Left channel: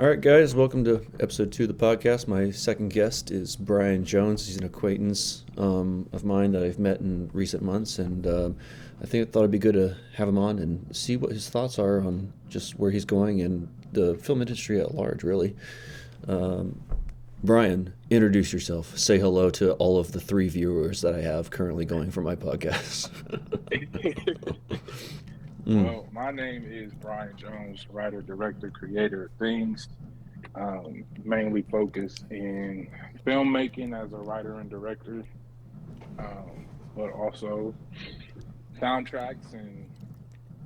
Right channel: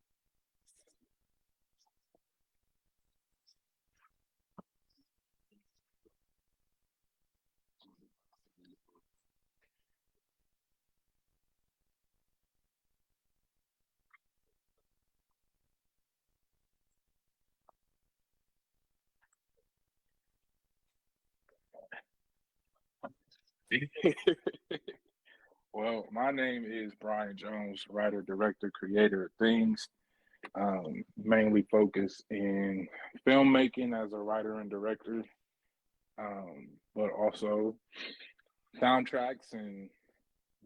All right, guys, welcome to episode 2 of the podcast. My second guest is Bryon Jones. He's an acquaintance of mine that I've met in recent months, and I thought it'd be good to have him on and see what his thoughts are on just where he's going and the film industry at large, really. Um, Bryon, introduce yourself. Say hello to all of the 3 viewers that I have currently going for my podcast. Mm, Well, my name is Bryon Jones, writer, director, creator of things, mainly focused in filmmaking as a writer and director, but also soundtracks and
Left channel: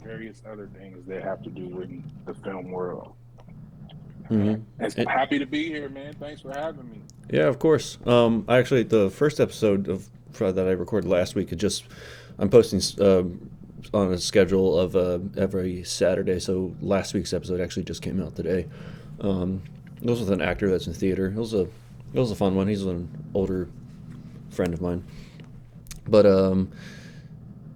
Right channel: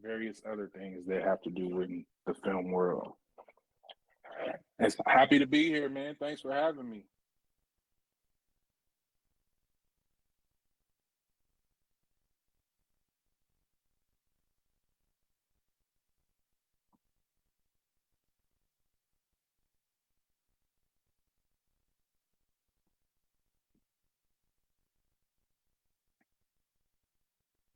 various other things that have to do with the film world. hmm It's happy to be here, man. Thanks for having me. Yeah, of course. Actually, the first episode that I recorded last week, I'm posting on a schedule of every Saturday. So last week's episode actually just came out today. It was with an actor that's in theater. It was a fun one. He's an older friend of mine. But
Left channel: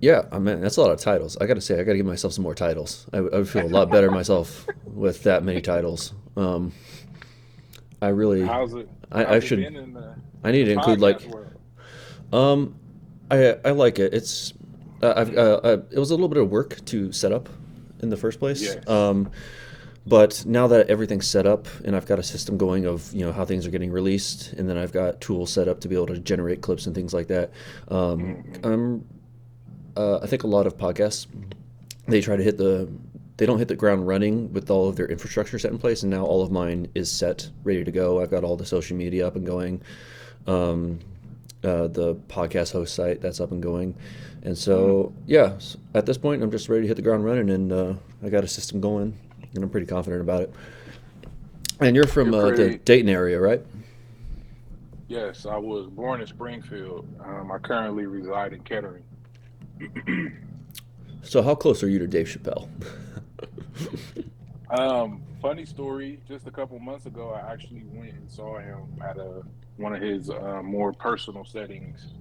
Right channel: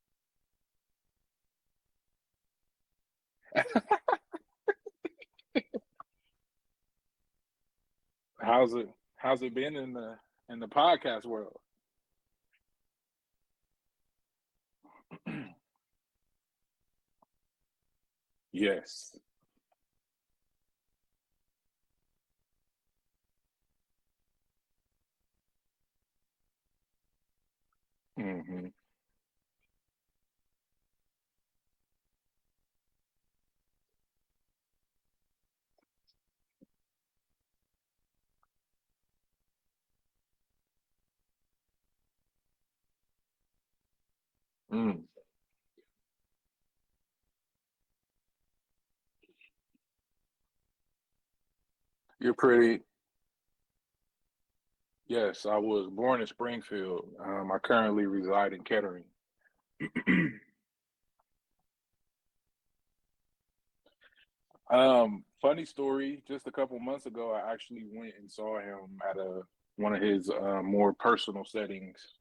yeah, I mean that's a lot of titles. I got to say, I got to give myself some more titles. I would feel a lot better myself with that many titles. I really, How's it? I How's it should, been in the I in need the to include podcast like, world? um, I like it. It was a little bit of work to set up in the first place. Yes. But now that everything's set up and I've got a system going of how things are getting released, and then I've got tools set up to be able to generate clips and things like that. Um, Hmm. I'm I think a lot of podcasts they try to they don't hit the ground running with all of their infrastructure set in place, and now all of mine is set, ready to go. I've got all the social media up and going. Um, the podcast host site that's up and going. And Mm. so, yeah, at this point, I'm just ready to hit the ground running, and I got a system going, and I'm pretty confident about it. And you're from You're the pretty. Dayton area, right? Yes, I was born in Springfield. I currently reside in Kettering. So, how close are you to Dave Chappelle? Funny story. Just a couple months ago, I actually went and saw him at a one of his more personal settings,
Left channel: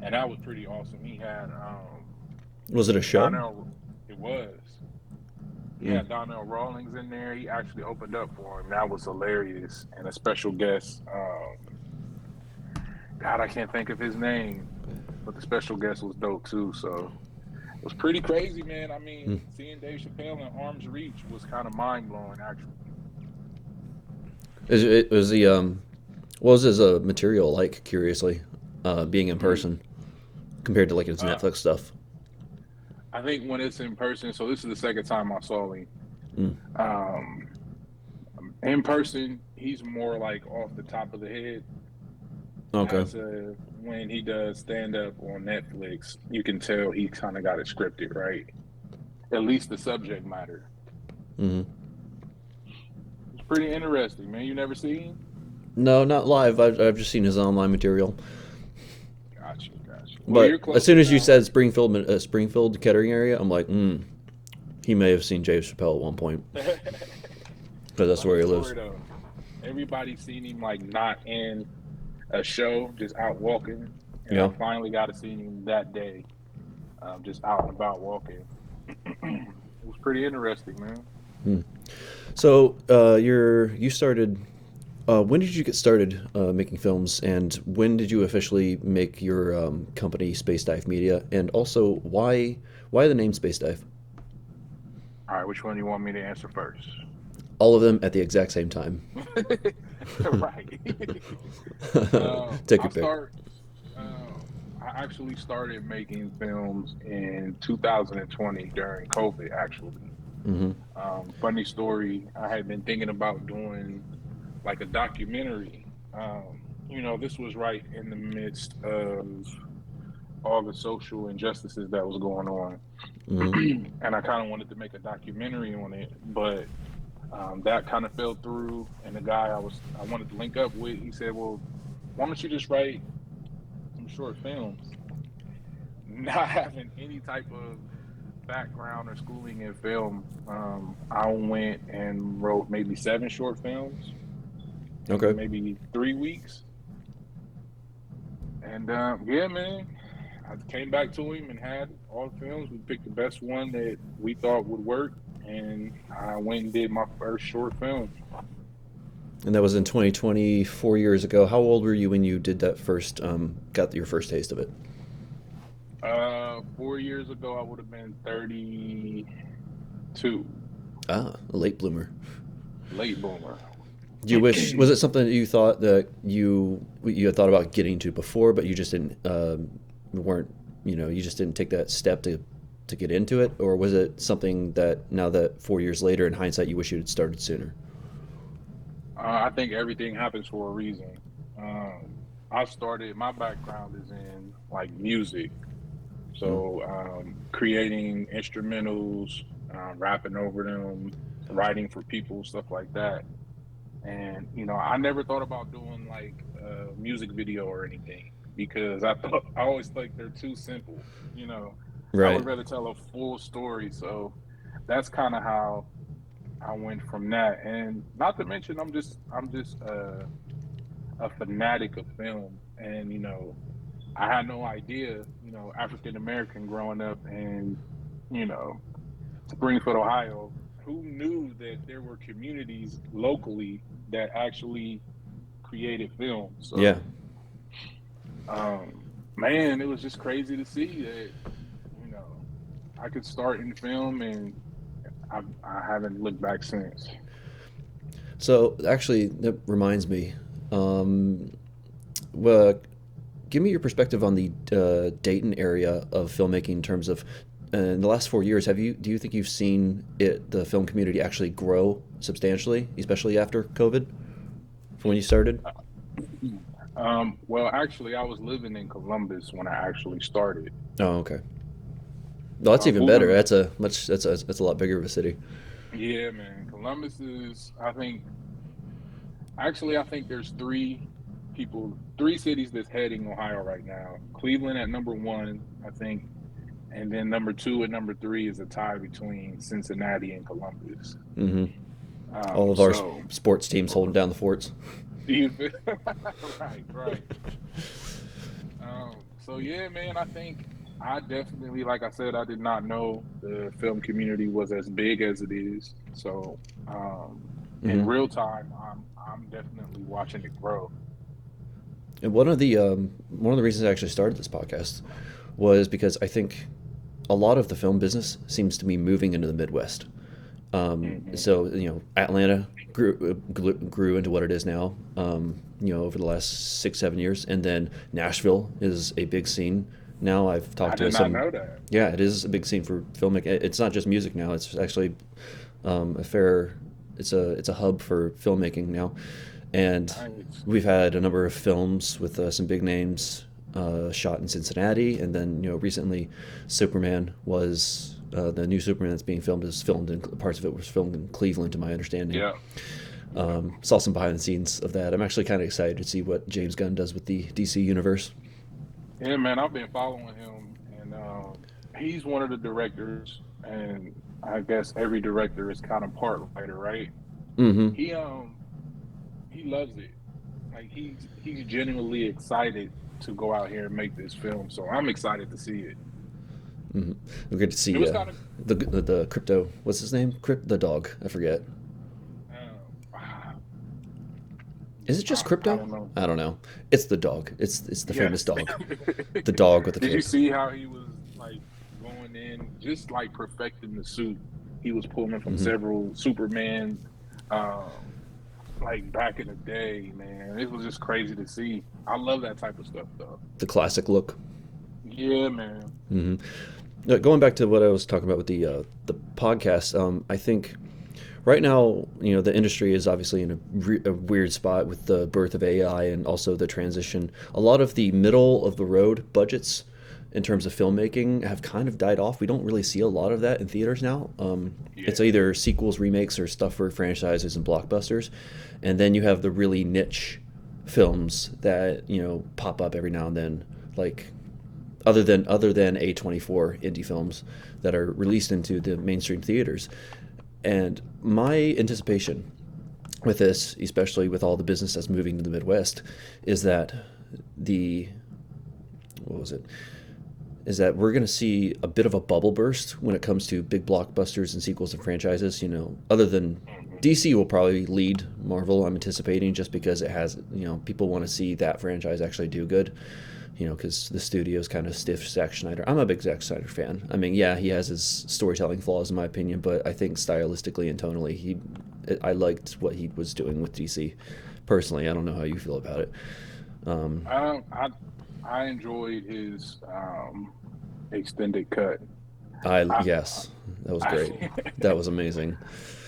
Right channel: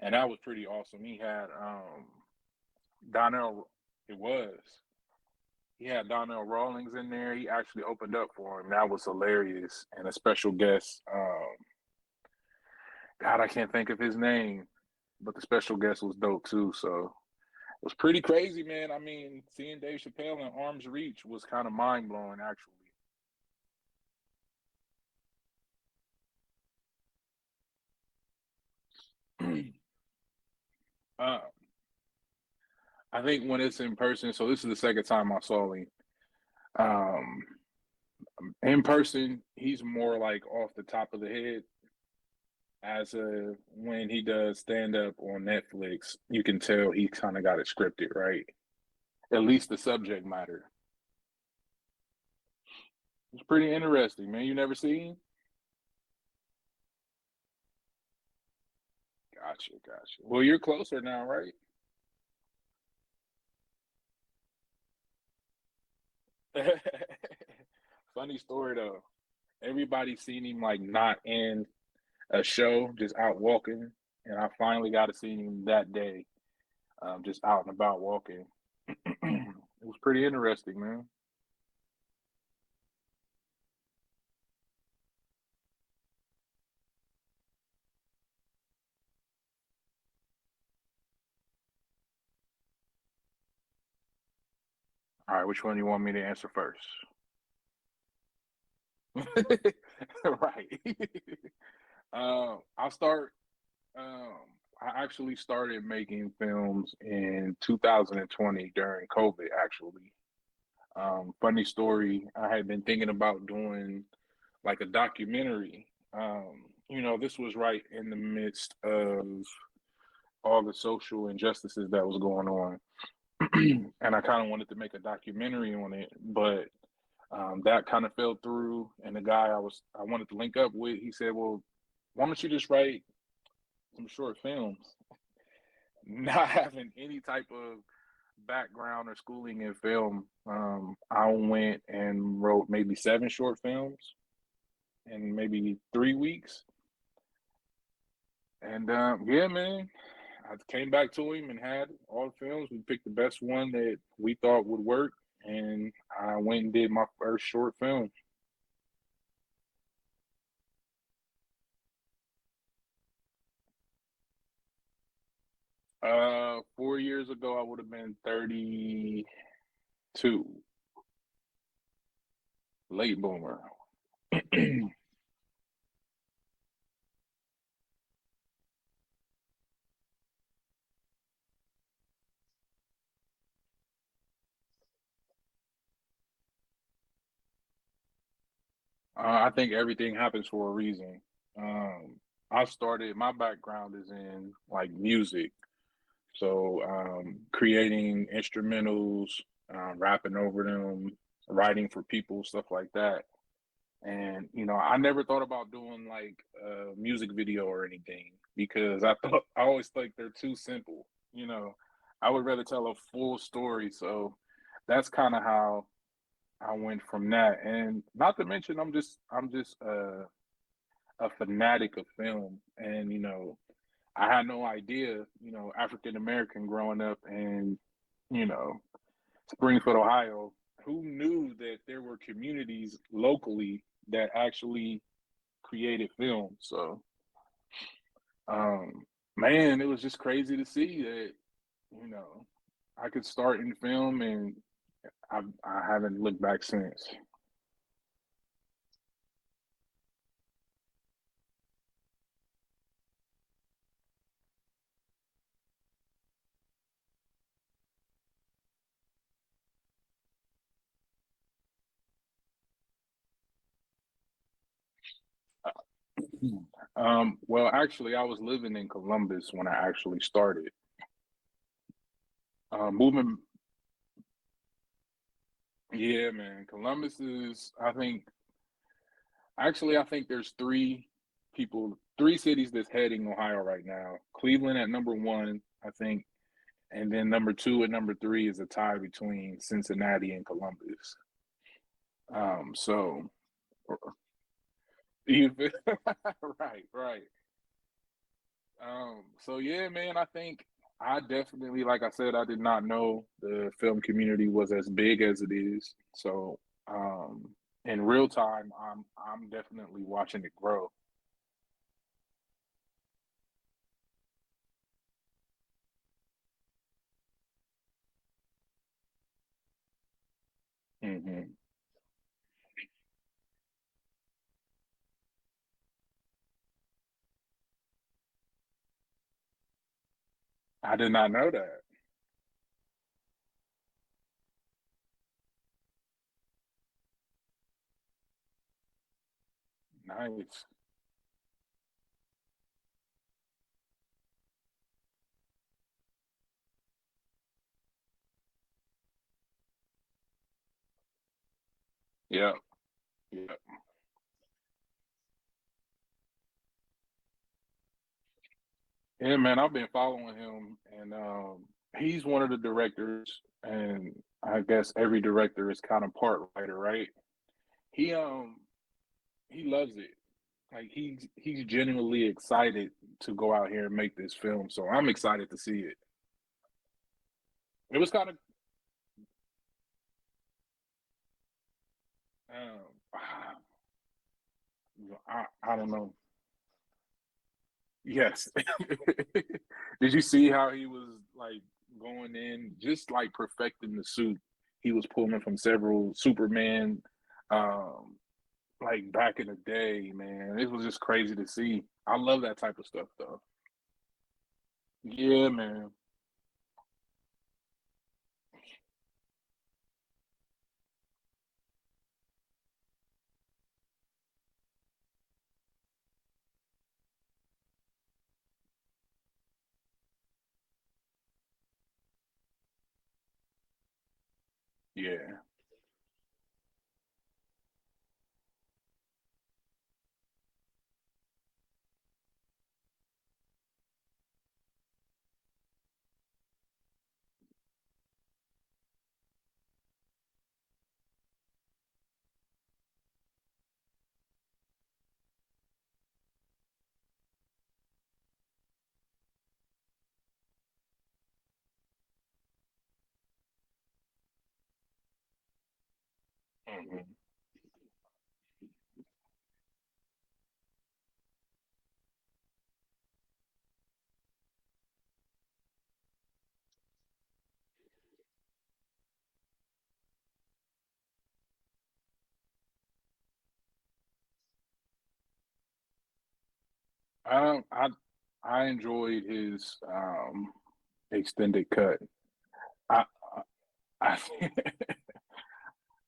and that was pretty awesome. He had Was it a show? Donnell. It was. He Mm. had Donnell Rawlings in there. He actually opened up for him. That was hilarious. And a special guest. God, I can't think of his name, but the special guest was dope too. So it was pretty crazy, man. I Mm. mean, seeing Dave Chappelle in arm's reach was kind of mind blowing, actually. Was he what was his material like? Curiously, being in person compared to like his uh, Netflix stuff. I think when it's in person, so this is the second time I saw him. Mm. Um, in person, he's more like off the top of the head. Okay. As when he does stand up on Netflix, you can tell he kind of got it scripted, right? At least the subject matter. hmm It's pretty interesting, man. You never seen? No, not live. I've just seen his online material. Gotcha, gotcha. Well, But you're as soon closer as you now, said right? Springfield, Kettering area, I'm like, he may have seen Dave Chappelle at one point because that's where Funny he lives. story though. Everybody's seen him like not in a show, just out walking, and I Yeah. finally got to see him that day, just out and about walking. It was pretty interesting, man. Hmm. So you started. When did you get started making films, and when did you officially make your company Space Dive Media? And also, why the name Space Dive? All right, which one do you want me to answer first? All of them at the exact same time. Right. Take I your pick. start. I actually started making films in 2020 during COVID. Actually, hmm funny story. I had been thinking about doing like a documentary. This was right in the midst of all the social injustices that was going on, hmm and I kind of wanted to make a documentary on it, but that kind of fell through. And the guy I wanted to link up with, he said, "Well, why don't you just write some short films?" Not having any type of background or schooling in film, I went and wrote maybe 7 short films in Okay. maybe 3 weeks. And yeah, man, I came back to him and had all the films. We picked the best one that we thought would work, and I went and did my first short film. And that was in 2020, 4 years ago. How old were you when you did that first, got your first taste of it? 4 years ago, I would have been 32, Ah, a late bloomer. late boomer. Do you wish, was it something that you thought that you had thought about getting to before, but you just didn't, weren't, you just didn't take that step to get into it? Or was it something that now that 4 years later in hindsight, you wish you had started sooner? I think everything happens for a reason. Um, my background is in like music. Mm. So creating instrumentals, rapping over them, writing for people, stuff like that. And I never thought about doing like a music video or anything because I always think they're too simple. I Right. would rather tell a full story. So that's kind of how I went from that. And not to mention, I'm just a fanatic of film, and I had no idea, African American growing up in, you know, Springfield, Ohio. Who knew that there were communities locally that actually created film? Yeah. So, man, it was just crazy to see that, you know, I could start in film, and I haven't looked back since. So actually, that reminds me. Um, well, give me your perspective on the Dayton area of filmmaking in terms of in the last 4 years. Do you think you've seen the film community actually grow substantially, especially after COVID, from when you started? Well, actually, I was living in Columbus when I actually started. Oh, okay. No, that's even better. Moving, That's a lot bigger of a city. yeah, man. Columbus is, I think there's three cities that's heading Ohio right now. Cleveland at number one, I think, and then number two and number three is a tie between Cincinnati and Columbus. Hmm. All Um, of our so, sports teams holding down the forts. you feel- right, right. So yeah, man, I think I definitely, like I said, I did not know the film community was as big as it is. So, in Hmm. real time, I'm definitely watching it grow. And one of the reasons I actually started this podcast was because I think a lot of the film business seems to be moving into the Midwest. Hmm. So Atlanta grew into what it is now. Over the last 6 7 years, and then Nashville is a big scene now. I've I talked to did not some. know that. Yeah, it is a big scene for filmmaking. It's not just music now. It's actually a fair. It's a hub for filmmaking now, and Nice. we've had a number of films with some big names shot in Cincinnati, and then recently, Superman was the new Superman that's being filmed is filmed in parts of it was filmed in Cleveland, to my understanding. Yeah, yeah, Saw some behind the scenes of that. I'm actually kind of excited to see what James Gunn does with the DC universe. yeah, man. I've been following him, and he's one of the directors, and I guess every director is kind of part writer, right? Mm-hmm. He he loves it. Like he's genuinely excited to go out here and make this film. So I'm excited to see it. Mm-hmm. We're good to It see was kind of the crypto. What's his name? The dog. I forget. um, Is it just I crypto? don't know. I don't know. It's the dog. It's the famous Yes. dog. The dog with the Did you cape. see how he was like going in, just like perfecting the suit? He was pulling from Mm-hmm. several Superman, um, like back in the day, man. It was just crazy to see. I love that type of stuff, though. The classic look. Yeah, man. Mm-hmm. Going back to what I was talking about with the podcast, I think right now, the industry is obviously in a weird spot with the birth of AI and also the transition. A lot of the middle of the road budgets in terms of filmmaking have kind of died off. We don't really see a lot of that in theaters now. It's Yeah. either sequels, remakes, or stuff for franchises and blockbusters. And then you have the really niche films that, pop up every now and then, like other than A24 indie films that are released into the mainstream theaters. And my anticipation with this, especially with all the business that's moving to the Midwest, is that the what was it? is that we're going to see a bit of a bubble burst when it comes to big blockbusters and sequels and franchises. Other than Mhm. DC will probably lead Marvel, I'm anticipating, just because it has, people want to see that franchise actually do good. Because the studio's kind of stiff Zack Snyder. I'm a big Zack Snyder fan. I mean, yeah, he has his storytelling flaws in my opinion, but I think stylistically and tonally, I liked what he was doing with DC. Personally, I don't know how you feel about it. Um, Um, I I enjoyed his extended cut. I, yes, that was great. I That was amazing.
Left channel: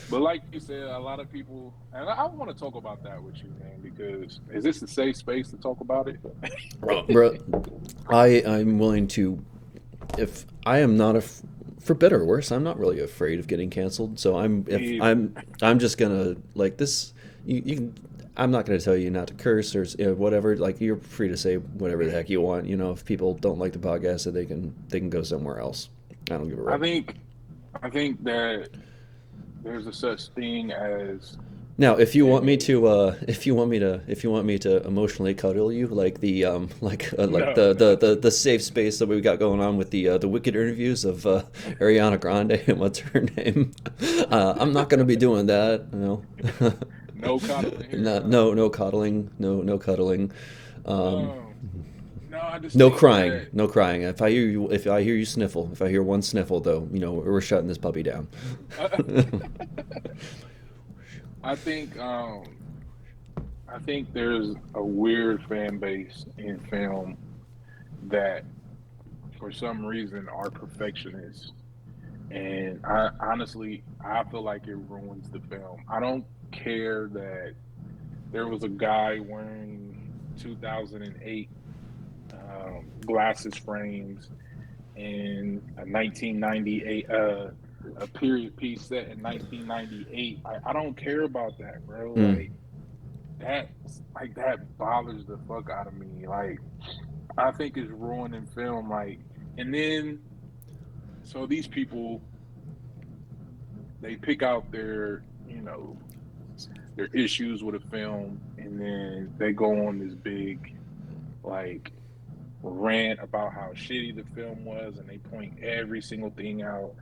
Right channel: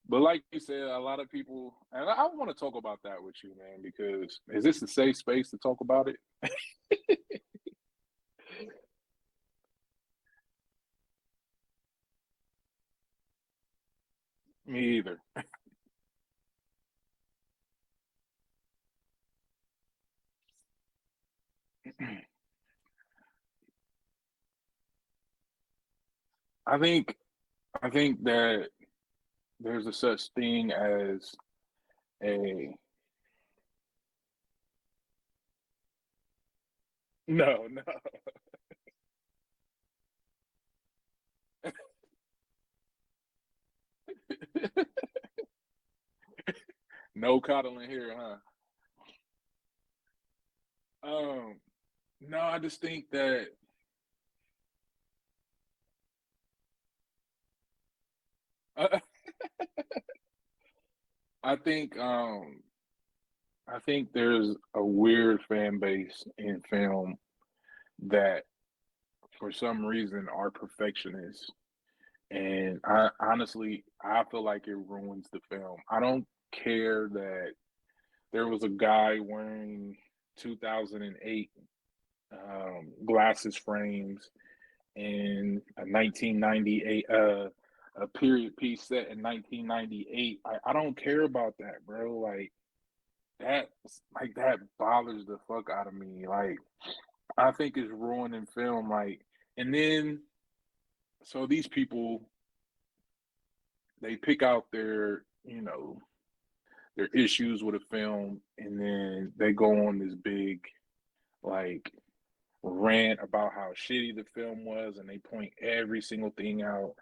But like you said, a lot of people, and I want to talk about that with you, man, because is this a safe space to talk about it? Bro, I'm willing to, if I am not for better or worse, I'm not really afraid of getting canceled. So if Me either. I'm just gonna like this. You can. I'm not gonna tell you not to curse or whatever. Like you're free to say whatever the heck you want. If people don't like the podcast, so they can go somewhere else. I don't give a I rip. think I think that there's a such thing as Now, if you want me a to, if you want me to emotionally cuddle you, like like no, no. the safe space that we got going on with the wicked interviews of Ariana Grande and what's her name, I'm not gonna be doing that. No coddling here, Not, huh? no cuddling, no cuddling, um, Um, no, I just no think crying, that no crying. If I hear you sniffle, if I hear one sniffle, though, we're shutting this puppy down. I think I think there's a weird fan base in film that for some reason are perfectionists. And I honestly, I feel like it ruins the film. I don't care that there was a guy wearing 2008 glasses frames in a 1998, a period piece set in 1998. I don't care about that, bro. Mm. That, that bothers the fuck out of me. Like, I think it's ruining film. And then so these people they pick out their issues with a film, and then they go on this big like rant about how shitty the film was, and they point every single thing out,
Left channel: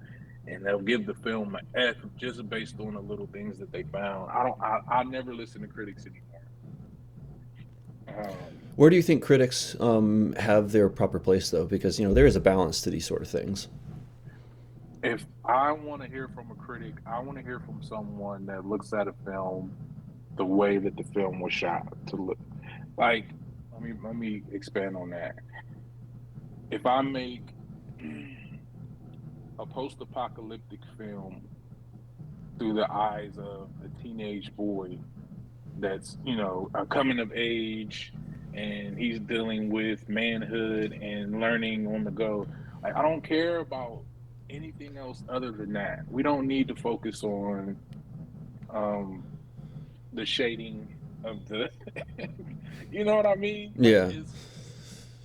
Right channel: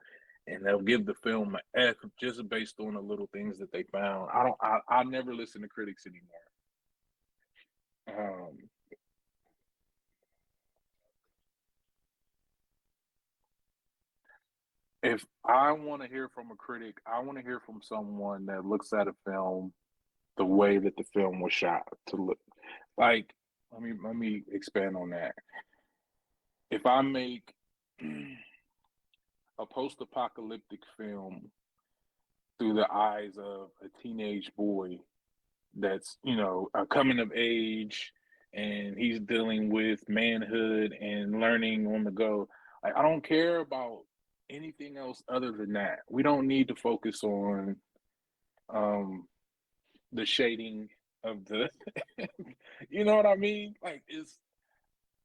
and they'll give the film an F just based on the little things that they found. I never listen to critics anymore. Um, Where do you think critics have their proper place, though? Because there is a balance to these sort of things. if I want to hear from a critic, I want to hear from someone that looks at a film the way that the film was shot to look. Like, let me expand on that. If I make a post-apocalyptic film through the eyes of a teenage boy that's a coming of age, and he's dealing with manhood and learning on the go, like I don't care about anything else other than that. We don't need to focus on um the shading of the you know what I mean? Like, Yeah, it's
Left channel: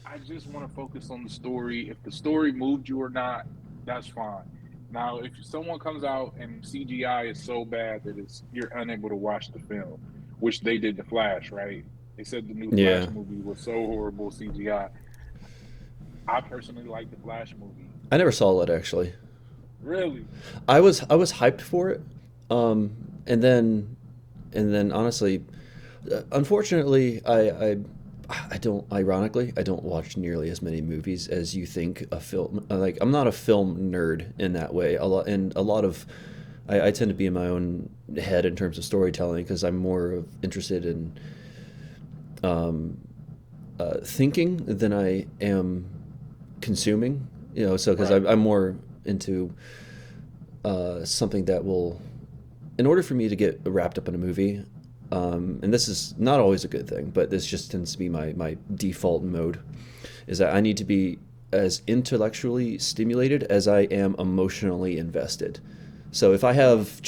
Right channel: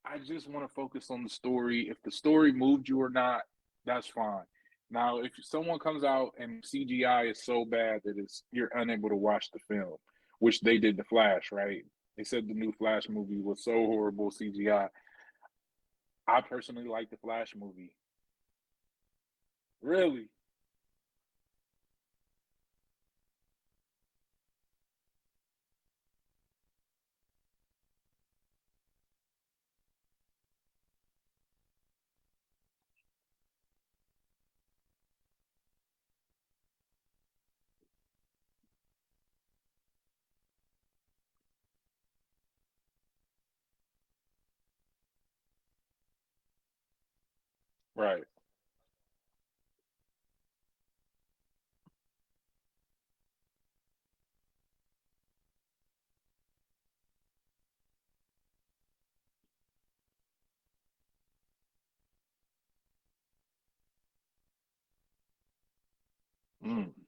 I just want to focus on the story. If the story moved you or not, that's fine. Now, if someone comes out and CGI is so bad that you're unable to watch the film, which they did the Flash, right? They said the new yeah. Flash movie was so horrible CGI. I personally like the Flash movie. I never saw it actually. Really? I was hyped for it, um, and then honestly, unfortunately, I don't. Ironically, I don't watch nearly as many movies as you think a film. Like I'm not a film nerd in that way. A lot of I tend to be in my own head in terms of storytelling because I'm more interested in um, thinking than I am consuming. So because Right. I'm more into something that will, in order for me to get wrapped up in a movie, and this is not always a good thing, but this just tends to be my default mode, is that I need to be as intellectually stimulated as I am emotionally invested. So if I Mm. have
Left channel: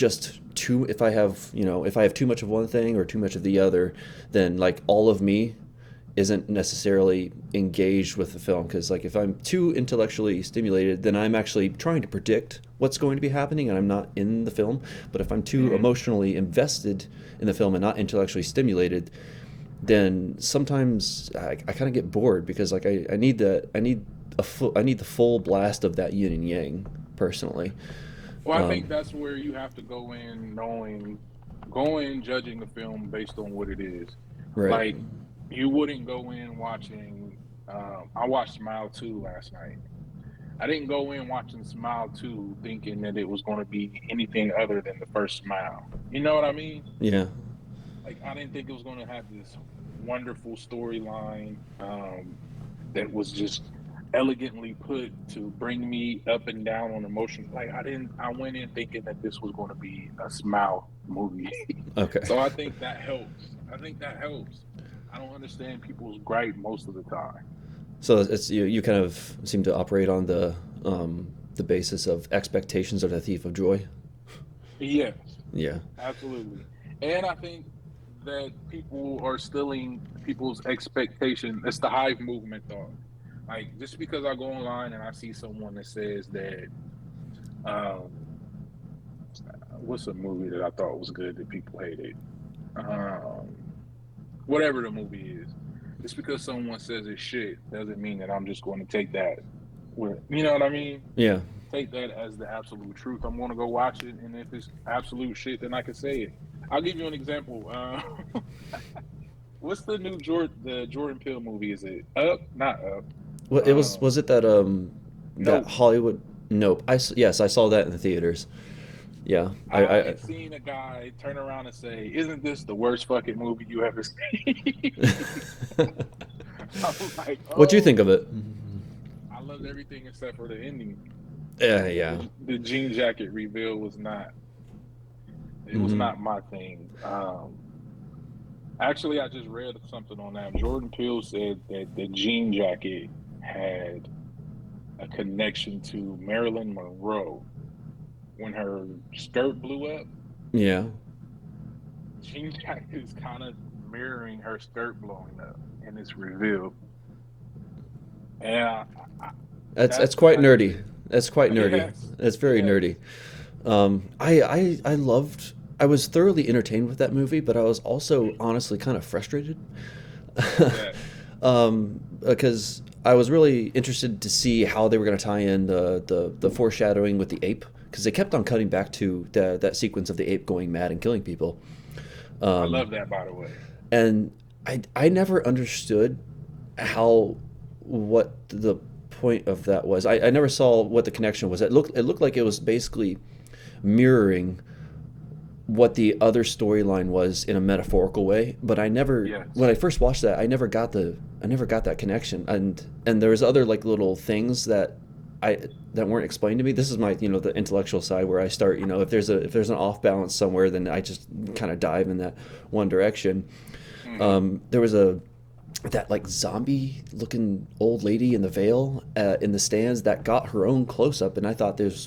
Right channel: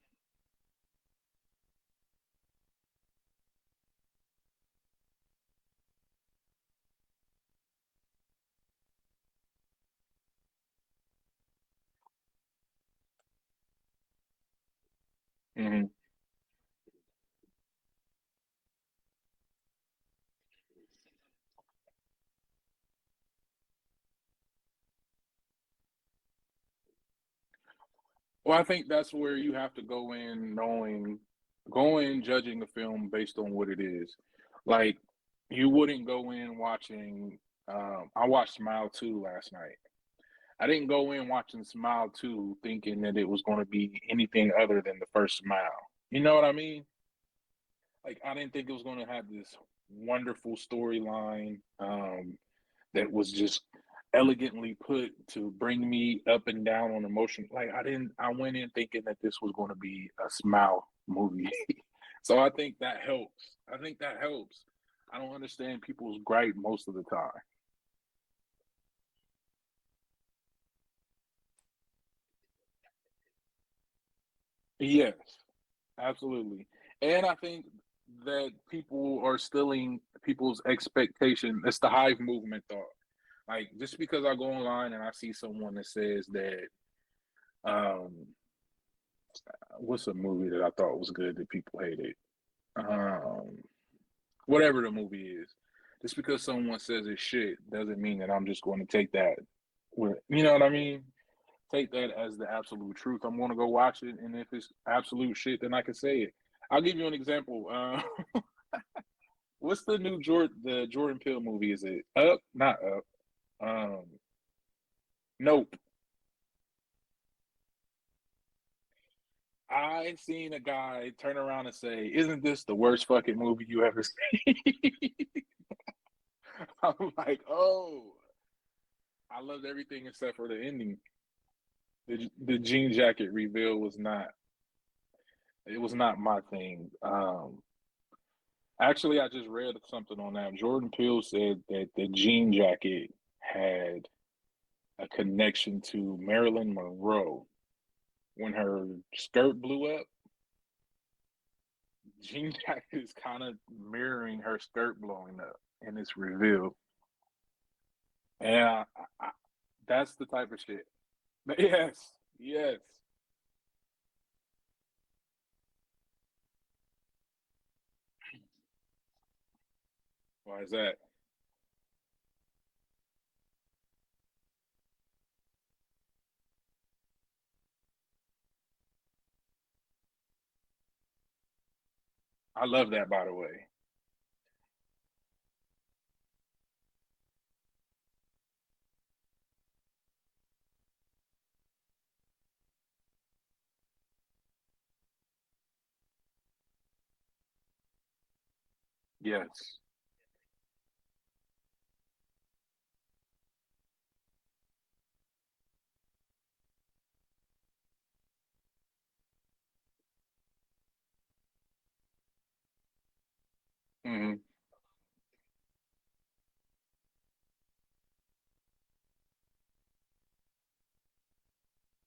if I have too much of one thing or too much of the other, then like all of me isn't necessarily engaged with the film because like if I'm too intellectually stimulated then I'm actually trying to predict what's going to be happening and I'm not in the film. But if I'm too Mm-hmm. emotionally invested in the film and not intellectually stimulated, then sometimes I kind of get bored because like I need I need the full blast of that yin and yang personally. Well, I think Um, that's where you have to go in knowing, go in judging the film based on what it is. right. Like, you wouldn't go in watching. I watched Smile 2 last night. I didn't go in watching Smile 2 thinking that it was going to be anything other than the first Smile. You know what I mean? Yeah. Like, I didn't think it was going to have this wonderful storyline that was just elegantly put to bring me up and down on emotion. Like, I went in thinking that this was going to be a Smile movie. Okay. So I think that helps. I think that helps. I don't understand people's gripe most of the time. So it's you kind of seem to operate on the basis of expectations of the thief of joy. Yes, Yeah. absolutely. And I think that people are stealing people's expectation. It's the hive movement thought. Like, just because I go online and I see someone that says that, um, what's a movie that I thought was good that people hated? Um, Whatever the movie is. Just because someone says it's shit doesn't mean that I'm just going to take that you know what I mean? Yeah. Take that as the absolute truth. I'm going to go watch it, and if it's absolute shit, then I can say it. I'll give you an example. What's the new Jordan Peele movie? Is it Up? Not Up. Well, it was it that that Nope. Hollywood? Nope. Yes, I saw that in the theaters. Yeah. I seen a guy turn around and say, "Isn't this the worst fucking movie you ever seen?" I'm like, What do you think oh, of it? I loved everything except for the ending. Yeah, yeah. The jean jacket reveal was not. It was Hmm. not my thing. Actually, I just read something on that. Jordan Peele said that the jean jacket had a connection to Marilyn Monroe when her skirt blew up. Yeah. Jean jacket is kind of mirroring her skirt blowing up in this reveal, and That's that's the quite type of nerdy. shit. That's quite nerdy. Yes, That's very yes. nerdy. I loved. I was thoroughly entertained with that movie, but I was also honestly kind of frustrated. Like that. Because I was really interested to see how they were going to tie in the foreshadowing with the ape, because they kept on cutting back to that sequence of the ape going mad and killing people. I Um, love that, by the way. and I never understood how what the point of that was. I never saw what the connection was. It looked like it was basically mirroring what the other storyline was in a metaphorical way, but I never when Yes. I first watched that I never got that connection. And there was other like little things I that weren't explained to me. This is my, the intellectual side where I start, if there's an off balance somewhere, then I just kind of dive in that one direction. Hmm. There was a that like zombie looking old lady in the veil in the stands that got her own close up, and I thought there was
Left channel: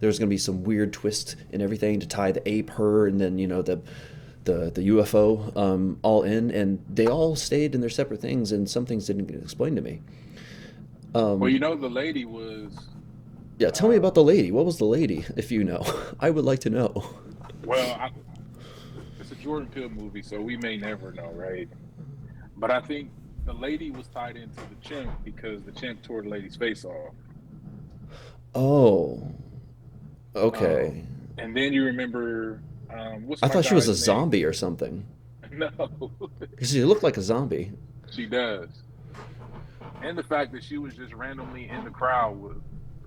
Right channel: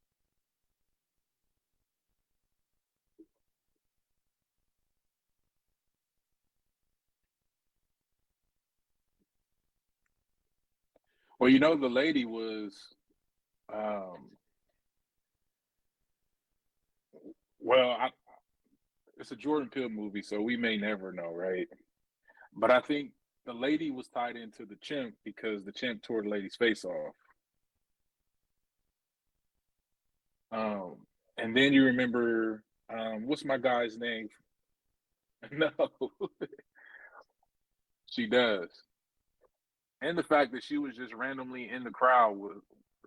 going to be some weird twist and everything to tie the ape, her, and then the UFO all in, and they all stayed in their separate things, and some things didn't get explained to me. Well, um, you know, the lady was, yeah, tell me about the um, lady. What was the lady, if you know? I would like to know. well, it's a Jordan Peele movie, so we may never know, right? But I think the lady was tied into the chimp because the chimp tore the lady's face off. Oh, Um, okay. and then you remember, what's I my thought she was a guy's name? zombie or something, No, because she looked like a zombie. she does. And the fact that she was just randomly in the crowd would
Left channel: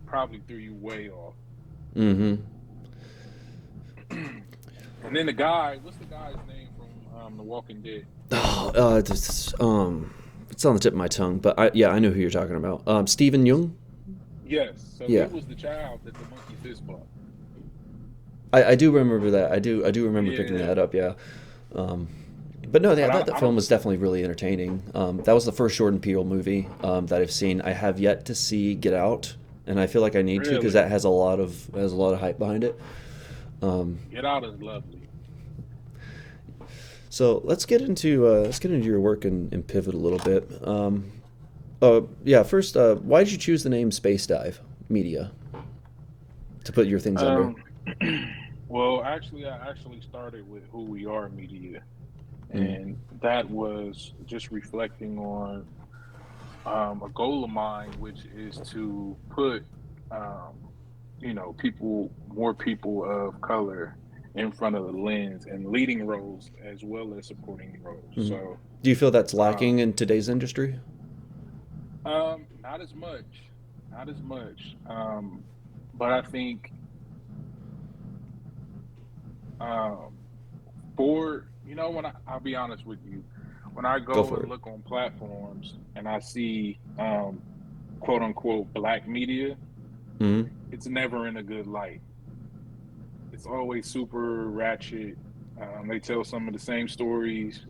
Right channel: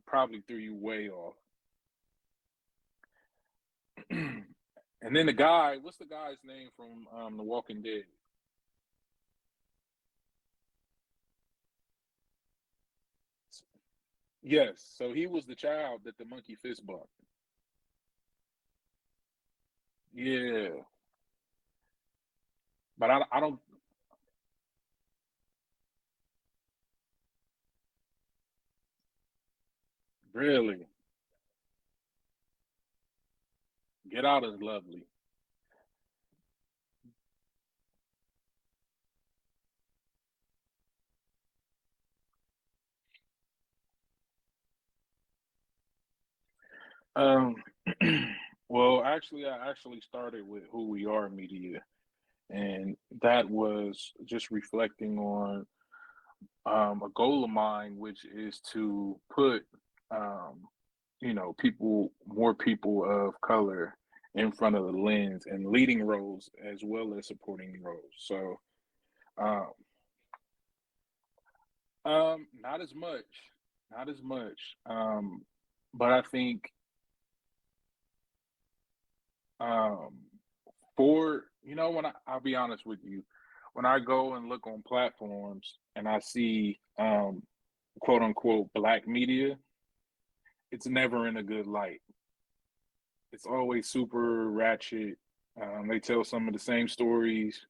probably threw you way off. Mm-hmm. And then the guy, what's the guy's name from The Walking Dead? Oh, it's on the tip of my tongue, but yeah, I know who you're talking about. Stephen Young. Yes, so he Yeah, was the child that the monkey fist bumped. I do remember that. I do remember picking Yeah, that up. Yeah. Um, but no, yeah, but that I film don't. was definitely really entertaining. That was the first Jordan Peele movie that I've seen. I have yet to see Get Out, and I feel like I need to because Really, that has a lot of hype behind it. Um, Get Out is lovely. so let's get into your work and pivot a little bit. Yeah, first, why did you choose the name Space Dive Media to put your things under? Um, well, actually, I actually started with Who We Are Media, Mm. and that was just reflecting on. a goal of mine, which is to put, um, more people of color in front of the lens and leading roles as well as supporting roles. Mhm. So, Do you feel that's um, lacking in today's industry? not as much, not as much. But I think, um, I'll be honest with you, when I Go go for and it. look on platforms and I see, quote unquote black media, Hmm. it's never in a good light. It's always super ratchet. They tell some of the same stories.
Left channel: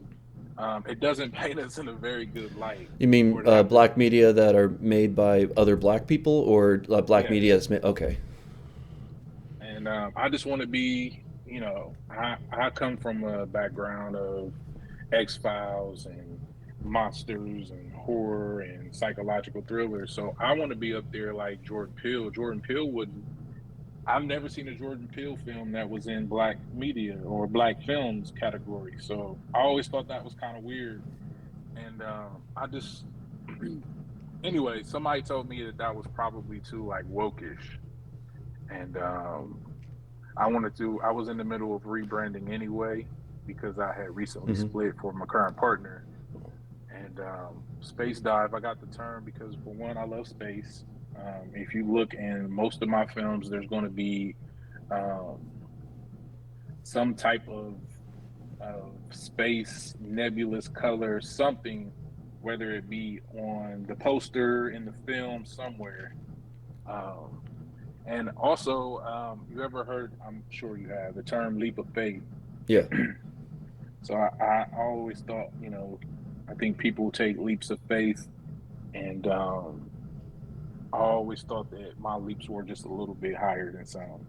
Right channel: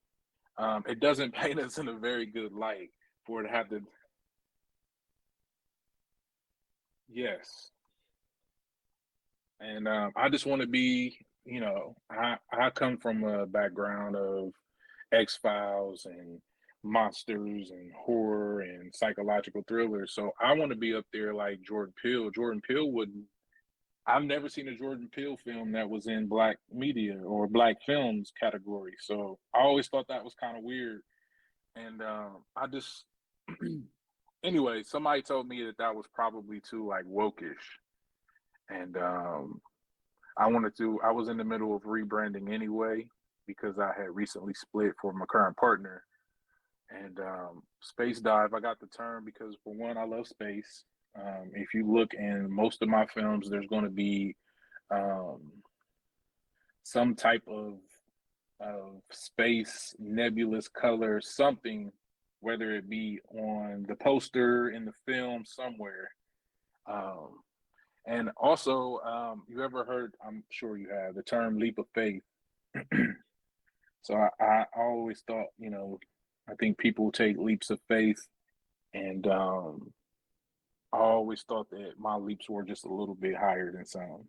It doesn't paint us in a very good light You mean for it to have to. black media that are made by other black people, or black media Yes, that's made? Okay. and I just want to be. I come from a background of X Files and monsters and horror and psychological thrillers. So I want to be up there like Jordan Peele. Jordan Peele wouldn't. I've never seen a Jordan Peele film that was in black media or black films category. So I always thought that was kind of weird. And I just, anyway, somebody told me that that was probably too like wokish. And I was in the middle of rebranding anyway because I had recently Hmm. split for my current partner. And space dive, I got the term because for one, I love space. If you look in most of my films, there's going to be um, some type of space, nebulous color, something, whether it be on the poster, in the film, somewhere. Um, and also, you ever heard, I'm sure you have, the term leap of faith. Yeah. So I always thought, I think people take leaps of faith, and I always thought that my leaps were just a little bit higher than some.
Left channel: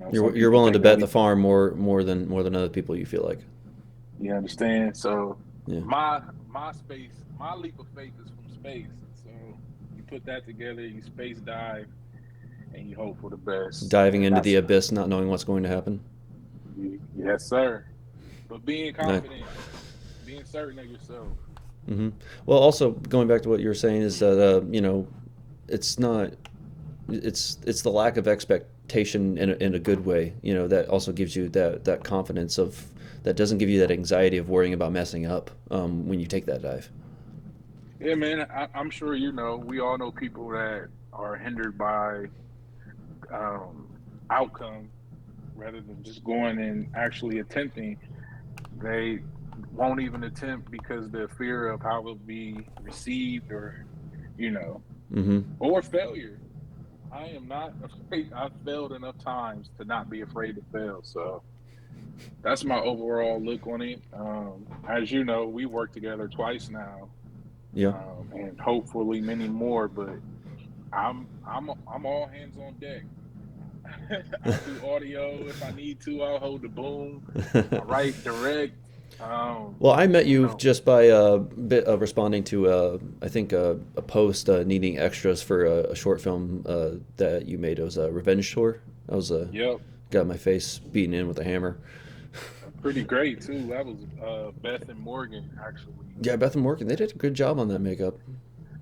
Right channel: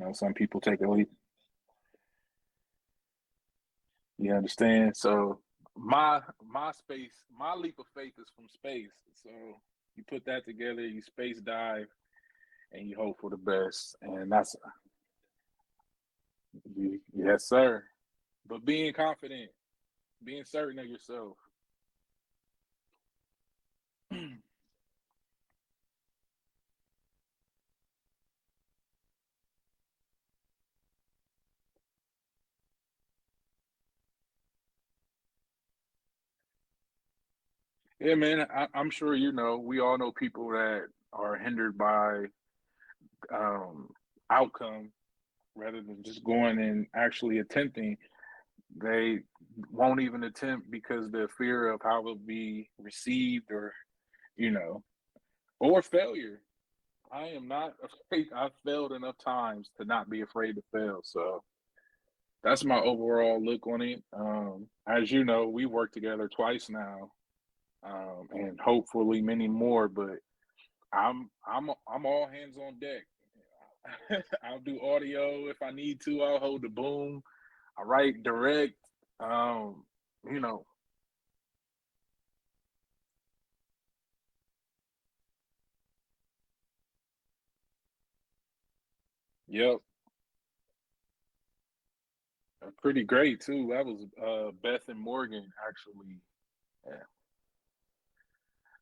Some You're people willing to take a bet the leap. farm more than other people, you feel like. You understand? So Yeah. my space, my leap of faith is from space. So you put that together, you space dive, and you hope for the best. Diving And into the that's abyss, not knowing what's going to happen. yes, sir. But being Yeah. confident, being certain of yourself. Hmm. Well, also going back to what you were saying is that it's not it's the lack of expectation in a good way. That also gives you that confidence of that doesn't give you that anxiety of worrying about messing up when you take that dive. Yeah, man. I'm sure we all know people that are hindered by um, outcome rather than just going and actually attempting. They won't even attempt because the fear of how it'll be received, or you know, Hmm. or failure. I am not afraid. I've failed enough times to not be afraid to fail. So that's my overall look on it. As you know, we worked together twice now, Yeah. and hopefully many more. But I'm all hands on deck. I'll do audio if I need to. I'll hold the boom. I write, direct. Well, I met You you know, just by a bit of responding to, I think, a post needing extras for a short film that you made. It was a revenge tour. I was yep, got my face beaten in with a hammer. pretty great too. That was Beth and Morgan actually. Yeah, Beth and Morgan, they did a good job on that makeup.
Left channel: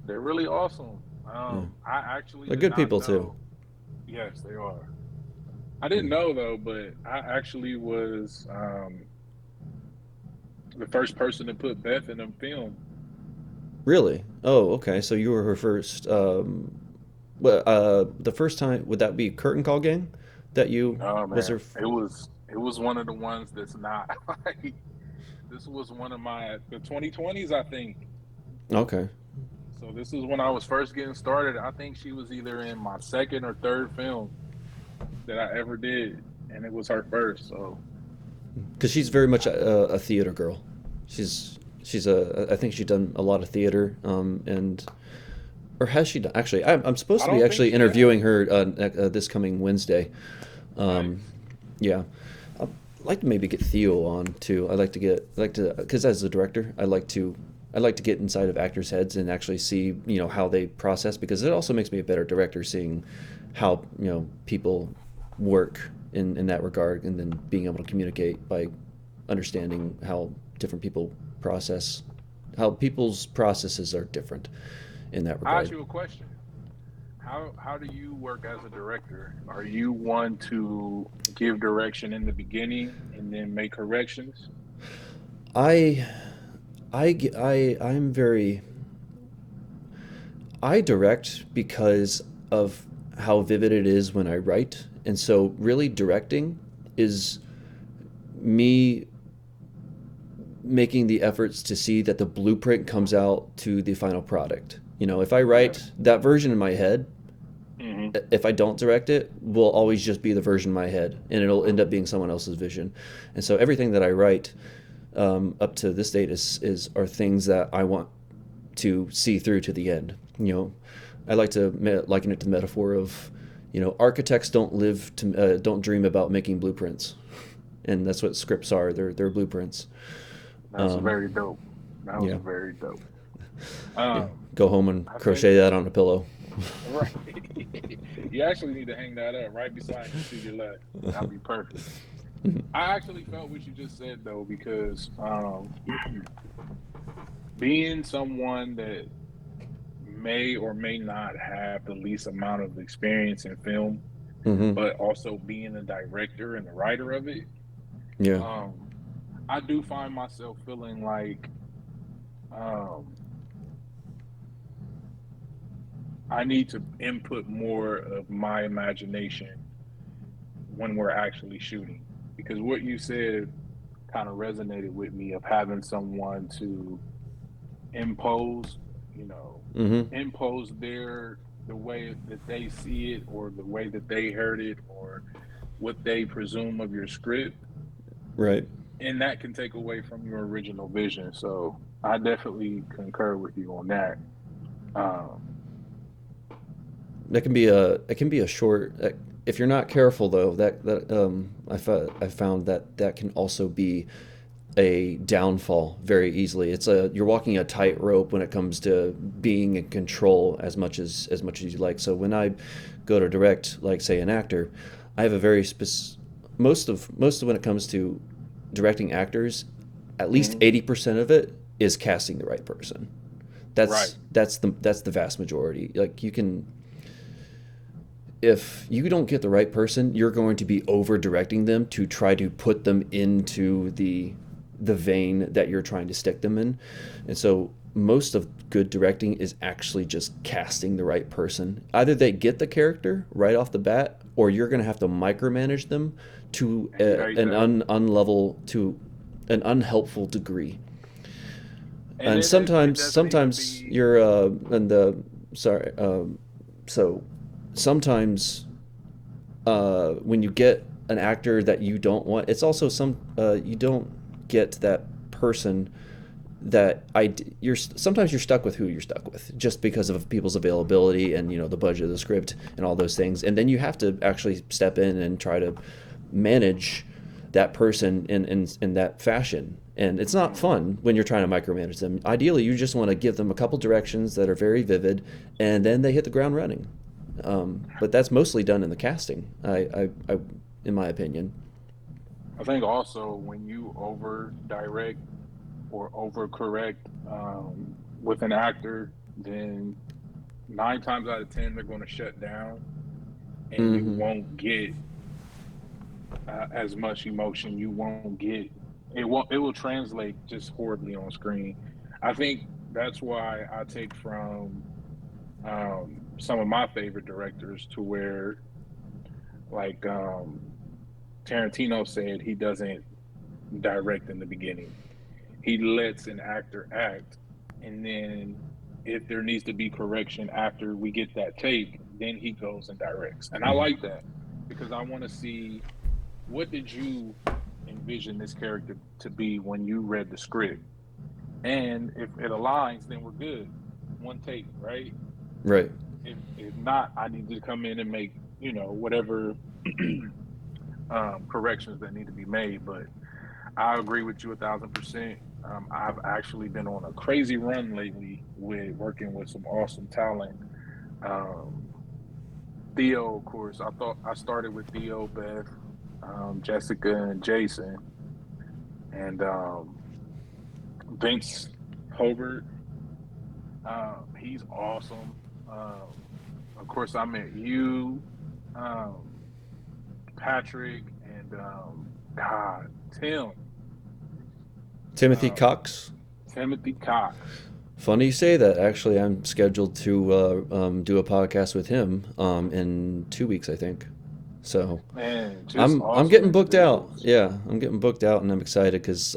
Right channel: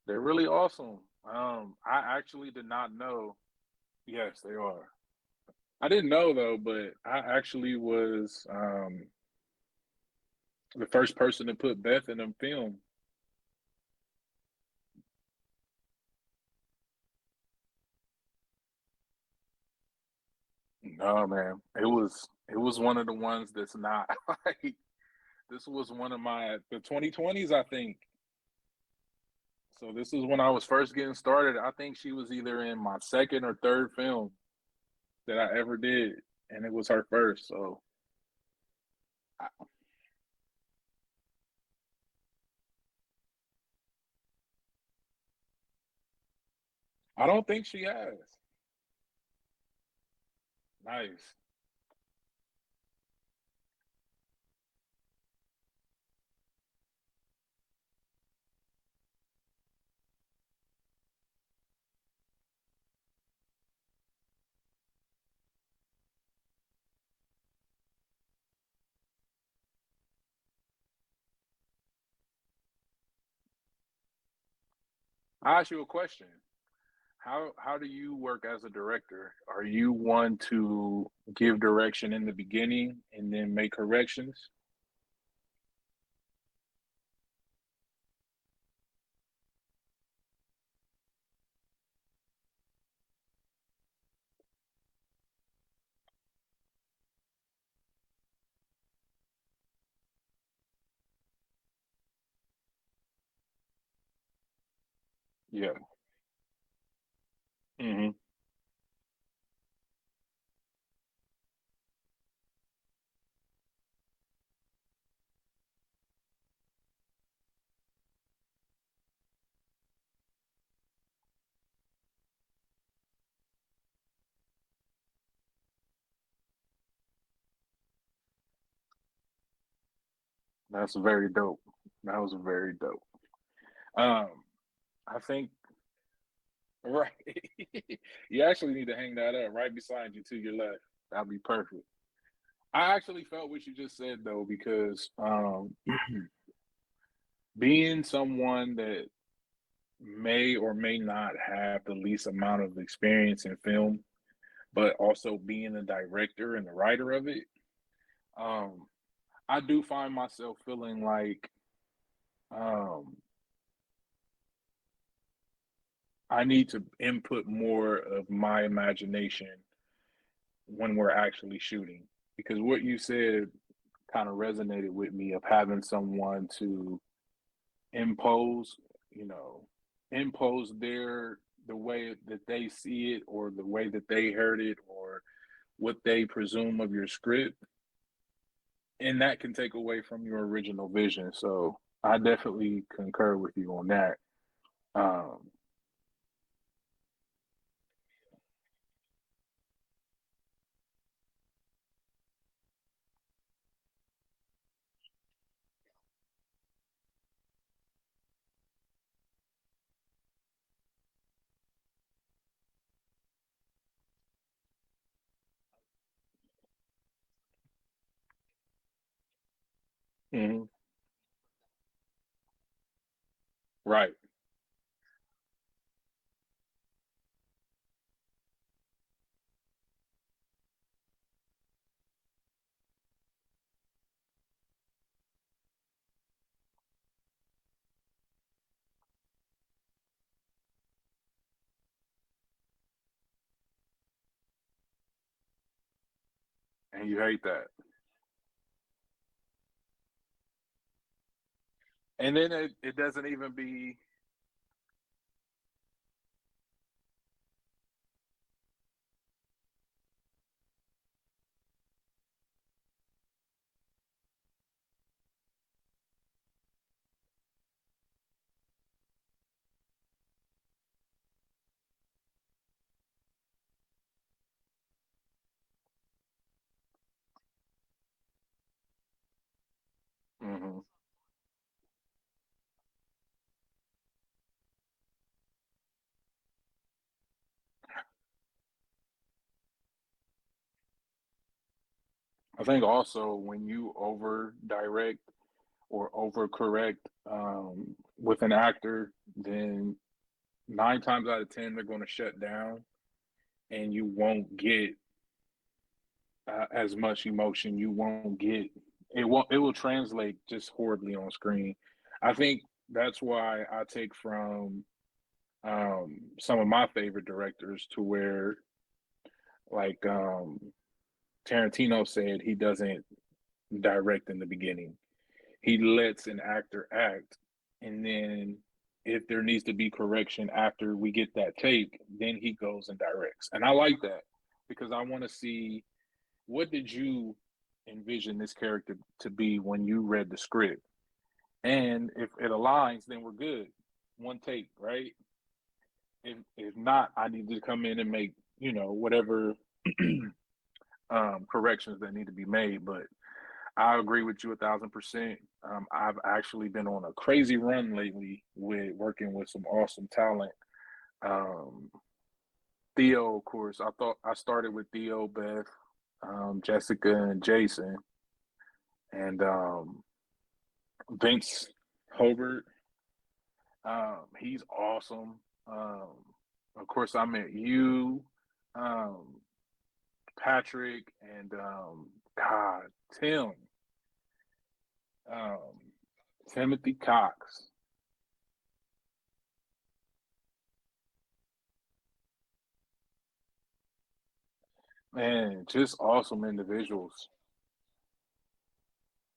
They're really awesome. Yeah, I actually they're did good not people too. know. Yes, they are. I didn't know though, but I actually was the first person to put Beth in a film. Really? Oh, okay. So you were her first. Well, the first time would that be Curtain Call Gang? That you No, was man, her? it was one of the ones that's not like this was one of the 2020s, I think. Okay. So this is when I was first getting started. I think she was either in my second or third film that I ever did, and it was her first. So Because she's very much a theater girl. She's a. I think she's done a lot of theater. And or has she done? Actually, I'm supposed I to be don't think actually she has. interviewing her this coming Wednesday. Um, Nice. yeah. I'd like to maybe get Theo on too. Because as a director, I like to get inside of actors' heads and actually see how they process, because it also makes me a better director seeing how people work in that regard, and then being able to communicate by understanding how different people process how people's processes are different in that I ask regard. you a question. How do you work as a director? Are you one to give direction in the beginning and then make corrections? I I'm very I direct because of how vivid it is when I write. And so really directing is me making the efforts to see that the blueprint comes out to the final product. You know, if I Yeah. write that version in my head, Hmm. if I don't direct it, will always just be the version in my head, and it'll end up being someone else's vision. And so everything that I write up to this date is are things that I want to see through to the end. You know, I like to liken it to the metaphor of, you know, architects don't dream about making blueprints, and that's what scripts are. They're blueprints. That's Um, very dope. That was yeah, very dope. yeah. Um, Go home and I think crochet that on a pillow. right. You actually need to hang that up right beside you to your left. That'd be perfect. I actually felt what you just said though, because being someone that may or may not have the least amount of experience in film, Mm-hmm. but also being a director and the writer of it, Yeah. um, I do find myself feeling like um, I need to input more of my imagination when we're actually shooting. Because what you said kind of resonated with me of having someone to impose, you know, Mm-hmm. impose the way that they see it or the way that they heard it or what they presume of your script, Right. and that can take away from your original vision. So I definitely concur with you on that. Um, That can be a it can be a short. If you're not careful though, I found that that can also be a downfall very easily. You're walking a tightrope when it comes to being in control as much as you like. So when I go to direct, like say an actor, I have a very most of when it comes to directing actors, at least mhm, 80% of it is casting the right person. right. That's the vast majority. Like you can if you don't get the right person, you're going to be over directing them to try to put them into the vein that you're trying to stick them in. And so most of good directing is actually just casting the right person. Either they get the character right off the bat, or you're going to have to micromanage them to And you hate that. unlevel to an unhelpful degree. And And then it doesn't even sometimes be, you're and the sorry so sometimes when you get an actor that you don't want, it's also you don't get that person that you're sometimes you're stuck with who you're stuck with just because of people's availability and you know the budget of the script and all those things, and then you have to actually step in and try to manage that person in that fashion. And it's not mhm. fun when you're trying to micromanage them. Ideally, you just want to give them a couple directions that are very vivid, and then they hit the ground running. But that's mostly done in the casting, in my opinion. I think also when you over direct or over correct with an actor, then 9 times out of 10 they're going to shut down, and you Mm-hmm. won't get as much emotion. You won't get it. Won't it will translate just horribly on screen. I think that's why I take from some of my favorite directors to where like Tarantino said he doesn't direct in the beginning. He lets an actor act, and then if there needs to be correction after we get that take, then he goes and directs. And I Mm-hmm. like that because I want to see what did you envision this character to be when you read the script. And if it aligns, then we're good. One take, right? Right. If not, I need to come in and make, whatever corrections that need to be made. But I agree with you 1,000%. I've actually been on a crazy run lately with working with some awesome talent. Um, Theo, of course, I thought I started with Theo, Beth, Jessica, and Jason, and Vince. Hobart. He's awesome. Of course, I met you, um, Patrick, and God, Timothy um, Cox. Timothy Cox. Funny you say that. Actually, I'm scheduled to do a podcast with him in 2 weeks, I think. So Man, just I'm awesome getting booked out. individuals. Yeah, I'm getting booked out, and I'm excited because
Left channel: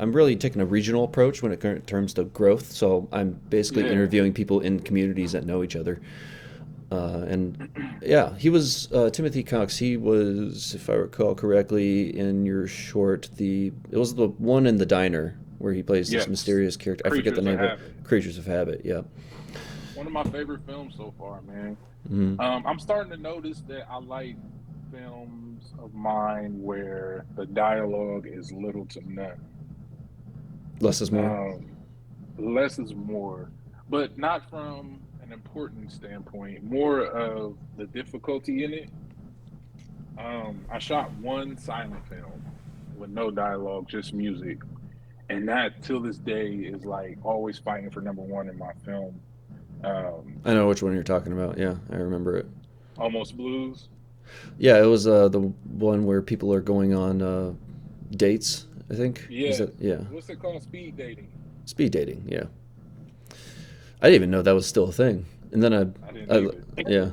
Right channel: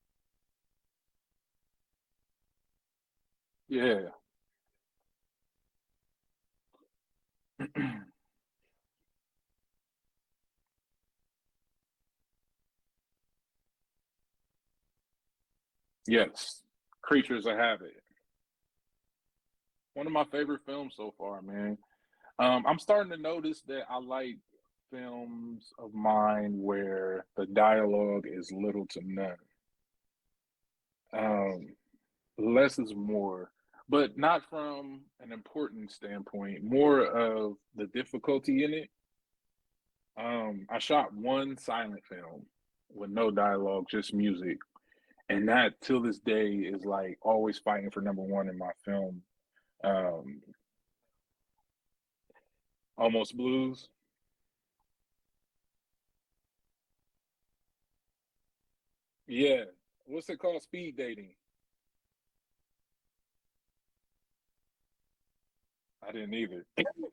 I'm really taking a regional approach when it comes to growth. So I'm basically Yeah. interviewing people in communities that know each other. And yeah, he was Timothy Cox. He was, if I recall correctly, in your short, it was the one in the diner where he plays this Yes. mysterious character. I forget the Creatures of name of it. Habit. Creatures of Habit. Yeah. One of my favorite films so far, man. Mm. I'm starting to notice that I like films of mine where the dialogue is little to none. Less is more. Um, Less is more, but not from an important standpoint, more of the difficulty in it. I shot one silent film with no dialogue, just music, and that till this day is like always fighting for number one in my film. Um, I know which one you're talking about. Yeah, I remember it. Almost Blues. Yeah, it was the one where people are going on dates. I think is Yeah. it? Yeah, What's it called? Speed dating. speed dating. Yeah, I didn't even know that was still a thing. And then I didn't I either. yeah.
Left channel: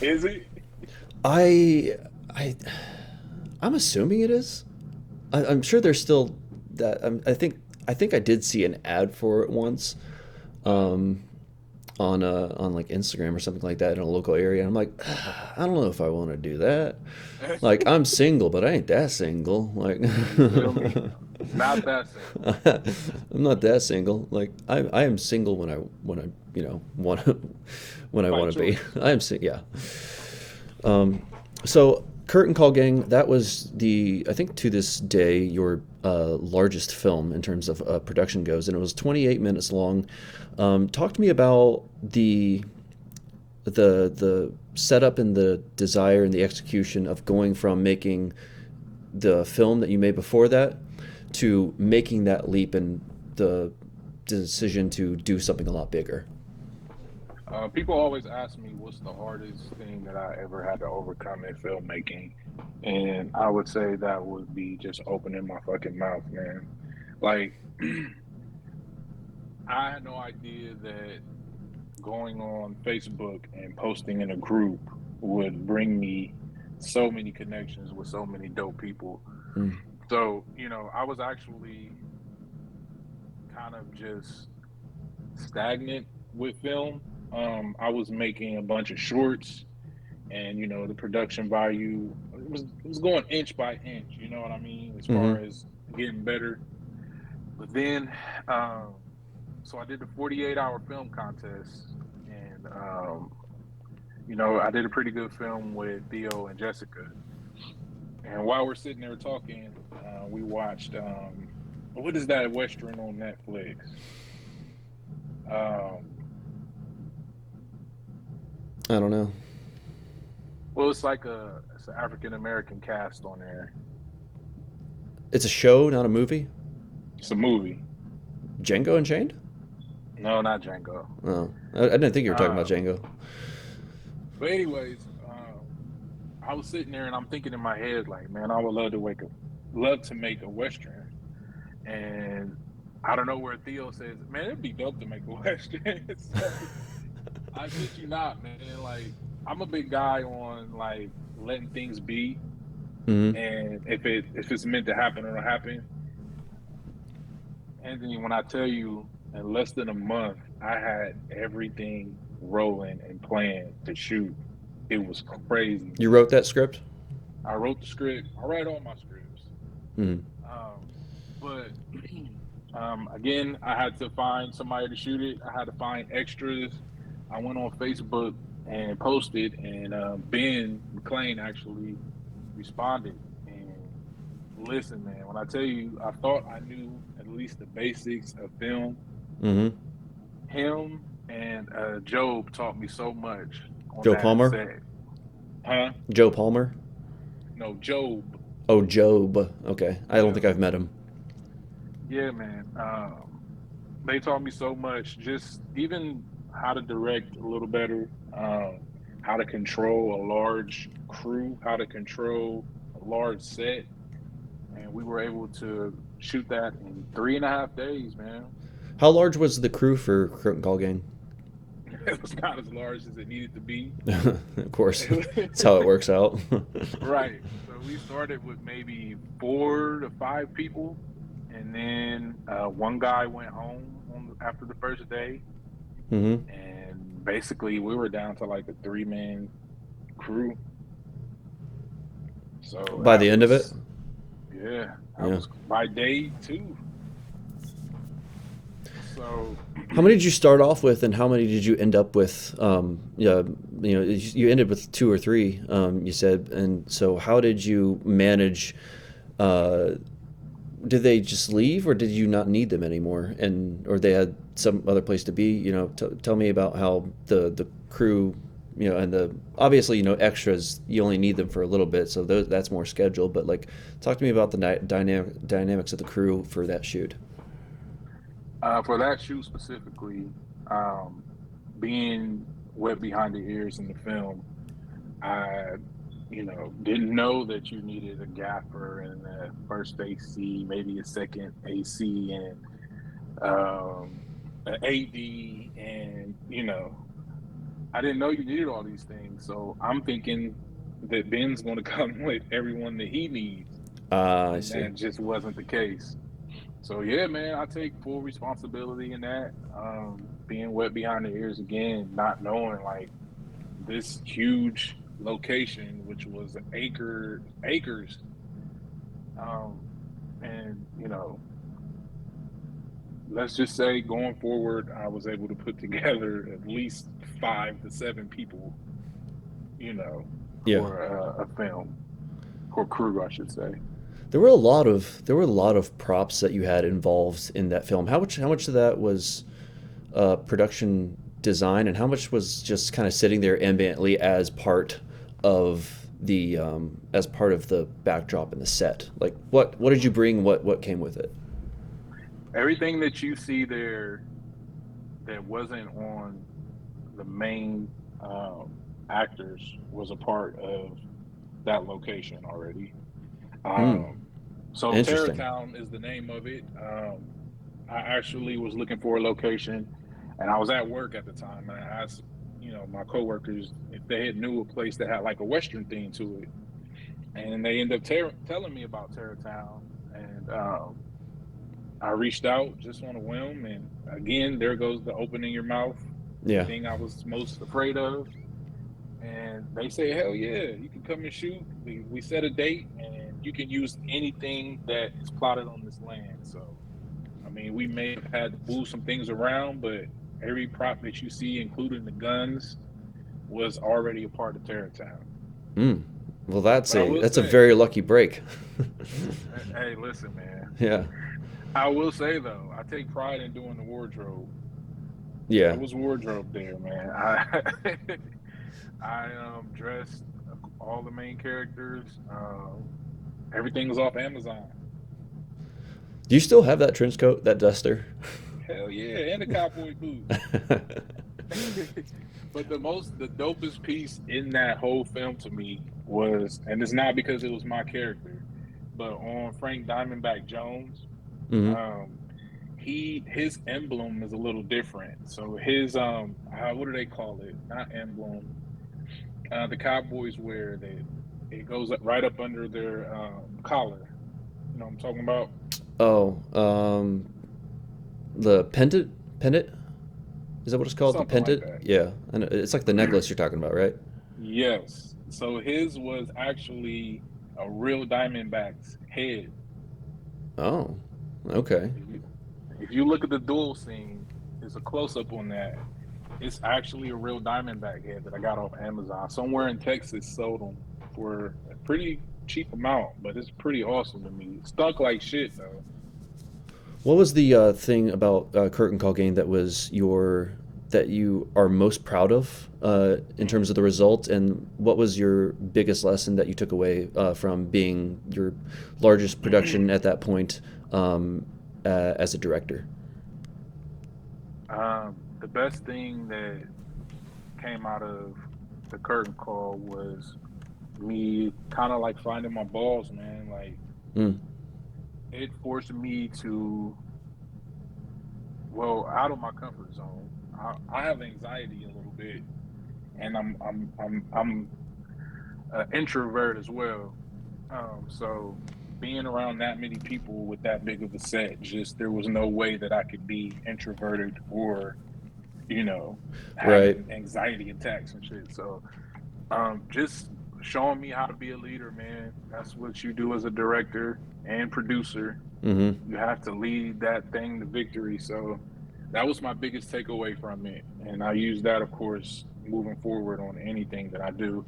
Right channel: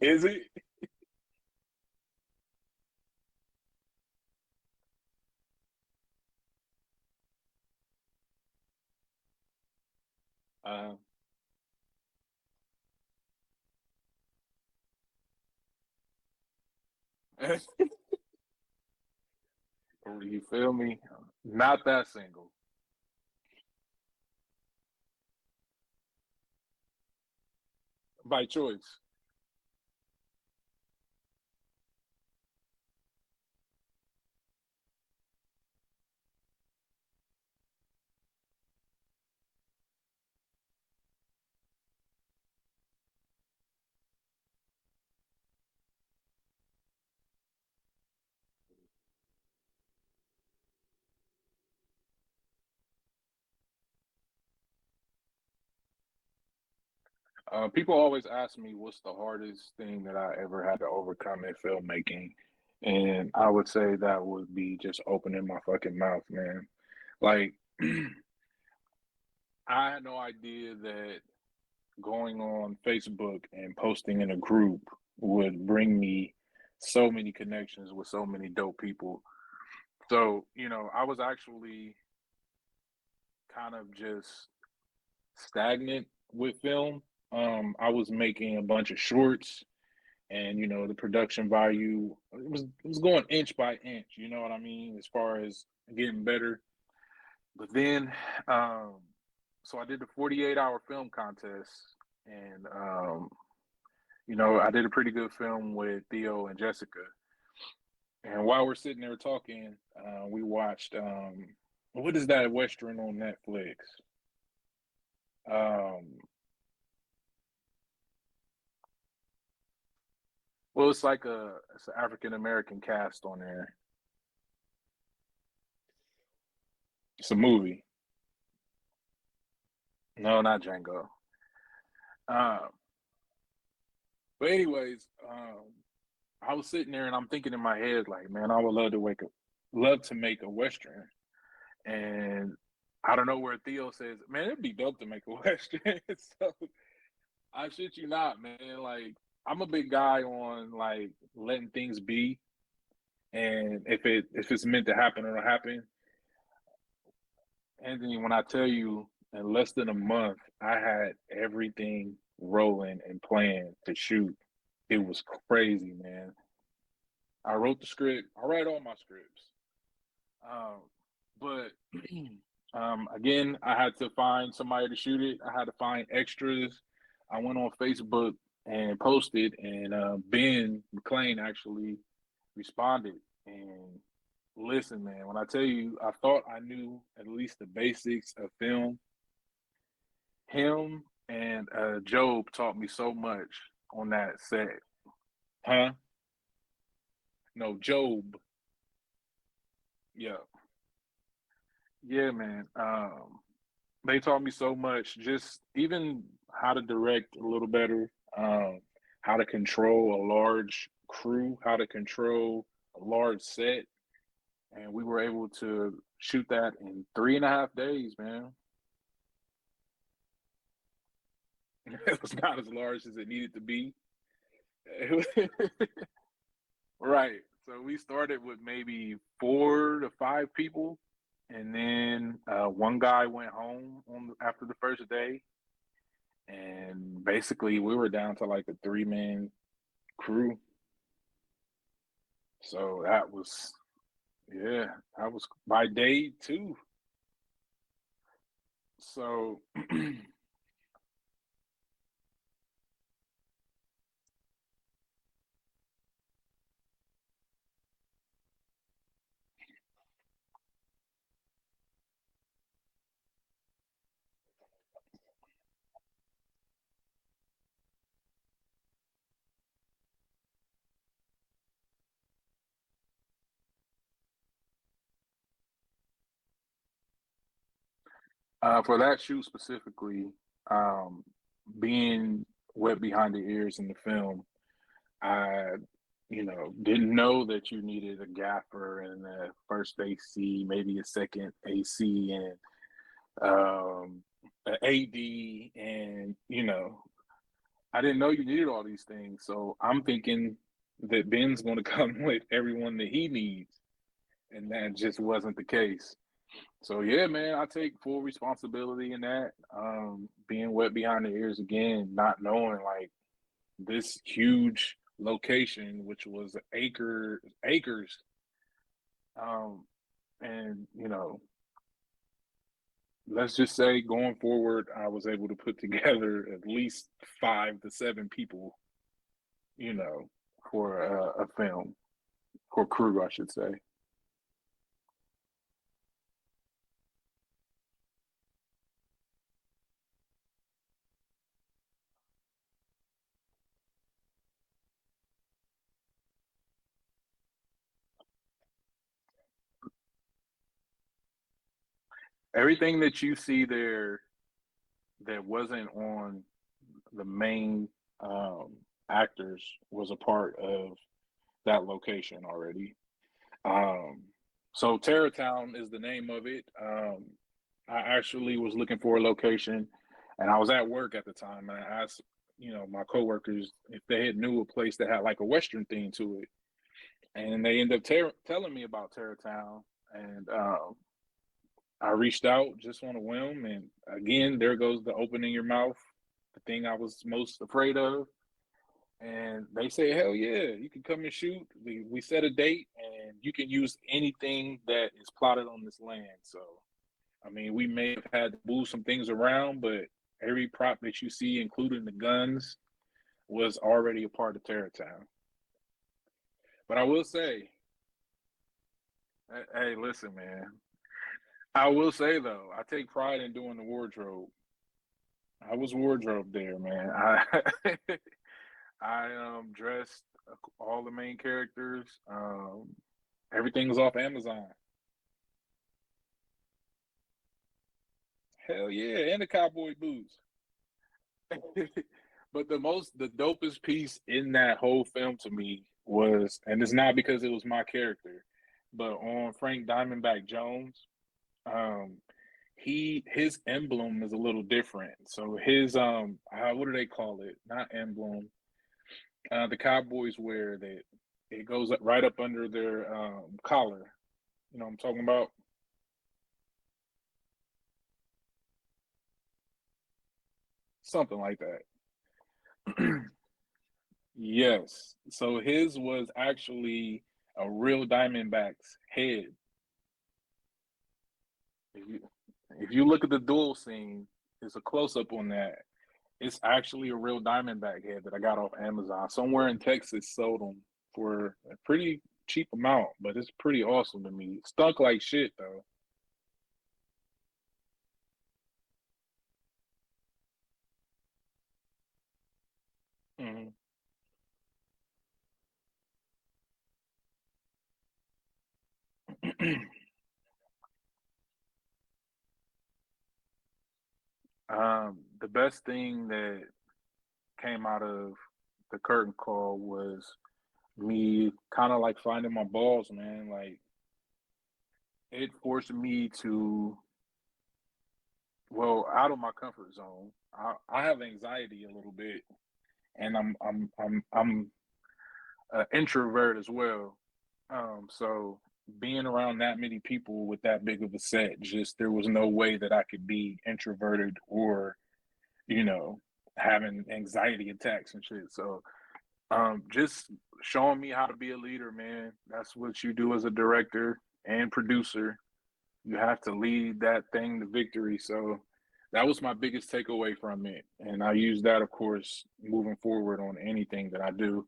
Is it? I, I, I'm assuming it is. I'm sure there's still that. I think I did see an ad for it once, Uh, um, on like Instagram or something like that in a local area. I'm like, I don't know if I want to do that. Like I'm single, but I ain't that single. Like you feel me? Not that single. I'm not that single. Like I am single when I want when I By want to be. choice. I am yeah. Um, so Curtain Call Gang, that was I think to this day, your largest film in terms of production goes, and it was 28 minutes long. Talk to me about the setup and the desire and the execution of going from making the film that you made before that to making that leap and the decision to do something a lot bigger. People always ask me what's the hardest thing that I ever had to overcome in filmmaking, and I would say that would be just opening my fucking mouth, man. Like, I had no idea that going on Facebook and posting in a group would bring me so many connections with so many dope people. Mm. So, I was actually kind of just stagnant with film. I was making a bunch of shorts, and the production value it was going inch by inch. You know what I mean, as Mm-hmm. far as getting better. But then, um, so I did the 48-hour film contest, and I did a pretty good film with Theo and Jessica. And while we're sitting there talking, we watched what is that Western on Netflix? Um, I don't know. well, it's an African American cast on there. It's a show, not a movie. It's a movie. Django Unchained? No, not Django. Oh, I didn't think you were talking about Um, Django. but anyways, I was sitting there and I'm thinking in my head like, man, I would love to make a Western. And I don't know where Theo says, man, it'd be dope to make a Western. So I shit you not, man. Like I'm a big guy on like letting things be, Mm-hmm. and if it's meant to happen, it'll happen. Anthony, when I tell you in less than a month, I had everything rolling and planned to shoot. It was crazy, You wrote man. that script? I wrote the script. I write all my scripts. Mm-hmm. Um, but again, I had to find somebody to shoot it. I had to find extras. I went on Facebook and posted, and Ben McLean actually responded. And listen, man, when I tell you, I thought I knew at least the basics of film. Mm-hmm. Him and Job taught me so much on Joe that Palmer? set. Huh? Joe Palmer? No, Job. Oh, Job. Okay. I don't Yeah. think I've met him. Yeah, man. They taught me so much, just even how to direct a little better, how to control a large crew, how to control a large set. And we were able to shoot that in 3.5 days, man. How large was the crew for Curtain Call Game? It was not as large as it needed to be. Of course, that's how it works out. Right. So we started with maybe 4 to 5 people, and then one guy went home after the first day, Hmm. and basically we were down to like a 3-man crew. So By that the end of it, was, yeah, that yeah. was by day 2. So How many did you start off with, and how many did you end up with? Yeah, you ended with two or three. You said, and so how did you manage? Uh, did they just leave, or did you not need them anymore, and or they had some other place to be? Tell me about how the crew, and the obviously extras. You only need them for a little bit, so that's more scheduled. But like, talk to me about the dynamics of the crew for that shoot. for that shoot specifically, um, being wet behind the ears in the film, I, didn't know that you needed a gaffer and a first AC, maybe a second AC, and an AD, and I didn't know you needed all these things. So I'm thinking that Ben's going to come with everyone that he needs, I and see. that just wasn't the case. So yeah, man, I take full responsibility in that. Being wet behind the ears again, not knowing like this huge location, which was acres, um, and let's just say going forward, I was able to put together at least 5 to 7 people, you know, Yeah. for a film, for crew, I should say. There were a lot of props that you had involved in that film. How much of that was production design, and how much was just kind of sitting there ambiently of the as part of the backdrop and the set? Like, what did you bring? What came with it? Everything that you see there that wasn't on the main actors was a part of that location already. Hmm. Um, so Interesting. Terratown is the name of it. I actually was looking for a location, and I was at work at the time, and I asked, my coworkers if they had knew a place that had like a Western theme to it, and they ended up telling me about Terratown, and I reached out just on a whim, and again, there goes the opening your mouth, the Yeah. thing I was most afraid of. And they say, hell yeah, you can come and shoot. We set a date, and you can use anything that is plotted on this land. So, I mean, we may have had to move some things around, but every prop that you see, including the guns, was already a part of Terratown. Hmm. Well, that's But I a will that's a say, very lucky break. hey, listen, man. Yeah. I will say though, I take pride in doing the wardrobe. I Yeah. was wardrobe there, man. I I dressed all the main characters. Everything was off Amazon. Do you still have that trench coat, that duster? Hell yeah, and the cowboy boots. But the dopest piece in that whole film to me was, and it's not because it was my character, but on Frank Diamondback Jones, Hmm. um, his emblem is a little different. So his what do they call it? Not emblem. The Cowboys wear that it goes right up under their collar. You know what I'm talking about? Oh, the pendant. Is that what it's called? The Something like pendant? that. Yeah, and it's like the necklace you're talking about, right? Yes. So his was actually a real Diamondback's head. Oh, okay. If you if you look at the duel scene, there's a close up on that. It's actually a real Diamondback head that I got off Amazon. Somewhere in Texas sold them for a pretty cheap amount, but it's pretty awesome to me. Stuck like shit though. What was the thing about Curtain Call Game that you are most proud of in Mm. terms of the result, and what was your biggest lesson that you took away from being your largest production at that point? as a director? The best thing that came out of the curtain call was me kind of like finding my balls, man. Like Mm, it forced me to, well, out of my comfort zone. I have anxiety a little bit, and I'm an introvert as well. So being around that many people with that big of a set, just there was no way that I could be introverted or, you know, right. having anxiety attacks and shit. So just showing me how to be a leader, man. That's what you do as a director and producer. Mm-hmm. You have to lead that thing to victory. So that was my biggest takeaway from it. And I use that, of course, moving forward on anything that I do.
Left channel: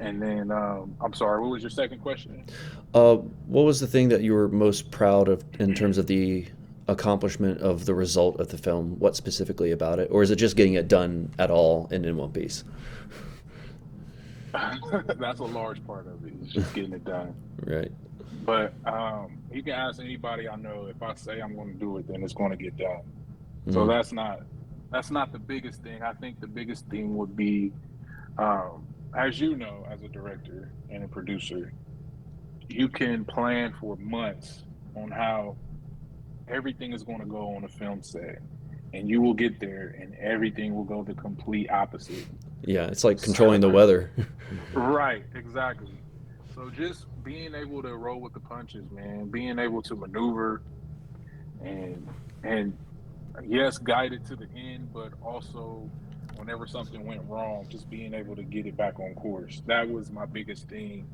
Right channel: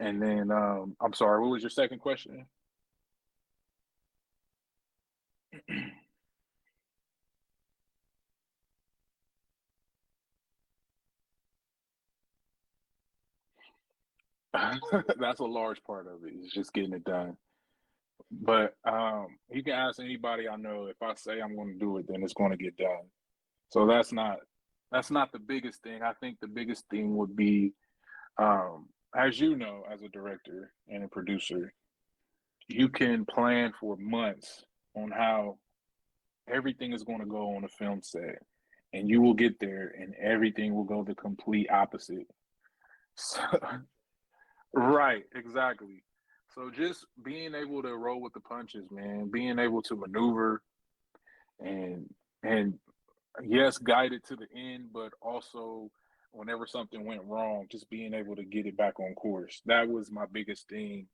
And then, I'm sorry, what was your second question? What was the thing that you were most proud of in terms of the accomplishment of the result of the film? What specifically about it, or is it just getting it done at all and in one piece? That's a large part of it, is just getting it done. Right. But you can ask anybody I know. If I say I'm going to do it, then it's going to get done. So Mm, that's not the biggest thing. I think the biggest thing would be, as you know, as a director and a producer, you can plan for months on how everything is going to go on a film set, and you will get there, and everything will go the complete opposite. yeah, it's like So, controlling the weather. right, exactly. So just being able to roll with the punches, man, being able to maneuver and and yes, guide it to the end, but also whenever something went wrong, just being able to get it back on course. That was my biggest thing,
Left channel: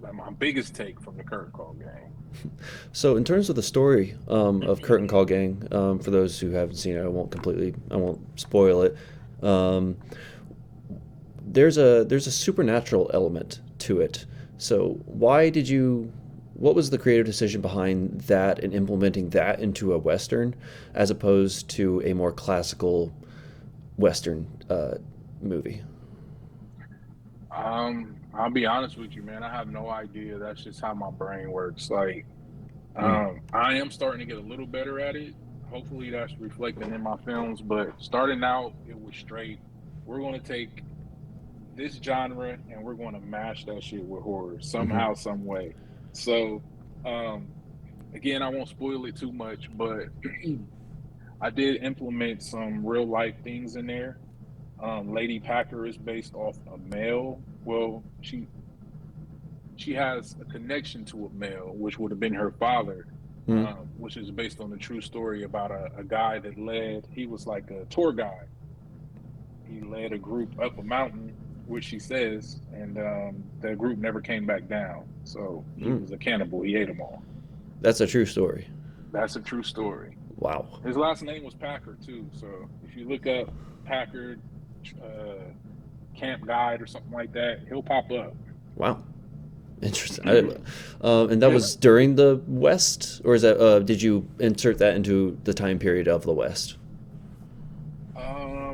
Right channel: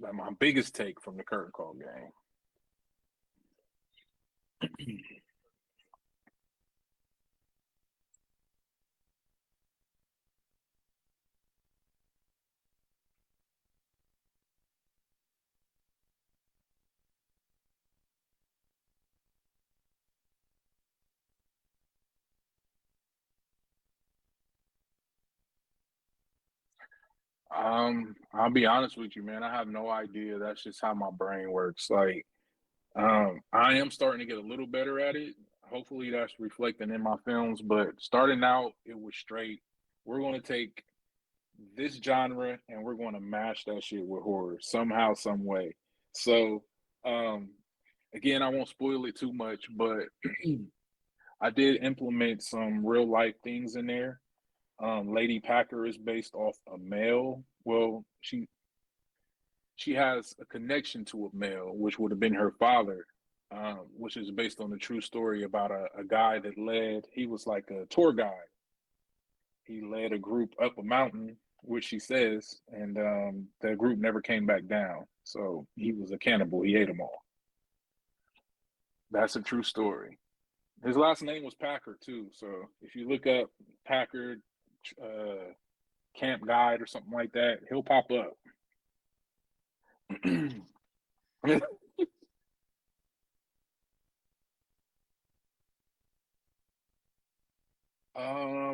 like my biggest take from the curtain call game. So, in terms of the story of Curtain Call Gang, for those who haven't seen it, I won't spoil it. Um, there's a supernatural element to it. So, what was the creative decision behind that and implementing that into a western, as opposed to a more classical western movie? I'll be honest with you, man. I have no idea. That's just how my brain works. Like, Mm, I am starting to get a little better at it. Hopefully, that's reflecting in my films. But starting out, it was straight. We're going to take this genre and we're going to mash that shit with horror mm-hmm. somehow, some way. So, um, again, I won't spoil it too much, but I did implement some real life things in there. Lady Packer is based off a male. Well, she has a connection to a male, which would have been her father, Mm, which is based on a true story about a guy that led. He was like a tour guide. He led a group up a mountain, which she says, and the group never came back down. So he mm. was a cannibal. He ate them all. That's a true story. That's a true story. Wow. His last name was Packer too. So if you look up Packard uh, camp guide or something like that, he'll pop up. Wow. Interesting. And that was during the West, or is that did you insert that into the time period of the West?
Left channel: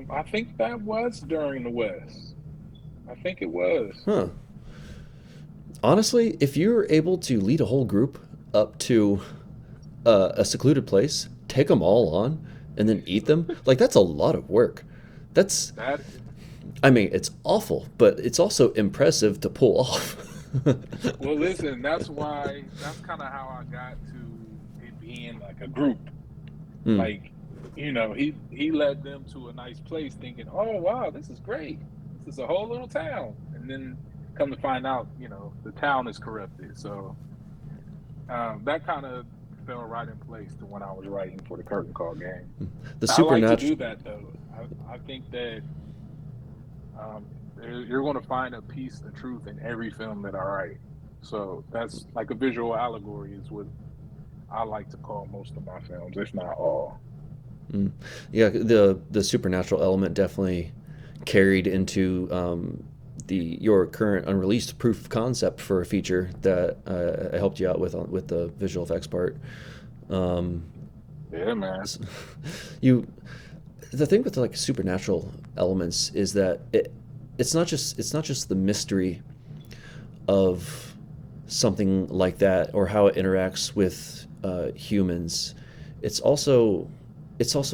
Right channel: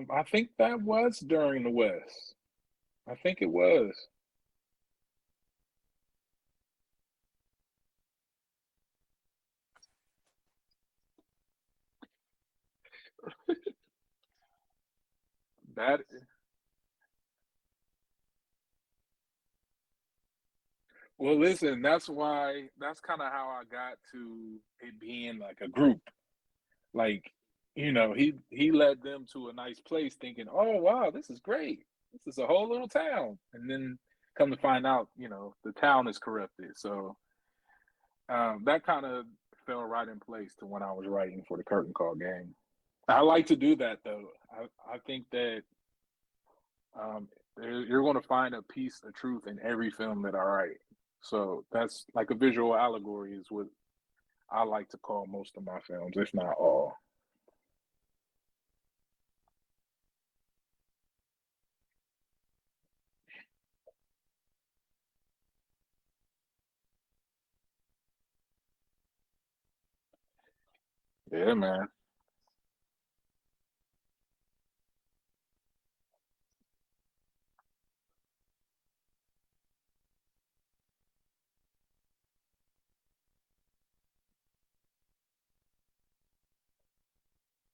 I think that was during the West. I think it was. Huh. Honestly, if you're able to lead a whole group up to a secluded place, take them all on, and then eat them, like that's a lot of work. That's, That I mean, it's awful, but it's also impressive to pull off. well, listen. That's why. That's kind of how I got to it being like a group. Hmm. Like, he led them to a nice place, thinking, "Oh wow, this is great. This is a whole little town." And then come to find out, the town is corrupted. So that kind of fell right in place to when I was writing for the curtain call game. The I like to supernatural. do that though. I think that um, you're going to find a piece of truth in every film that I write. So that's like a visual allegory is what I like to call most of my films, if not all. Mm. Yeah, the supernatural element definitely carried into the your current unreleased proof of concept for a feature that I helped you out with the visual effects part. Um, Yeah, man. s- you the thing with like supernatural elements is that it's not just the mystery of something like that, or how it interacts with humans. It's also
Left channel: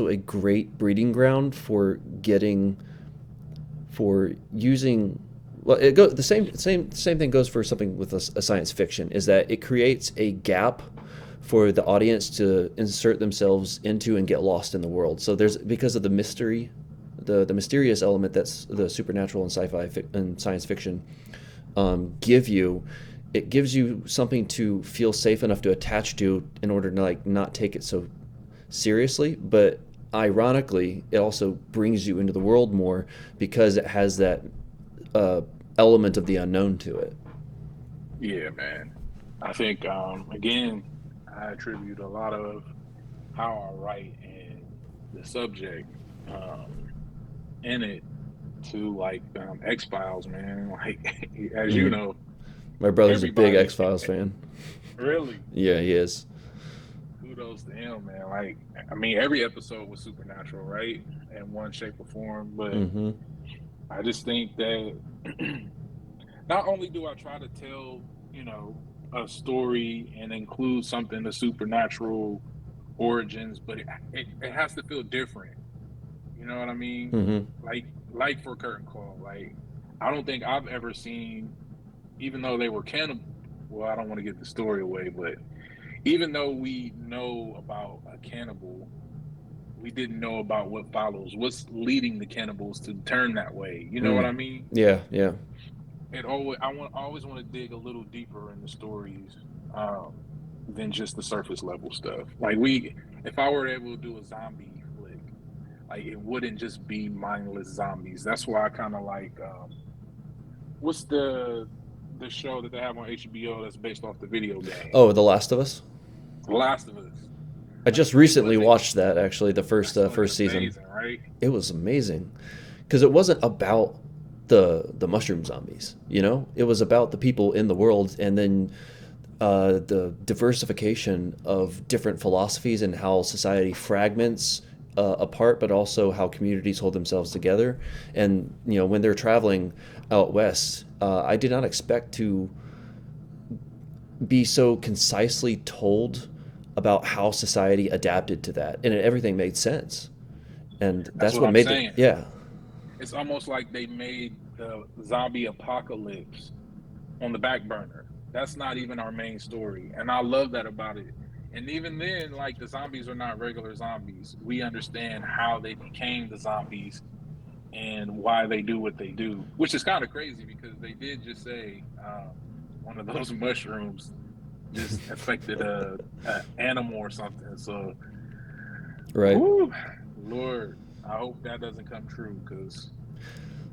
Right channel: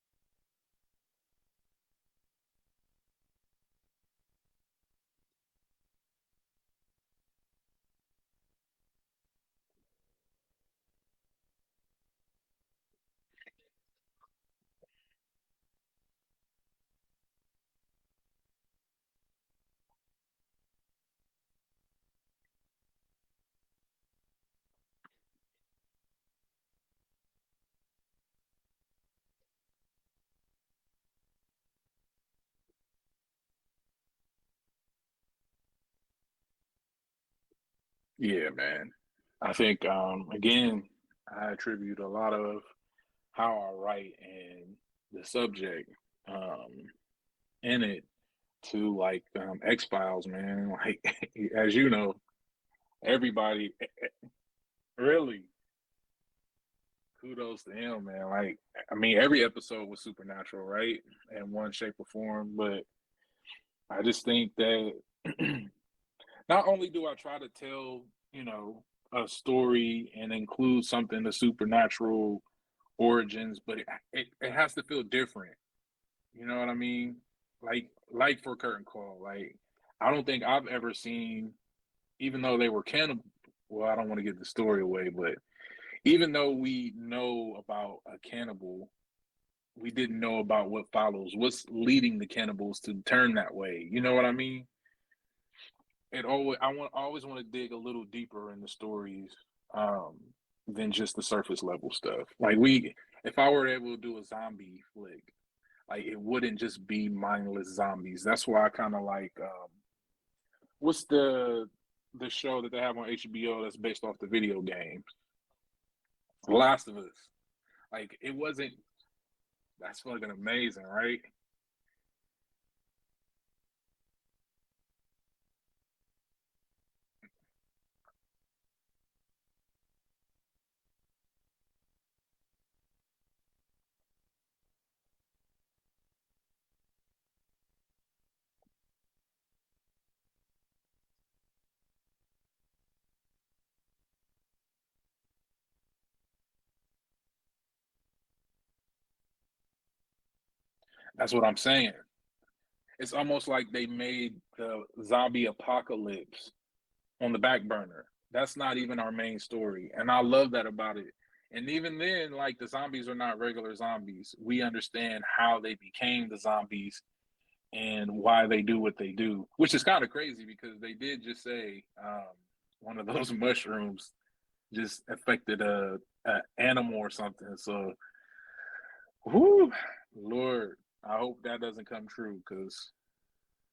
a great breeding ground for getting for using. Well, it go the same thing goes for something with a science fiction, is that it creates a gap for the audience to insert themselves into and get lost in the world. So there's, because of the mystery, the mysterious element that's the supernatural and and science fiction give you, it gives you something to feel safe enough to attach to in order to like not take it so seriously. But ironically, it also brings you into the world more because it has that element of the unknown to it. Yeah, man. I think again, I attribute a lot of how I write and the subject um, in it to like X Files, man. Like as you Mm. know, My brother's a big everybody X Files fan. really Yeah, he is. kudos to him, man. Like I mean, every episode was supernatural, right, in one shape or form. But Mm-hmm. I just think that not only do I try to tell, a story and include something of supernatural origins, but it has to feel different. You know what I mean? Mm-hmm. Like for Curtain Call, like I don't think I've ever seen, even though they were cannibal. Well, I don't want to give the story away, but even though we know about a cannibal, we didn't know about what follows, what's leading the cannibals to turn that way. You know what Mm. I mean? Yeah, yeah. I always want to dig a little deeper in the stories um, than just the surface level stuff. If I were able to do a zombie flick, like it wouldn't just be mindless zombies. That's why I kind of like what's the show that they have on HBO that's based off the video game, Oh, The Last of Us. The Last of Us. I just Like it recently wasn't. watched that, actually, the first That's fucking first season. amazing, right? It was amazing because it wasn't about the mushroom zombies. It was about the people in the world, and then the diversification of different philosophies and how society fragments apart, but also how communities hold themselves together. And when they're traveling out west, I did not expect to be so concisely told about how society adapted to that, and everything made sense. And That's that's what what I'm made it. saying. Yeah. It's almost like they made the zombie apocalypse on the back burner. That's not even our main story. And I love that about it. And even then, like the zombies are not regular zombies. We understand how they became the zombies and why they do what they do, which is kind of crazy because they did just say one of those mushrooms just affected a animal or something. So, Right. whew, Lord, I hope that doesn't come true because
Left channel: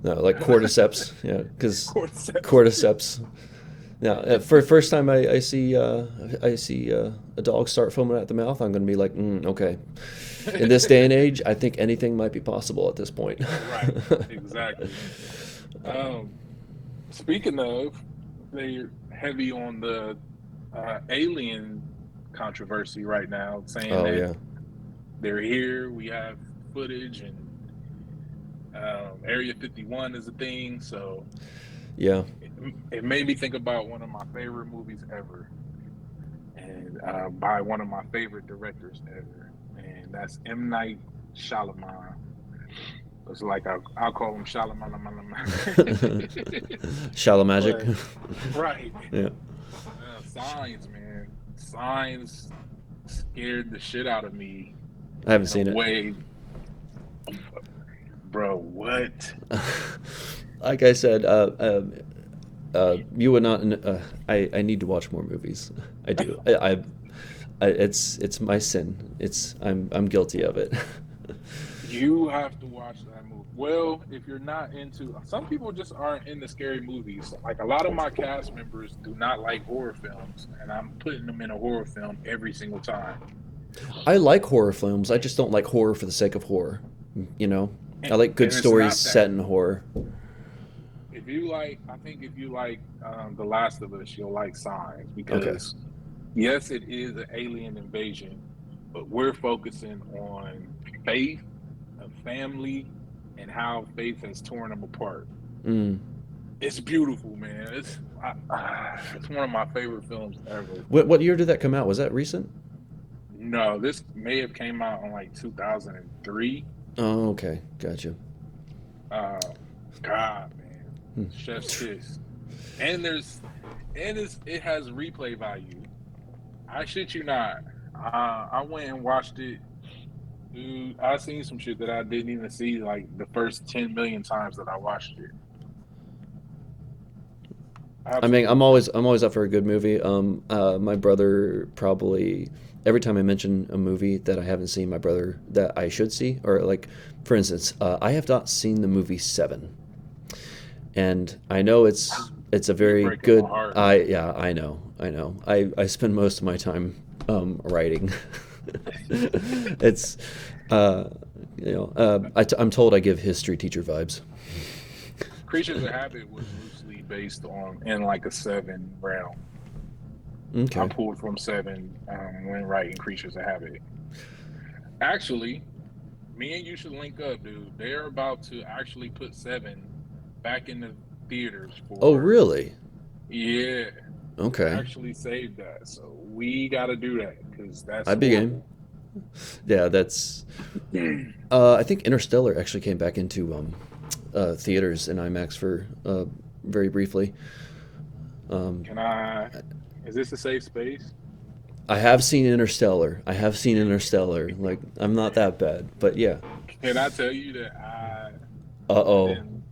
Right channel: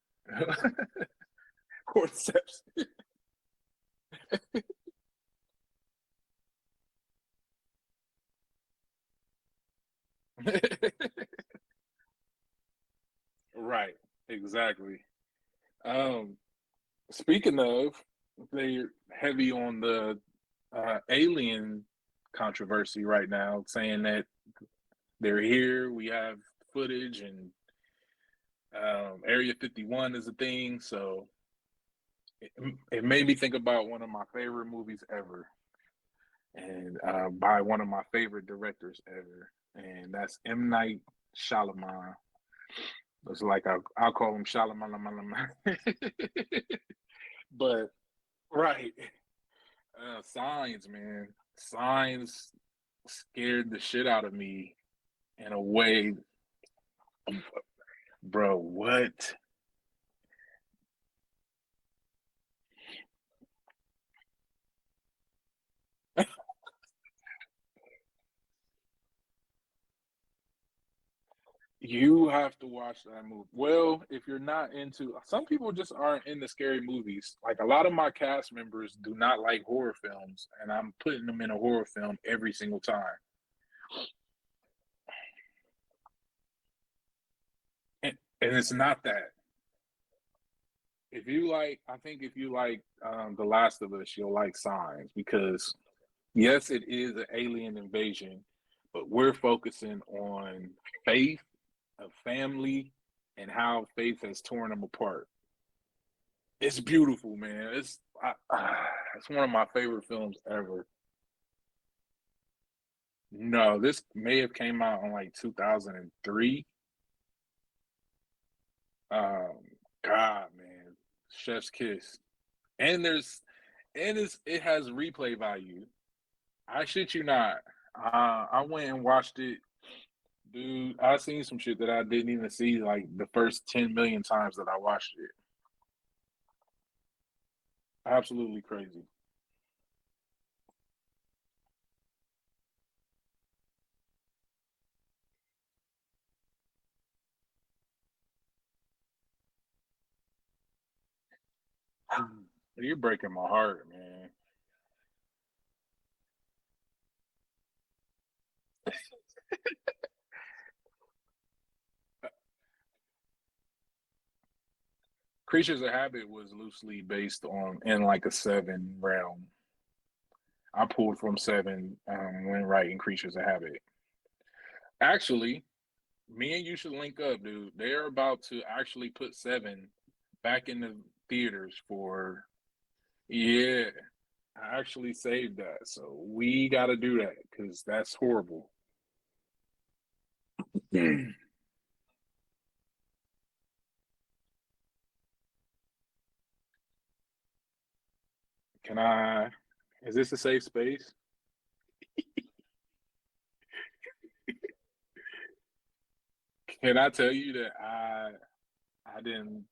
No, like cordyceps. Yeah, because cordyceps. cordyceps. Now, for first time I see a dog start foaming at the mouth, I'm going to be like, okay. In this day and age, I think anything might be possible at this point. Right, exactly. Um, Speaking of, they're heavy on the alien controversy right now, saying Oh that yeah, they're here. We have footage, and Area 51 is a thing. So yeah. it, it made me think about one of my favorite movies ever, and by one of my favorite directors ever, and that's M. Night Shyamalan. It's like I'll call him Shyamalan. Shallow magic. But right, Yeah, Signs, man. Signs scared the shit out of me I haven't in a seen it. way, bro. What? Like I said, you would not. I need to watch more movies. I do. It's my sin. I'm guilty of it. You have to watch that movie. Well, if you're not into, some people just aren't into scary movies. Like a lot of my cast members do not like horror films, and I'm putting them in a horror film every single time. I like horror films. I just don't like horror for the sake of horror. You know, I And, like good and it's stories not that. set in horror. I think if you like The Last of Us, you'll like Signs Okay. because yes, it is an alien invasion, but we're focusing on faith, a family, and how faith has torn them apart. Mm. It's beautiful, man. It's It's one of my favorite films ever. What year did that come out? Was that recent? No, this may have came out in like 2003. Oh, okay, gotcha. Um, God, man, Hmm. Chef's Kiss, and it has replay value. I shit you not. I went and watched it, dude. I seen some shit that I didn't even see like the first 10 million times that I watched it. I mean, Absolutely crazy. I'm always up for a good movie. My brother probably every time I mention a movie that I haven't seen, my brother that I should see, or like, for instance, I have not seen the movie Seven, and I know it's a You're very breaking my good. heart, I man. Yeah, I know. I spend most of my time writing. It's uh, I'm told I give history teacher vibes. Creatures of Habit was loosely based on in like a seven realm. I Okay. pulled from seven when writing Creatures of Habit. Actually, me and you should link up, dude. They're about to actually put seven back in the theaters Oh, for, really? yeah, to Okay. actually save that. So we got to do that because that's I'd be game. horrible. Yeah, that's. I think Interstellar actually came back into theaters in IMAX for very briefly. Um, Can I? Is this a safe space? I have seen Interstellar. I have seen Interstellar. Like, I'm not that bad, but yeah. Can I tell you that Uh I oh. didn't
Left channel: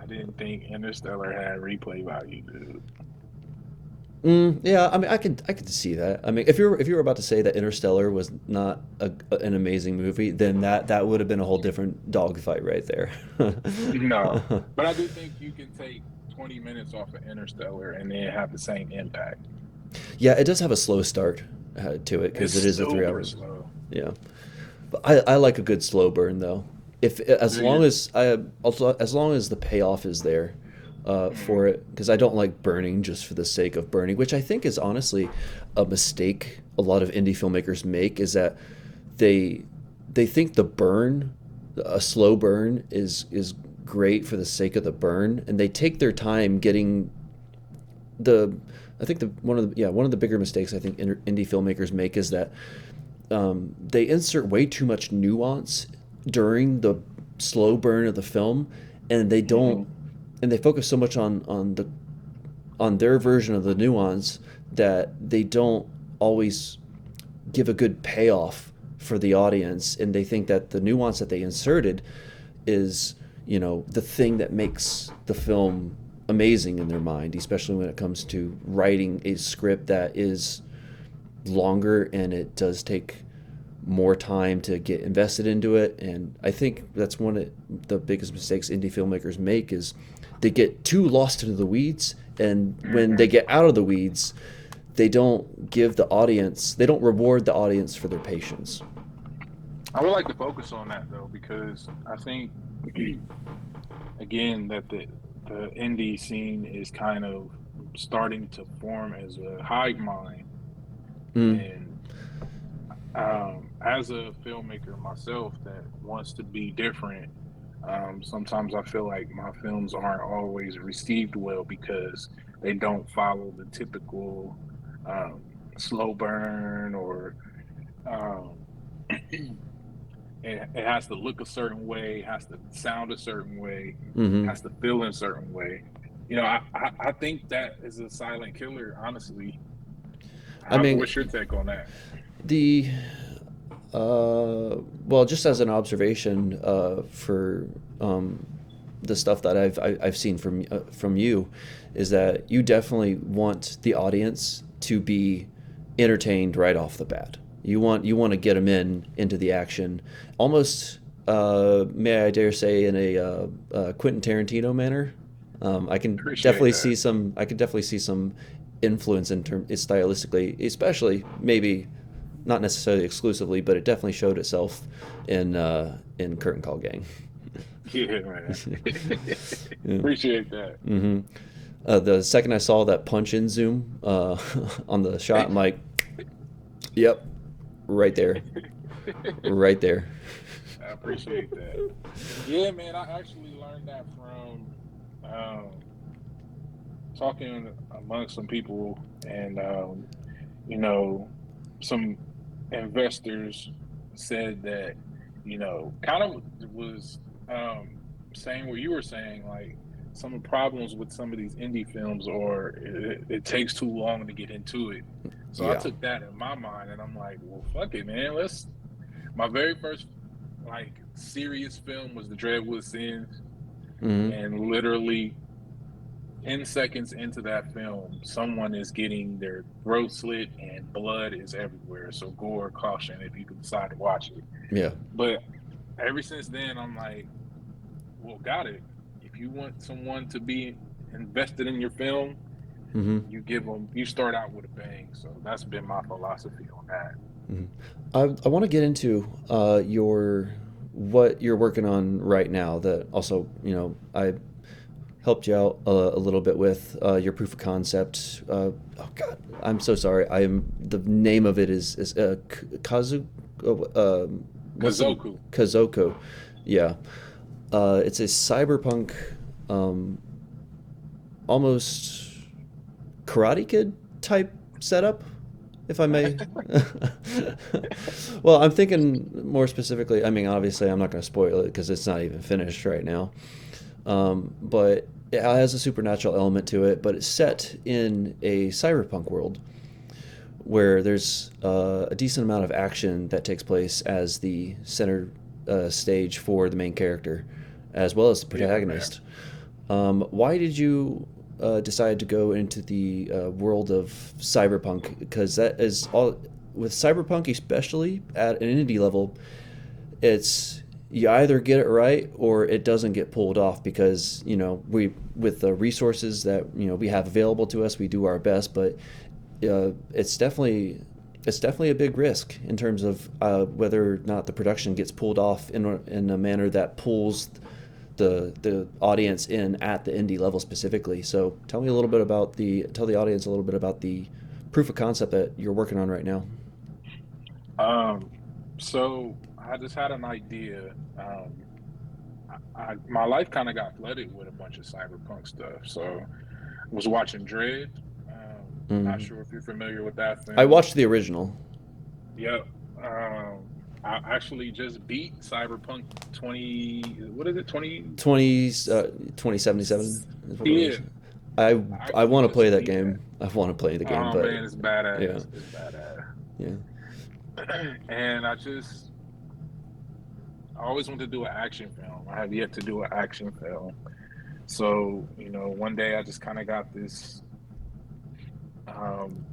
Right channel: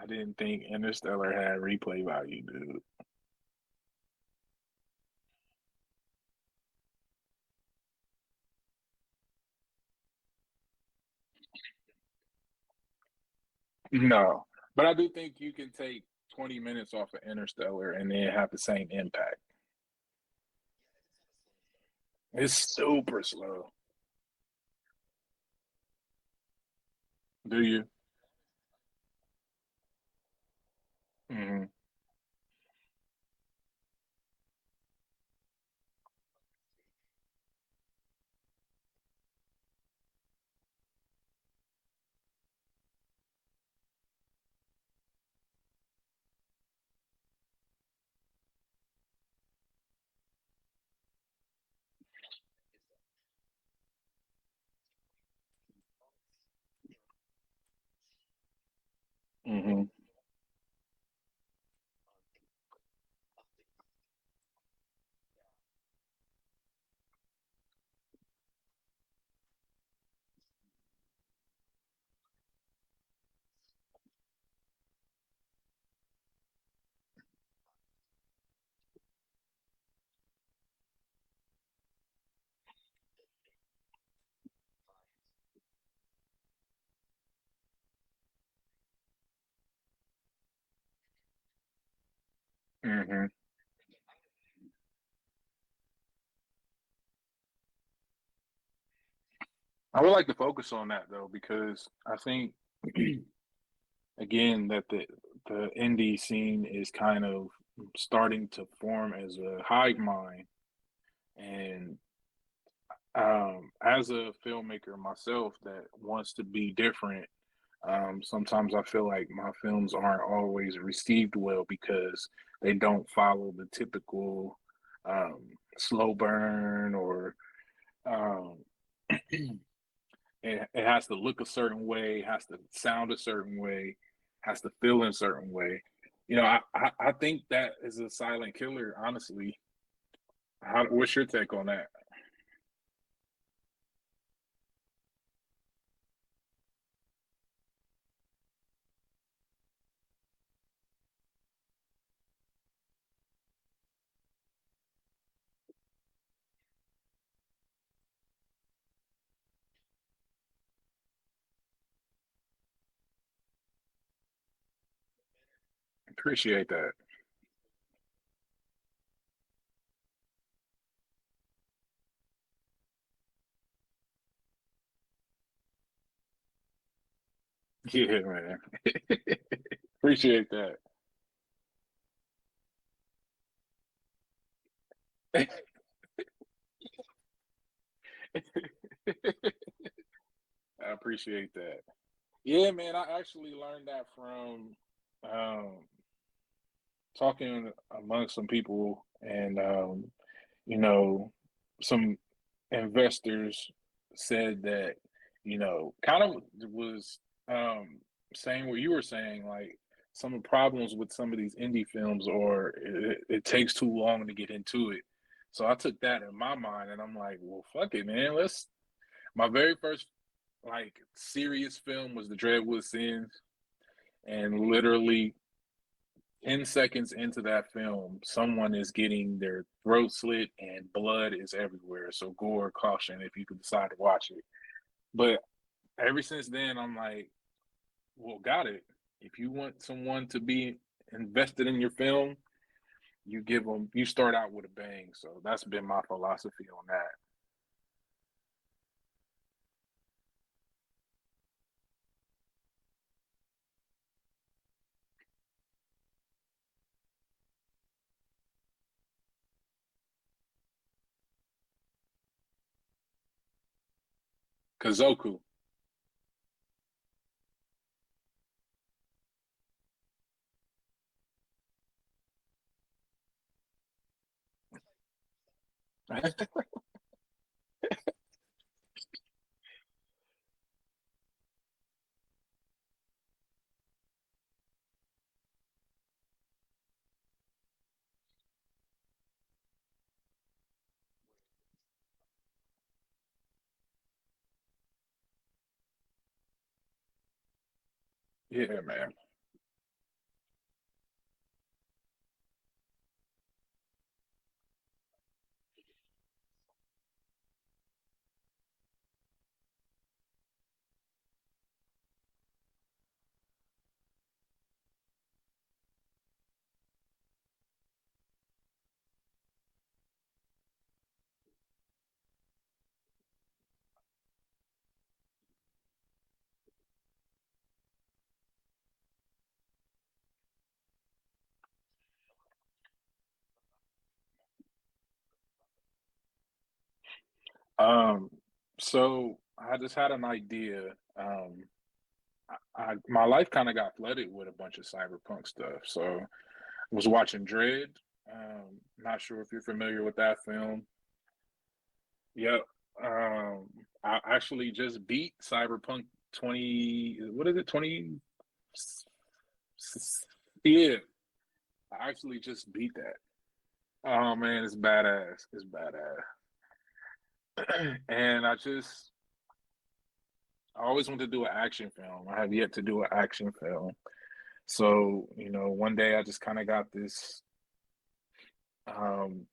I didn't think Interstellar had replay value, dude. Yeah, I mean, I could see that. I mean, if you were about to say that Interstellar was not an amazing movie, then that would have been a whole different dogfight right there. No, but I do think you can take 20 minutes off of Interstellar and then have the same impact. Yeah, it does have a slow start to it because It's it is a three super hour. slow. Yeah, but I like a good slow burn though. If Do you? as long as the payoff is there for Mm, it, because I don't like burning just for the sake of burning, which I think is honestly a mistake a lot of indie filmmakers make is that they they think the burn, a slow burn is great for the sake of the burn, and they take their time getting the. I think the one of the bigger mistakes I think indie filmmakers make is that they insert way too much nuance during the slow burn of the film, and they don't, hmm and they focus so much on their version of the nuance that they don't always give a good payoff for the audience, and they think that the nuance that they inserted is the thing that makes the film amazing in their mind, especially when it comes to writing a script that is longer and it does take more time to get invested into it. And I think that's one of the biggest mistakes indie filmmakers make is they get too lost into the weeds, and when they hmm get out of the weeds, they don't reward the audience for their patience. I would like to focus on that though because I think again that the indie scene is kind of starting to form as a hive mind, Mm. and as a filmmaker myself that wants to be different, sometimes I feel like my films aren't always received well because they don't follow the typical um, slow burn or um, it has to look a certain way, has to sound a certain way, Hmm. has to feel in a certain way. I think that is a silent killer, honestly. I mean, What's your take on that? the well, just as an observation for um, the stuff that I've seen from you, is that you definitely want the audience to be entertained right off the bat. You want to get them into the action, almost may I dare say in a Quentin Tarantino manner. Appreciate that. I can definitely see some influence in term stylistically, especially maybe not necessarily exclusively, but it definitely showed itself in Curtain Call Gang. Yeah, man. Yeah. Appreciate that. Hmm. The second I saw that punch in zoom on the shot, I'm like, yep, right there, right there. I appreciate that. Yeah, man. I actually learned that from um, talking among some people, and you know, some investors said that, kind of was saying what you were saying, like some of the problems with some of these indie films, or it takes too long to get into it. So I Yeah. took that in my mind, and I'm like, well, fuck it, man. Let's. My very first like serious film was The Dreadwood Sins, Hmm. and literally 10 seconds into that film, someone is getting their throat slit and blood is everywhere. So gore caution if you can decide to watch it. Yeah. But ever since then, I'm like, well, got it. If you want someone to be invested in your film, Hmm. you start out with a bang. So that's been my philosophy on that. Hmm. I want to get into your what you're working on right now. That also, I helped you out a little bit with your proof of concept. Oh God, I'm so sorry. I'm the name of it is Kazu. What's the Kazoku. Kazoko? Yeah, it's a cyberpunk, um, almost Karate Kid type setup, if I may. Well, I'm thinking more specifically. I mean, obviously, I'm not going to spoil it because it's not even finished right now. But it has a supernatural element to it, but it's set in a cyberpunk world where there's a decent amount of action that takes place as the center stage for the main character, as well as the Yeah, man. protagonist. Why did you decide to go into the world of cyberpunk? Because that is all with cyberpunk, especially at an indie level, it's you either get it right or it doesn't get pulled off because we with the resources that we have available to us we do our best, but it's definitely a big risk in terms of whether or not the production gets pulled off in a manner that pulls the audience in at the indie level specifically. So tell the audience a little bit about the proof of concept that you're working on right now. Um, so I just had an idea. My life kind of got flooded with a bunch of cyberpunk stuff. So I was watching Dread. Not Mm. sure if you're familiar with that I film. watched the original. Yep. I actually just beat Cyberpunk 20. What is it? 20. 20 2077 is what it Yeah, was. I I I actually want to play just that beat that. game. I want to play the game, Oh but man, it's yeah, badass. It's badass. yeah. And I always wanted to do an action film. I have yet to do an action film. So, one day I just kind of got this um,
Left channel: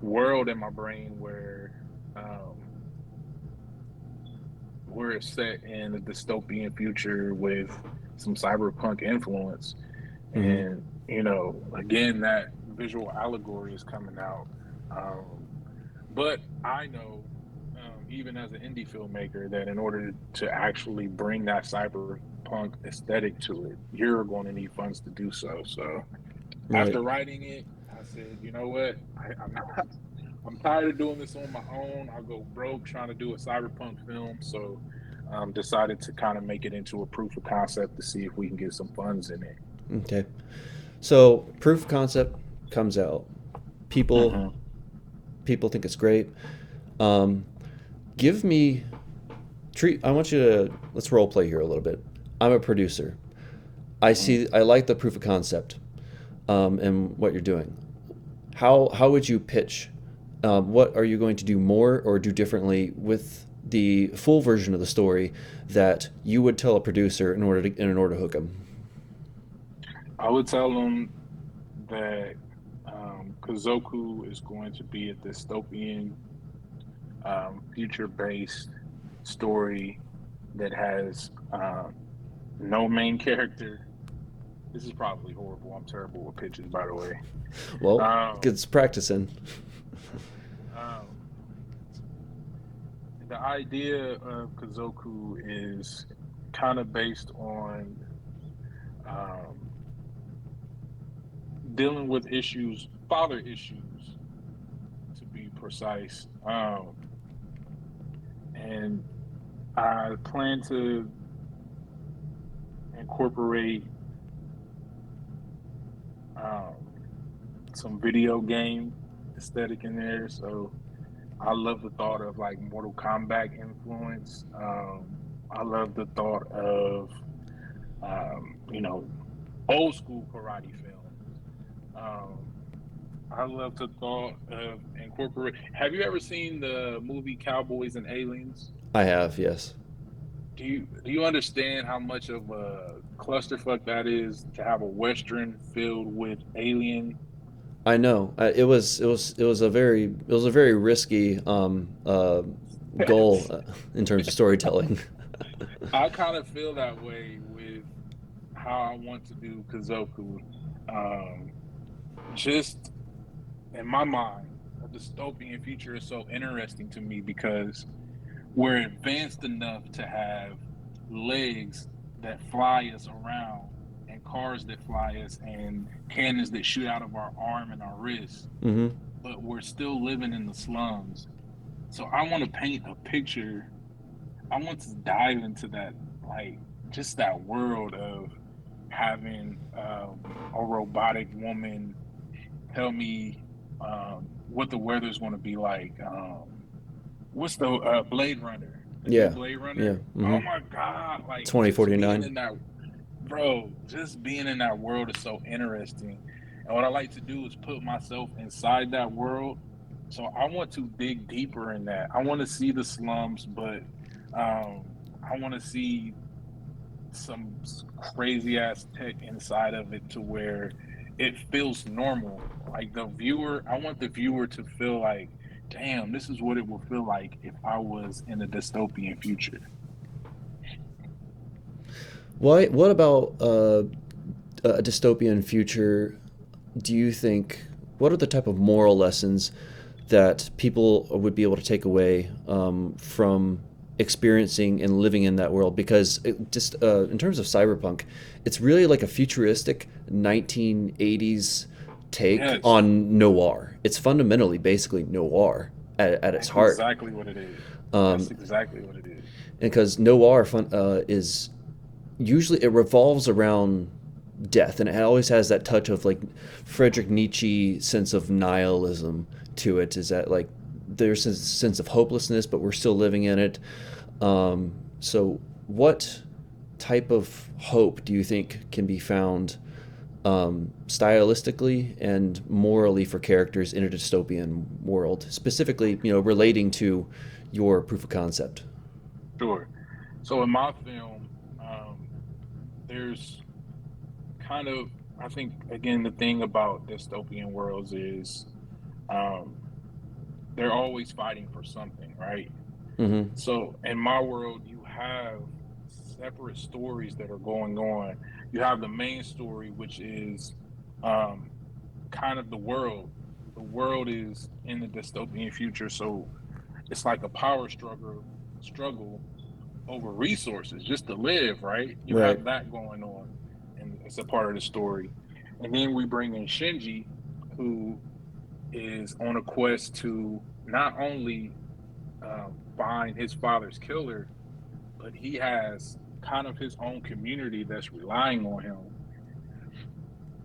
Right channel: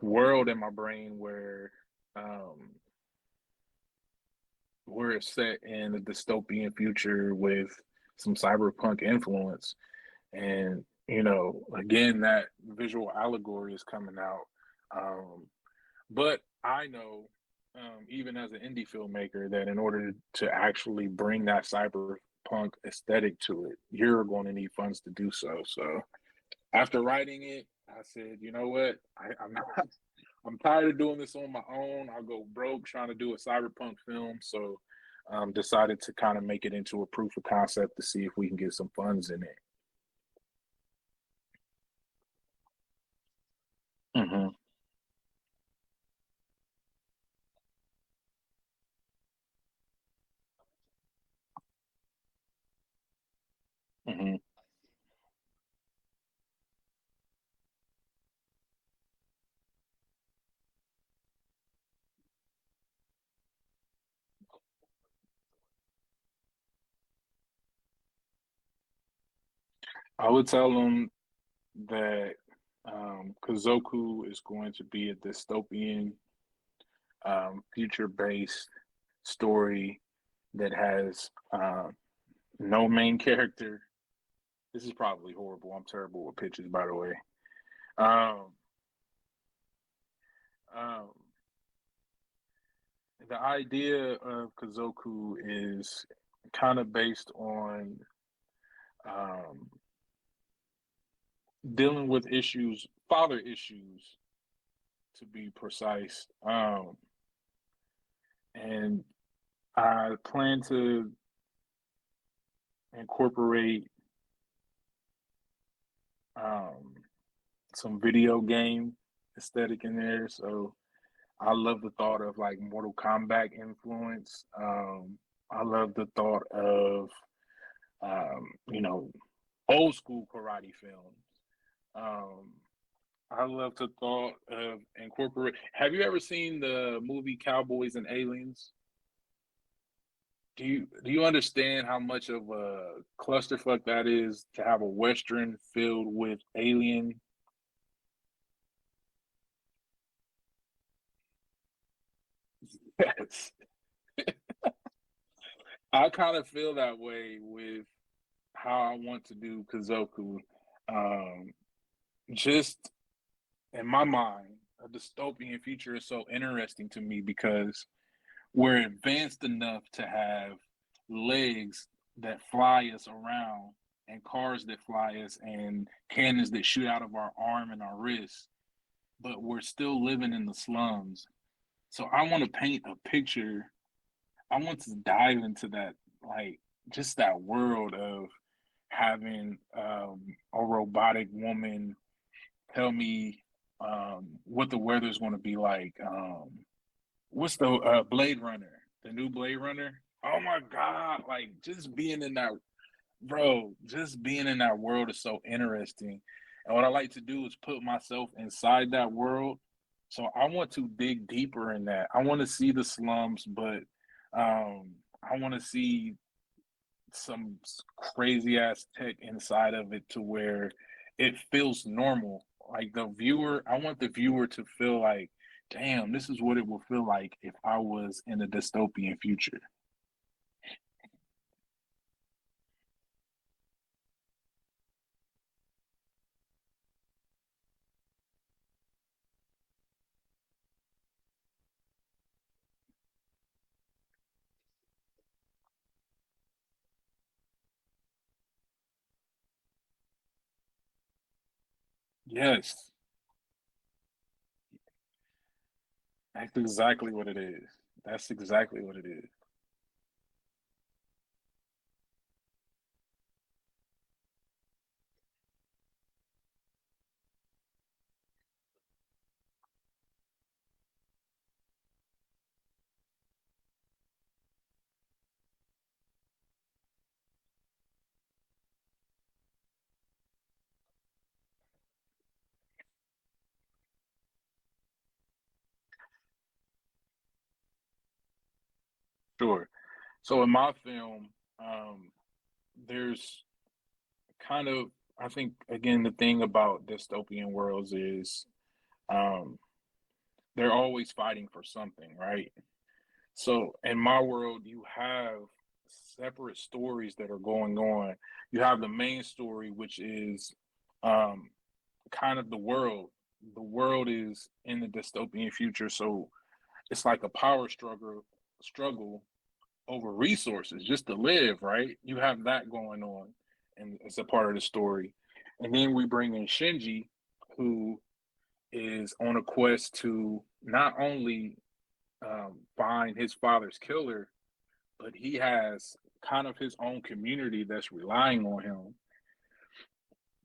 world in my brain um, where it's set in a dystopian future with some cyberpunk influence. Hmm. And, again, that visual allegory is coming out. Um, but I know, even as an indie filmmaker, that in order to actually bring that cyberpunk aesthetic to it, you're going to need funds to do so. So Right. after writing it, I said, you know what? I'm not. I'm tired of doing this on my own. I'll go broke trying to do a cyberpunk film. So, decided to kind of make it into a proof of concept to see if we can get some funds in it. Okay. So proof of concept comes out. People Mm-hmm. people think it's great. Um, give me treat. I want you to let's role play here a little bit. I'm a producer. Mm-hmm. I like the proof of concept, and what you're doing. How would you pitch? What are you going to do more or do differently with the full version of the story that you would tell a producer in order to hook them? I would tell them that Kazoku is going to be a dystopian, future-based story that has no main character. This is probably horrible. I'm terrible with pitches, by the way. Well, Um, it's practicing. um, the idea of Kazoku is kind of based on um, dealing with issues, father issues, to be precise. And I plan to incorporate um, some video game aesthetic in there. So I love the thought of like Mortal Kombat influence. I love the thought of you know, old school karate films. Um, I love the thought of incorporate. Have you ever seen the movie Cowboys and Aliens? I have, yes. Do you understand how much of a clusterfuck that is to have a western filled with alien? I know. It was a very risky goal in terms of storytelling. I kind of feel that way with how I want to do Kazoku. Um, just in my mind, a dystopian future is so interesting to me because we're advanced enough to have legs that fly us around and cars that fly us and cannons that shoot out of our arm and our wrist, Hmm. but we're still living in the slums. So I want to paint a picture. I want to dive into that, like just that world of having a robotic woman tell me what the weather's going to be like. What's the Blade Runner? The new Yeah, Blade yeah. Runner. Hmm. Oh my God! Like just being 2049. in that, bro. Just being in that world is so interesting. And what I like to do is put myself inside that world. So I want to dig deeper in that. I want to see the slums, but I want to see some crazy ass tech inside of it to where it feels normal. Like the viewer, I want the viewer to feel like, damn, this is what it would feel like if I was in a dystopian future. What about a dystopian future? Do you think, what are the type of moral lessons that people would be able to take away from experiencing and living in that world? Because just in terms of cyberpunk, it's really like a futuristic 1980s take Yes, on noir. It's fundamentally basically noir at its that's heart. exactly what it is. That's Um, exactly what it is. because noir is usually it revolves around death, and it always has that touch of like Friedrich Nietzsche sense of nihilism to it. Is that like there's a sense of hopelessness, but we're still living in it. So, what type of hope do you think can be found stylistically and morally for characters in a dystopian world, specifically, relating to your proof of concept? Sure. So in my film, um, there's kind of, I think, again, the thing about dystopian worlds is um, they're always fighting for something, right? Mm-hmm. So in my world, you have separate stories that are going on. You have the main story, which is um, kind of the world. The world is in the dystopian future, so it's like a power struggle over resources just to live, right? You Right. have that going on, and it's a part of the story. And then we bring in Shinji, who is on a quest to not only find his father's killer, but he has kind of his own community that's relying on him.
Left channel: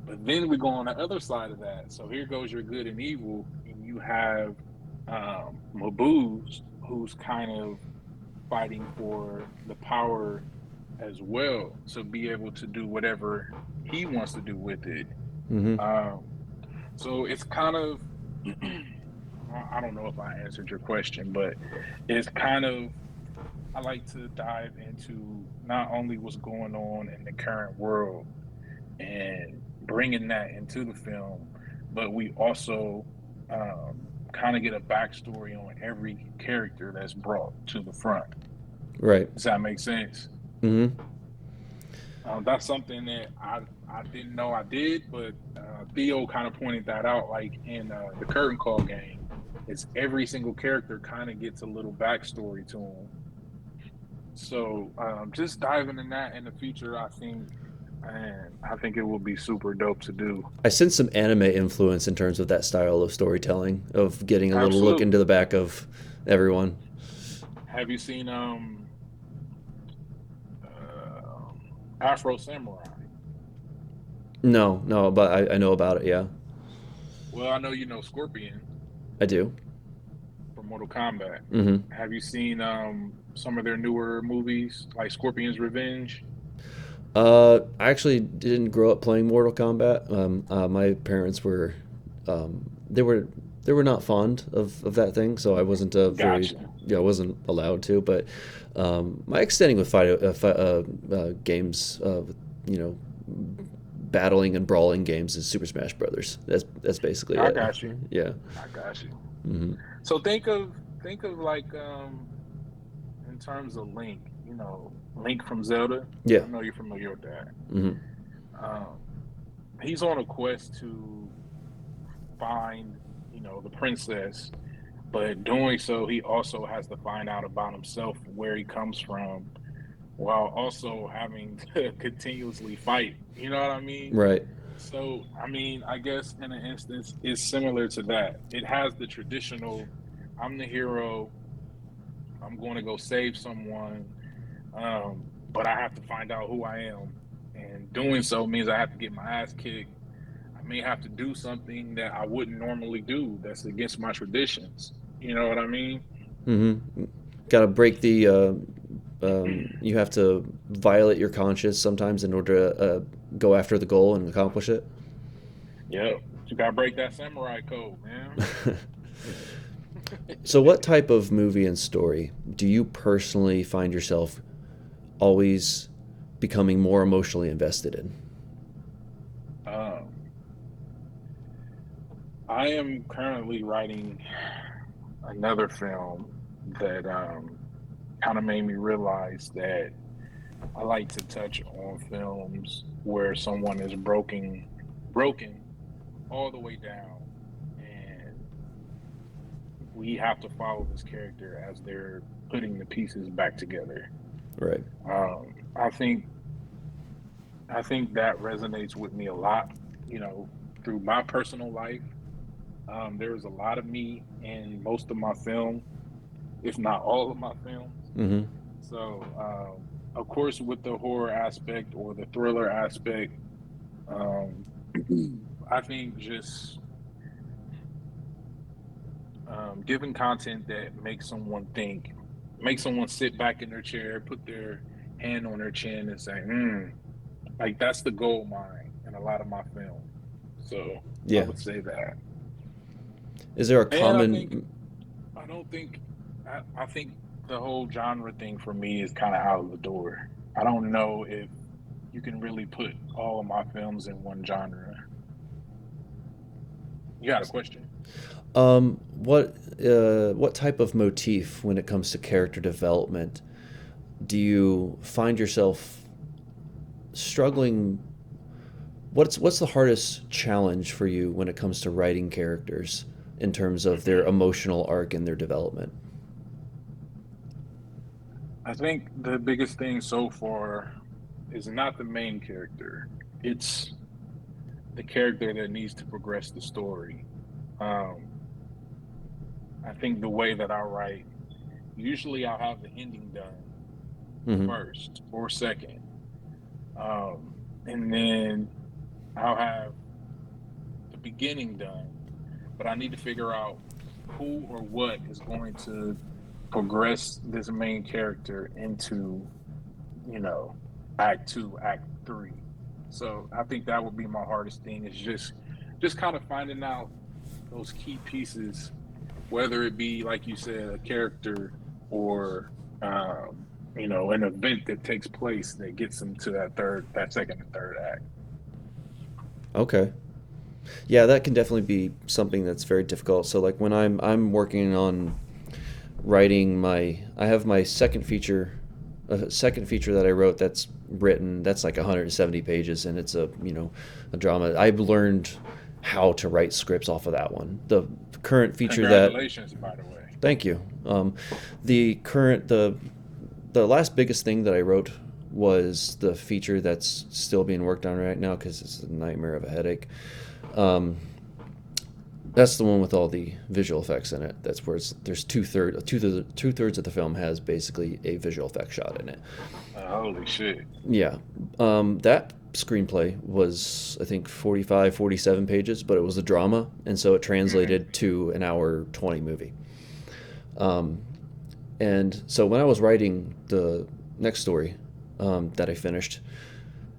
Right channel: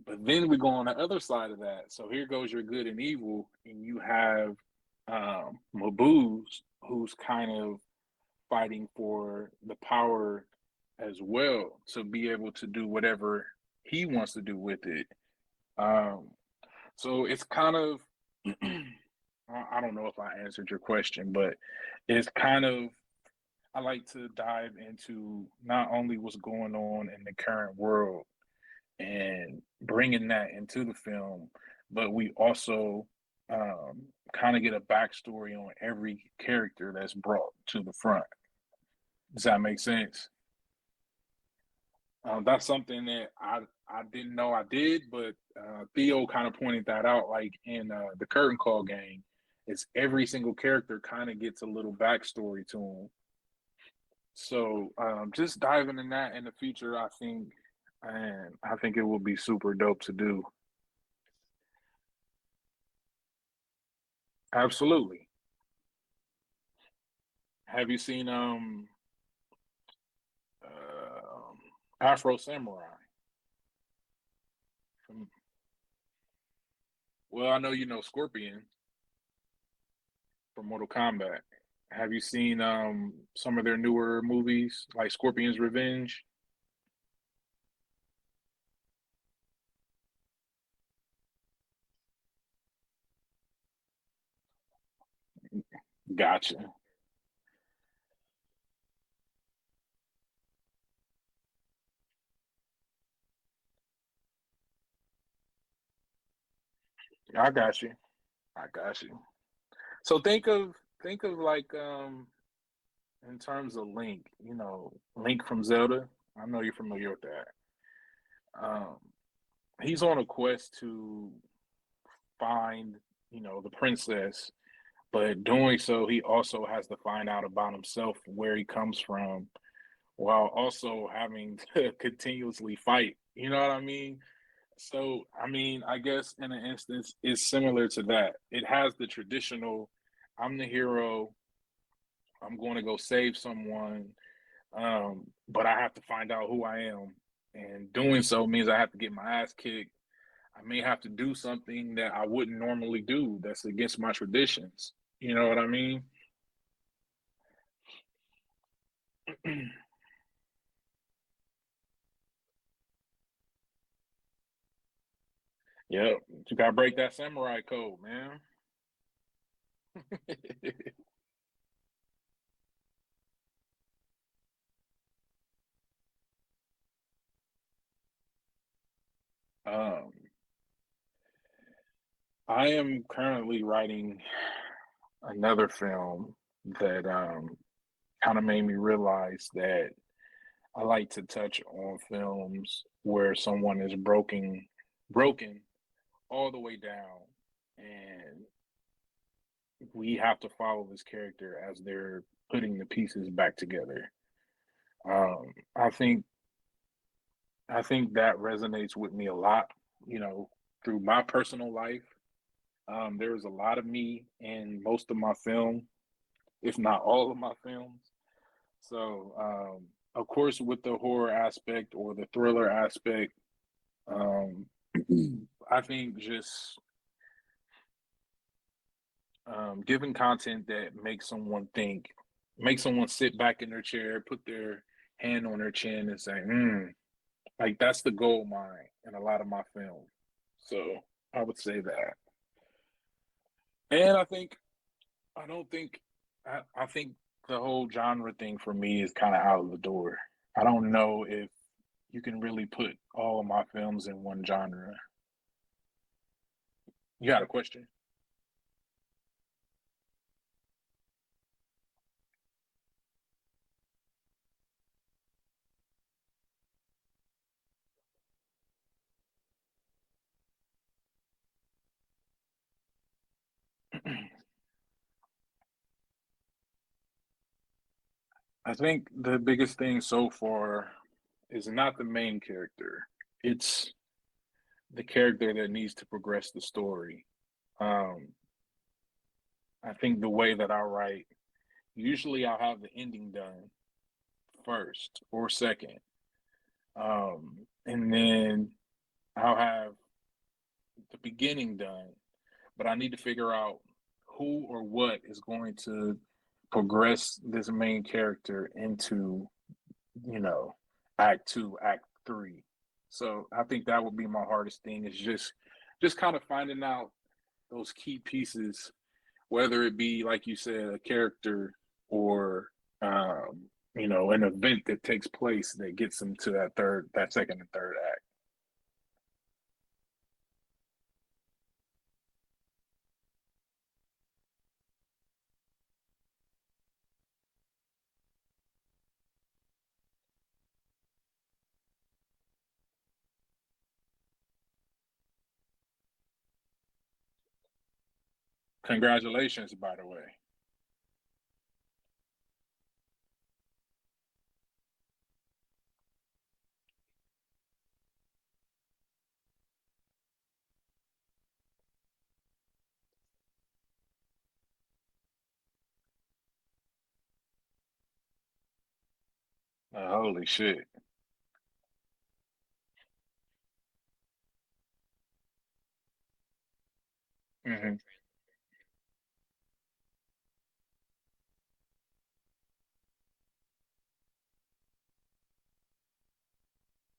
But then we go on the other side of that. So here goes your good and evil, and you have Mabuse, who's kind of fighting for the power as well to be able to do whatever he wants to do with it. Mm-hmm. Um, so it's kind of, I don't know if I answered your question, but it's kind of, I like to dive into not only what's going on in the current world and bringing that into the film, but we also kind of get a backstory on every character that's brought to the front. Right. Does that make sense? Mm-hmm. That's something that I didn't know I did, but Theo kind of pointed that out. Like in the Curtain Call game, it's every single character kind of gets a little backstory to them. So just diving in that in the future, I think, and I think it will be super dope to do. I sense some anime influence in terms of that style of storytelling, of getting a little look into Absolutely. the back of everyone. Have you seen uh, Afro Samurai? No, no, but I know about it. Yeah, Well, I know you know Scorpion I do. from Mortal Kombat. Hmm. Have you seen some of their newer movies like Scorpion's Revenge? I actually didn't grow up playing Mortal Kombat. My parents were, they were, they were not fond of that thing, so I wasn't very, Gotcha. yeah, I wasn't allowed to. But my extending with games, you know, battling and brawling games is Super Smash Brothers. That's basically I it. got you. Yeah. I got you. Hmm. So think of like in terms of Link, you know, Link from Zelda. Yeah. I know you're familiar with that. Hmm. Um, he's on a quest to find, you know, the princess, but doing so, he also has to find out about himself, where he comes from, while also having to continuously fight. You know what I mean? Right. So, I mean, I guess in an instance, it's similar to that. It has the traditional, I'm the hero, I'm going to go save someone, but I have to find out who I am. And doing so means I have to get my ass kicked. I may have to do something that I wouldn't normally do that's against my traditions. You know what I mean? Hmm. Got to break the. You have to violate your conscience sometimes in order to go after the goal and accomplish it. Yep. You got to break that samurai code, man. So, what type of movie and story do you personally find yourself always becoming more emotionally invested in? um, I am currently writing another film that kind of made me realize that I like to touch on films where someone is broken all the way down, and we have to follow this character as they're putting the pieces back together. Right. Um, I think I think that resonates with me a lot. You know, through my personal life, there is a lot of me in most of my film, if not all of my films. Mm-hmm. So, of course, with the horror aspect or the thriller aspect, um, I think just giving content that makes someone think, makes someone sit back in their chair, put their hand on their chin, and say, like that's the gold mine in a lot of my film. So I Yeah. would say that. Is there a And I think common? I don't think I think the whole genre thing for me is kind of out of the door. I don't know if you can really put all of my films in one genre. You got a question? What type of motif when it comes to character development do you find yourself struggling? What's the hardest challenge for you when it comes to writing characters in terms of their emotional arc and their development? I think the biggest thing so far is not the main character. It's the character that needs to progress the story. Um, I think the way that I write, usually I'll have the ending done Hmm. first or second, and then I'll have the beginning done. But I need to figure out who or what is going to progress this main character into, you know, act two, act three. So I think that would be my hardest thing is just kind of finding out those key pieces, whether it be like you said, a character or you know, an event that takes place that gets them to that second and third act. Okay. Yeah, that can definitely be something that's very difficult. So like when I'm working on writing I have my second feature, a second feature that I wrote that's written that's like 170 pages and it's a drama. I've learned how to write scripts off of that one. The current feature that Congratulations, by the way. Thank you. The current the last biggest thing that I wrote was the feature that's still being worked on right now because it's a nightmare of a headache. Um, that's the one with all the visual effects in it. That's where there's two thirds of the film has basically a visual effect shot in it. Holy shit. Yeah, that screenplay was, I think, 45, 47 pages, but it was a drama, and so it Hmm. translated to an hour 20 movie. Um, and so when I was writing the next story that I finished,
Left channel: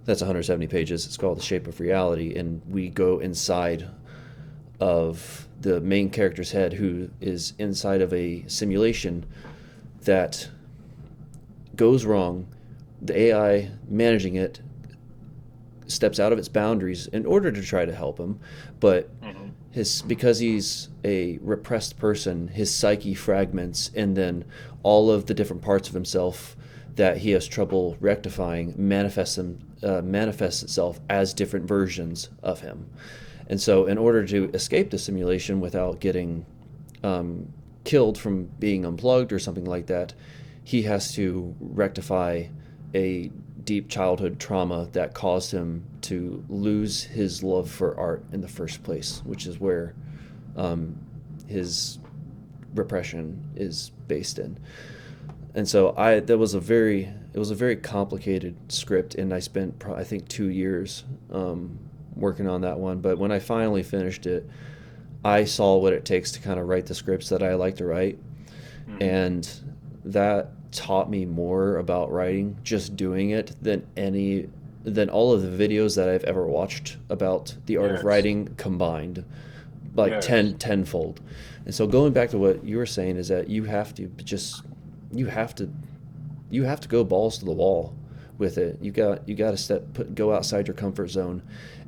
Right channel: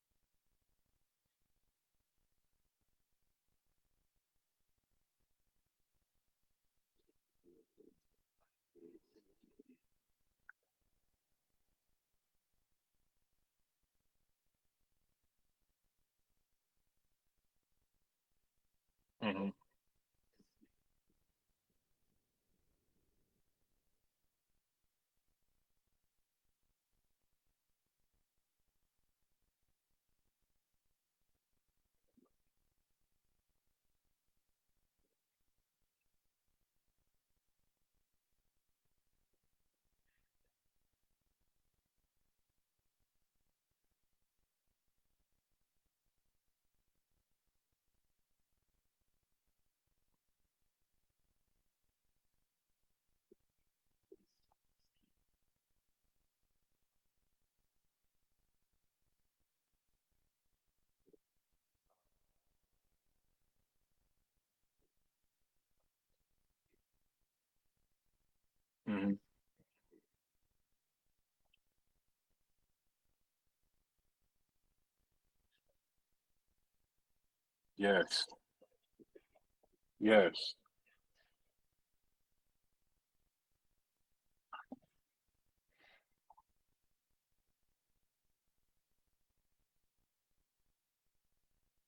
that's 170 pages. It's called The Shape of Reality, and we go inside of the main character's head, who is inside of a simulation that goes wrong. The AI managing it steps out of its boundaries in order to try to help him, but Hmm. his because he's a repressed person, his psyche fragments, and then all of the different parts of himself that he has trouble rectifying manifests itself as different versions of him. And so, in order to escape the simulation without getting um, killed from being unplugged or something like that, he has to rectify a deep childhood trauma that caused him to lose his love for art in the first place, which is where um, his repression is based in. And so I that was a very it was a very complicated script, and I spent I think 2 years working on that one. But when I finally finished it, I saw what it takes to kind of write the scripts that I like to write, Hmm. and that taught me more about writing just doing it than all of the videos that I've ever watched about the art of Yes. writing combined, like Yes. tenfold. And so going back to what you were saying is that you have to you have to go balls to the wall with it. You got to go outside your comfort zone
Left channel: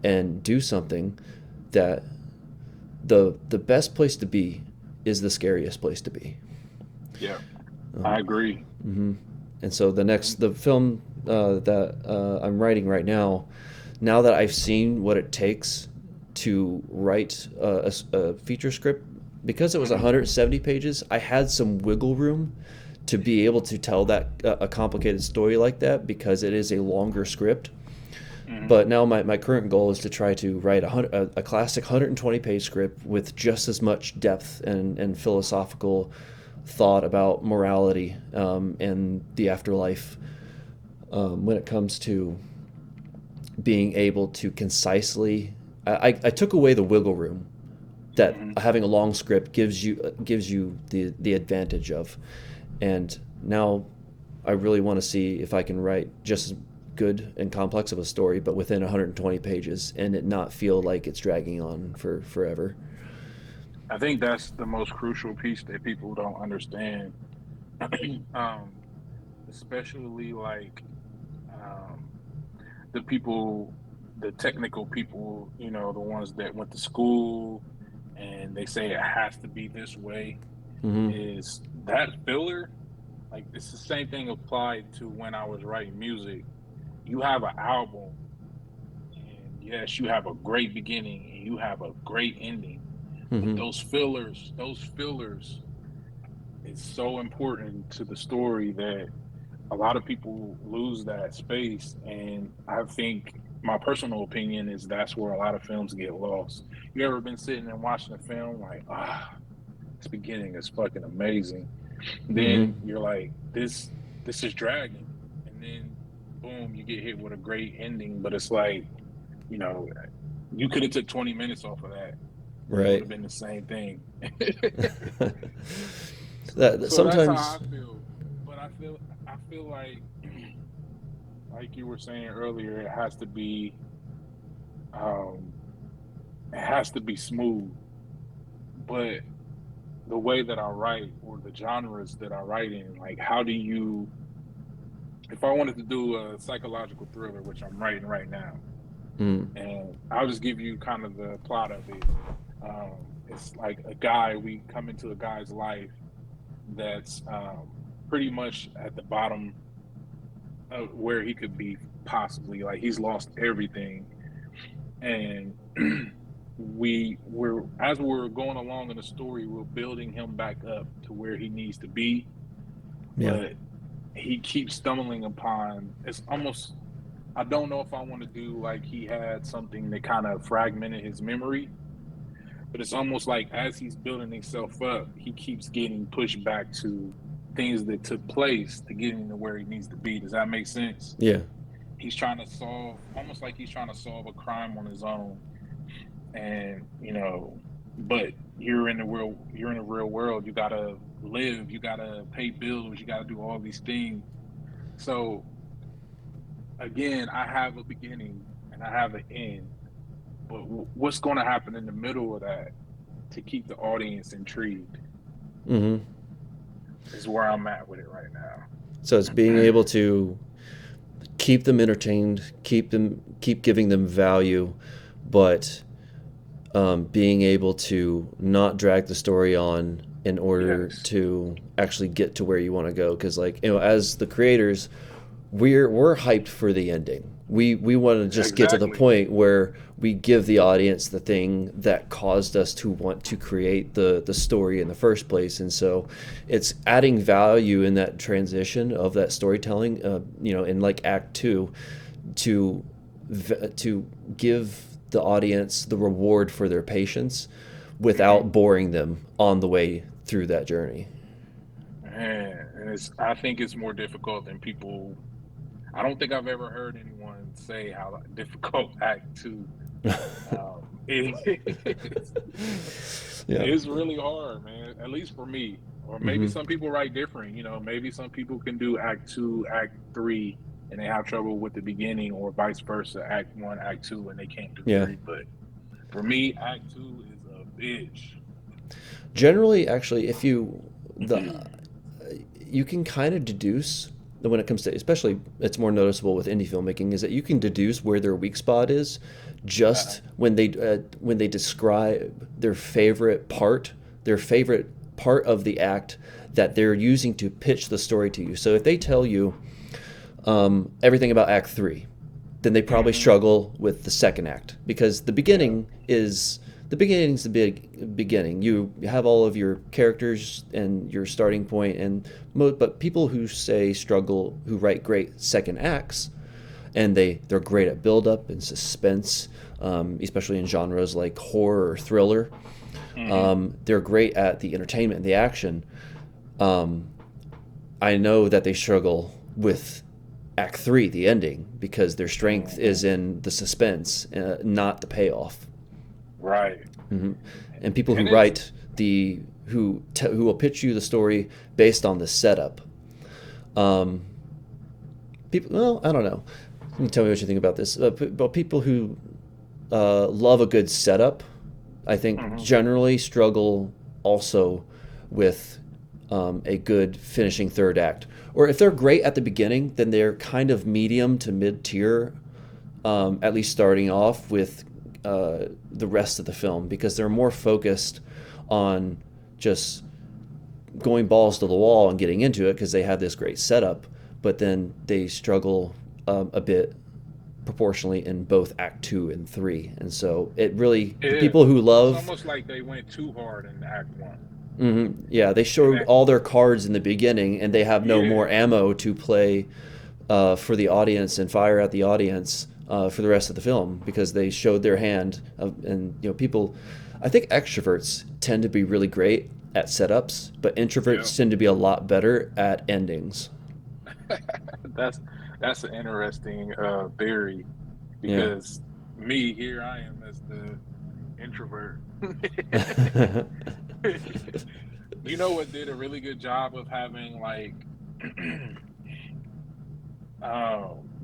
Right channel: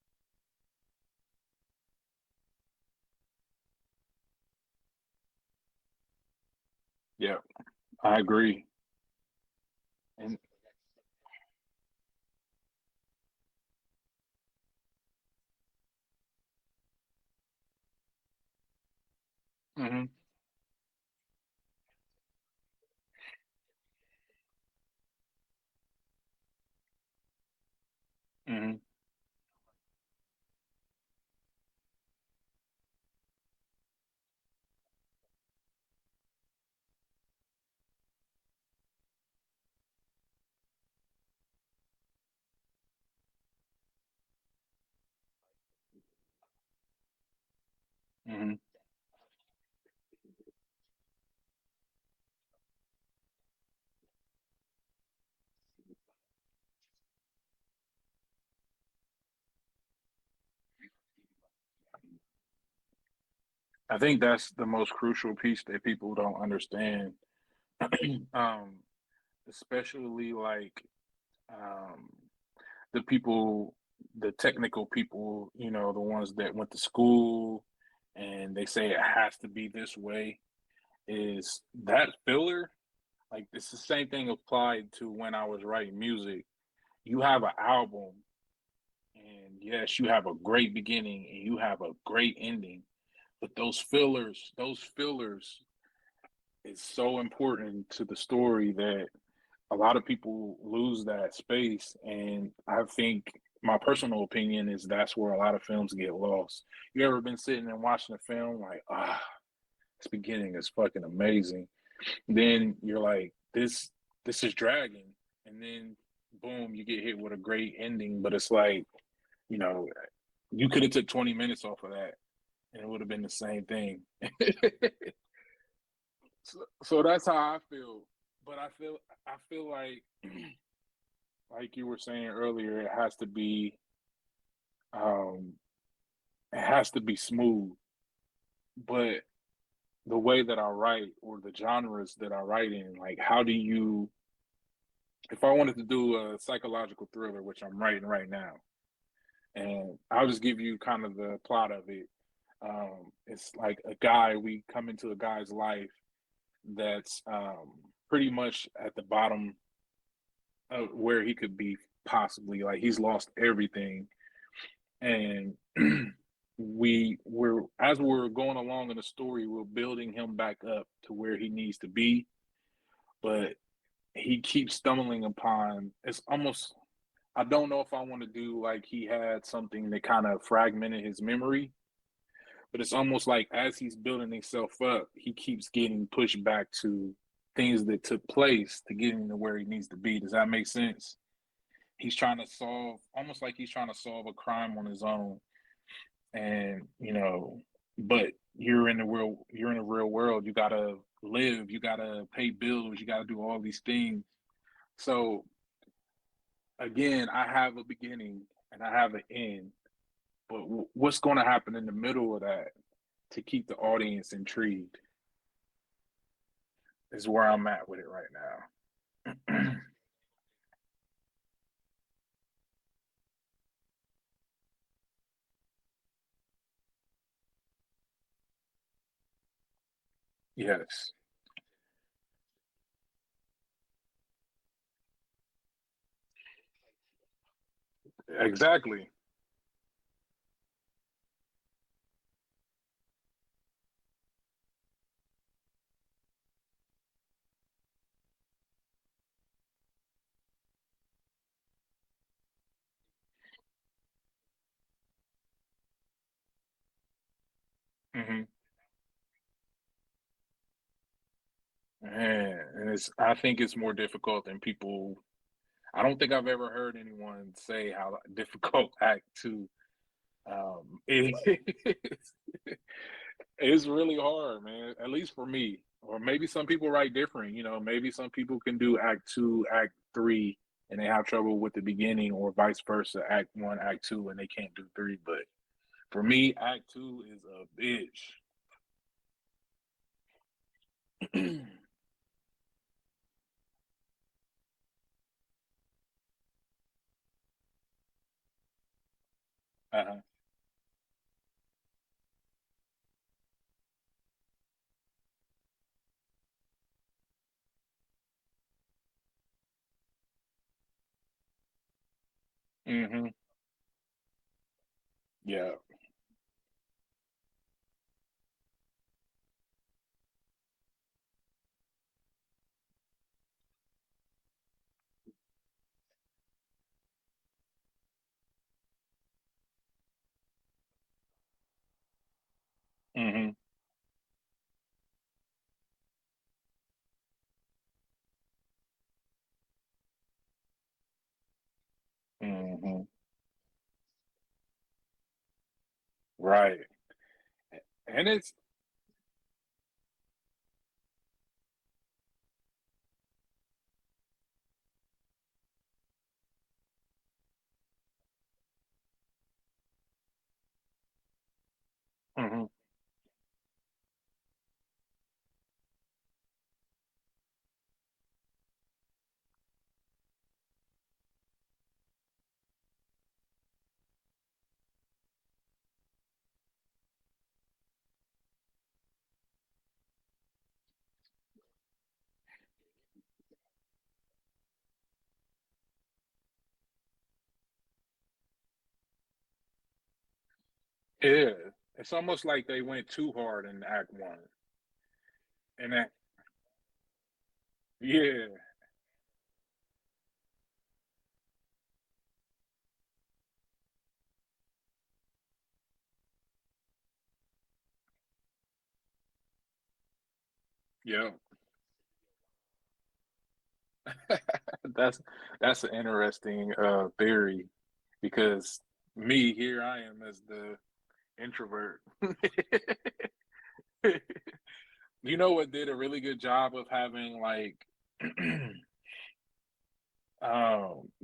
and do something that the best place to be is the scariest place to be. Yeah, I Um, agree. mhm. And so And the film that I'm writing right now that I've seen what it takes to write a feature script, because it was hmm. 170 pages, I had some wiggle room to be able to tell that a complicated story like that because it is a longer script. Hmm. But now my current goal is to try to write a classic 120-page script with just as much depth and philosophical thought about morality and the afterlife when it comes to being able to concisely. I took away the wiggle room that Hmm. having a long script gives you the advantage of, and now I really want to see if I can write just as good and complex of a story, but within 120 pages, and it not feel like it's dragging on for forever. I think that's the most crucial piece that people don't understand. um, Especially like um, the people, the technical people, the ones that went to school and they say it has to be this way, Mm-hmm. is that filler. Like it's the same thing applied to when I was writing music. You have an album, and yes, you have a great beginning and you have a great ending, but Mm-hmm. those fillers is so important to the story that a lot of people lose that space. And I think my personal opinion is that's where a lot of films get lost. You ever been sitting and watching a film like, this beginning is fucking amazing. Mm-hmm. Then you're like, this is dragging. And then boom, you get hit with a great ending, but it's like, you know, you could have took 20 minutes off of that and it would Right. have been the same thing. That So that's how I sometimes. feel. But I feel like you were saying earlier, um it has to be smooth. But the way that I write or the genres that I write in, like how do you, if I wanted to do a psychological thriller, which I'm writing right now, Mm, and I'll just give you kind of the plot of it. It's like a guy, we come into a guy's life that's pretty much at the bottom of where he could be possibly. Like he's lost everything, and we're as we're going along in the story, we're building him back up to where he needs to be, yeah. but he keeps stumbling upon. It's almost, I don't know if I want to do like he had something that kind of fragmented his memory, but it's almost like as he's building himself up, he keeps getting pushed back to things that took place to get him to where he needs to be. Does that make sense? Yeah. he's trying to solve, almost like he's trying to solve a crime on his own. And but you're in the real world. You gotta live, you gotta pay bills, you gotta do all these things. So again, I have a beginning and I have an end, but what's going to happen in the middle of that to keep the audience intrigued Mm-hmm. is where I'm at with it right So it's being now. able to keep them entertained, keep giving them value, but being able to not drag the story on in order Yes, to actually get to where you want to go. Because, like, as the creators, we're hyped for the ending. We want to just get to the exactly. point where we give the audience the thing that caused us to want to create the story in the first place. And so it's adding value in that transition of that storytelling, in like Act Two, to to give the audience the reward for their patience Hmm. without boring them on the way through that journey. Man, and I think it's more difficult than people. I don't think I've ever heard anyone say how difficult Act Two is. Yeah. It's really hard, man. At least for me, or maybe Hmm. some people write different. Maybe some people can do Act Two, Act Three, and they have trouble with the beginning, or vice versa. Act One, Act Two, and they can't do Yeah. three. But for me, Act Two is a bitch. Generally, actually, if the you can kind of deduce that when it comes to, especially it's more noticeable with indie filmmaking, is that you can deduce where their weak spot is Uh-huh. just when they describe their favorite part of the act that they're using to pitch the story to you. So if they tell you everything about Act Three, then they probably Hmm. struggle with the second act because Yeah. the beginning's the big beginning. You have all of your characters and your starting point, and but people who say struggle, who write great second acts, and they're great at build up and suspense, especially in genres like horror or thriller. Hmm. They're great at the entertainment and the action. Um, I know that they struggle with Act Three, the ending, because their strength is Hmm. in the suspense, not the payoff. Right. Hmm. And people who And it's write the who will pitch you the story based on the setup. Um, people, well, I don't know. You tell me what you think about this. But people who love a good setup, I think mhm. generally struggle also with a good finishing third act. Or if they're great at the beginning, then they're kind of medium to mid tier, at least starting off with the rest of the film, because they're more focused on just going balls to the wall and getting into it because they have this great setup, but then they struggle a bit proportionally in both Act Two and Three. And so it really, for Yeah. people who It's love, almost like they went too hard in Act One. yeah, they And showed that, all their cards in the beginning and they have no more yeah, ammo to play for the audience and fire at the audience for the rest of the film because they showed their hand. And, people, I think extroverts tend to be really great at setups, but yeah. introverts tend to be a lot better at endings. that's that's an interesting theory Yeah. because me here I am as the introvert. You know what did a really good job of having like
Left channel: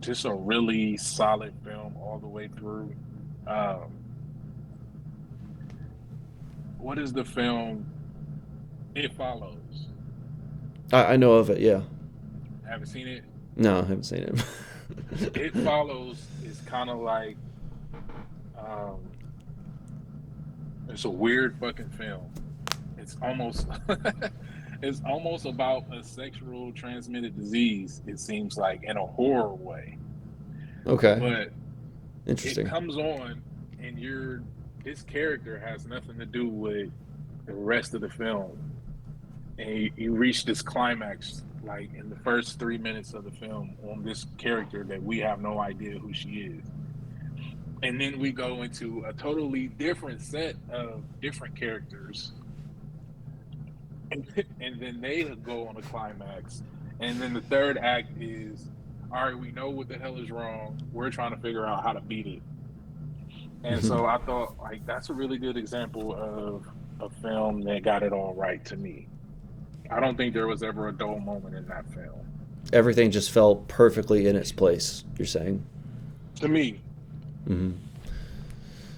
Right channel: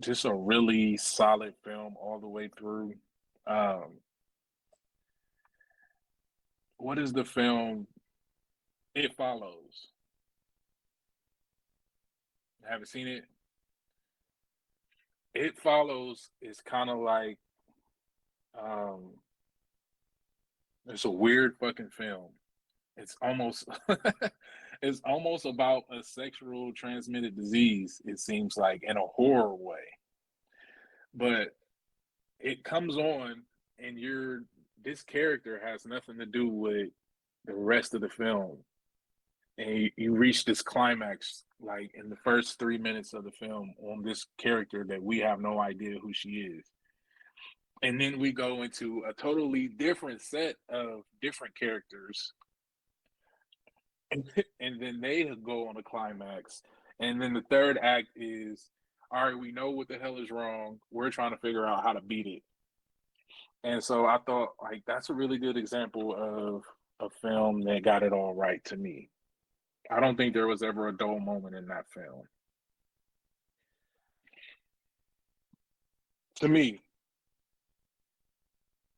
just a really solid film all the way through. Um, what is the film? It Follows. I know of it, yeah. Haven't seen it. No, I haven't seen it. It Follows is kind of like um, it's a weird fucking film. It's almost it's almost about a sexual transmitted disease. It seems like in a horror way, Okay, but it interesting. comes on and this character has nothing to do with the rest of the film, and you reach this climax like in the first 3 minutes of the film on this character that we have no idea who she is, and then we go into a totally different set of different characters, and then they go on a climax, and then the third act is all right, we know what the hell is wrong. We're trying to figure out how to beat it. And Mhm. so I thought, like, that's a really good example of a film that got it all right to me. I don't think there was ever a dull moment in that film. Everything just fell perfectly in its place. You're saying. To me, Hmm.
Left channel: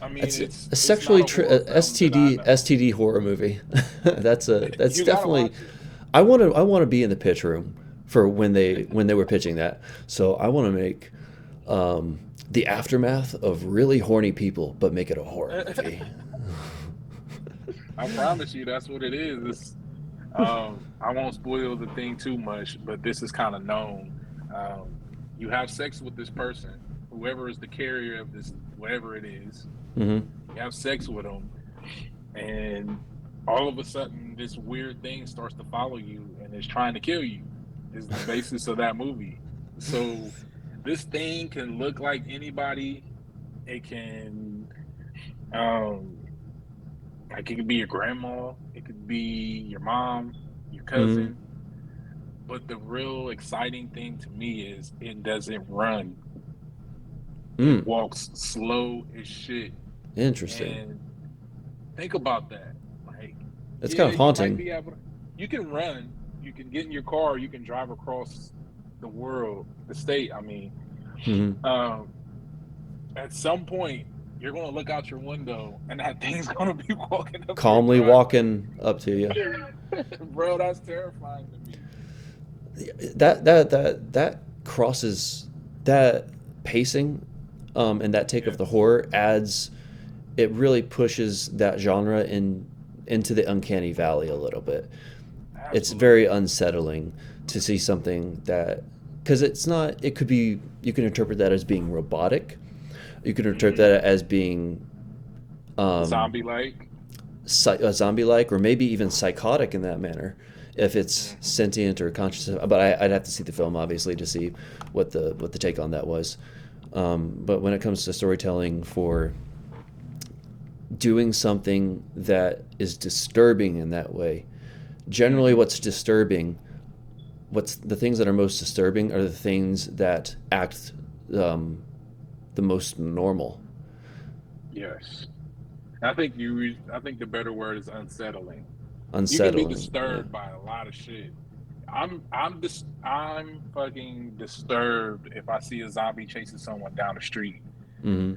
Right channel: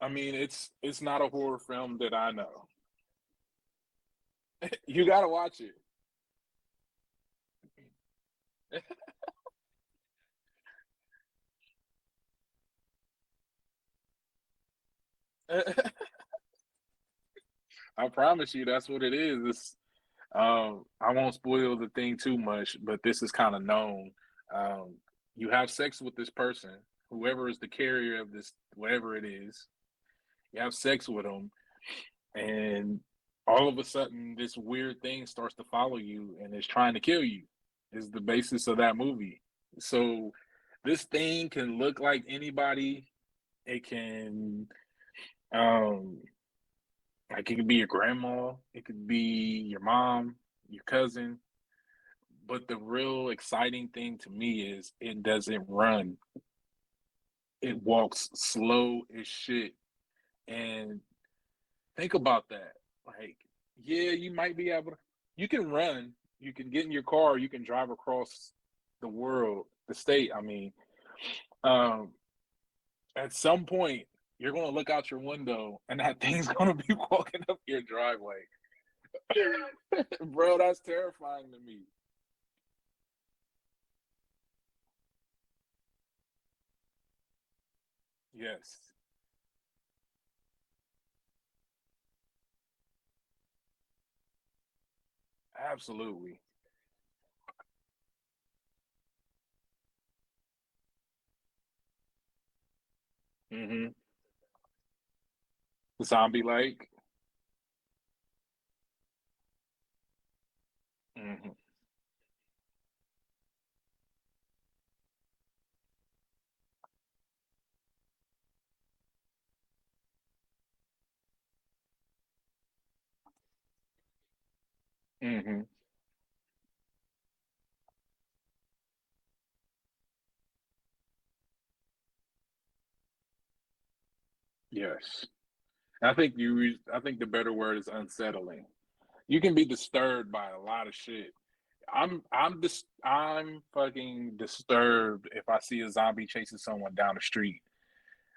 I mean, That's a it's not sexually a horror film that I know. STD horror movie. That's You gotta definitely. watch it. I want to be in the pitch room for when they were pitching that. So I want to make the aftermath of really horny people, but make it a horror movie. I promise you, that's what it is. I won't spoil the thing too much, but this is kind of known. Um, you have sex with this person, whoever is the carrier of this, whatever it is. Hmm. You have sex with them, and all of a sudden, this weird thing starts to follow you and is trying to kill you. Is the basis of that movie. So this thing can look like anybody. It can, um, like it could be your grandma, it could be your mom, your Hmm. cousin. But the real exciting thing to me is it doesn't run. It Mm. walks slow as shit. Interesting. And think about that. Like, It's kind yeah, of you might haunting. be able to, you can run, you can get in your car, you can drive across the world, the state. I mean, Hmm. um, at some point, you're going to look out your window and that thing's going to be walking up your Calmly driveway. walking up to you. Bro, that's terrifying to me. That crosses that pacing, and that take of the Yes, horror adds. It really pushes that genre into the uncanny valley a little bit. It's very absolutely. unsettling to see something that, because it's not. It could be, you can interpret that as being robotic. You can interpret Hmm. that as being um, Zombie like. zombie like, or maybe even psychotic in that manner, if it's Hmm. sentient or conscious. But I'd have to see the film, obviously, to see what the take on that was. But when it comes to storytelling, for doing something that is disturbing in that way, generally Hmm. what's the things that are most disturbing are the things that act um, the most normal. Yes. I think the better word is unsettling. You can be Unsettling, yeah. disturbed by a lot of shit. I'm fucking disturbed if I see a zombie chasing someone down the street. Hmm.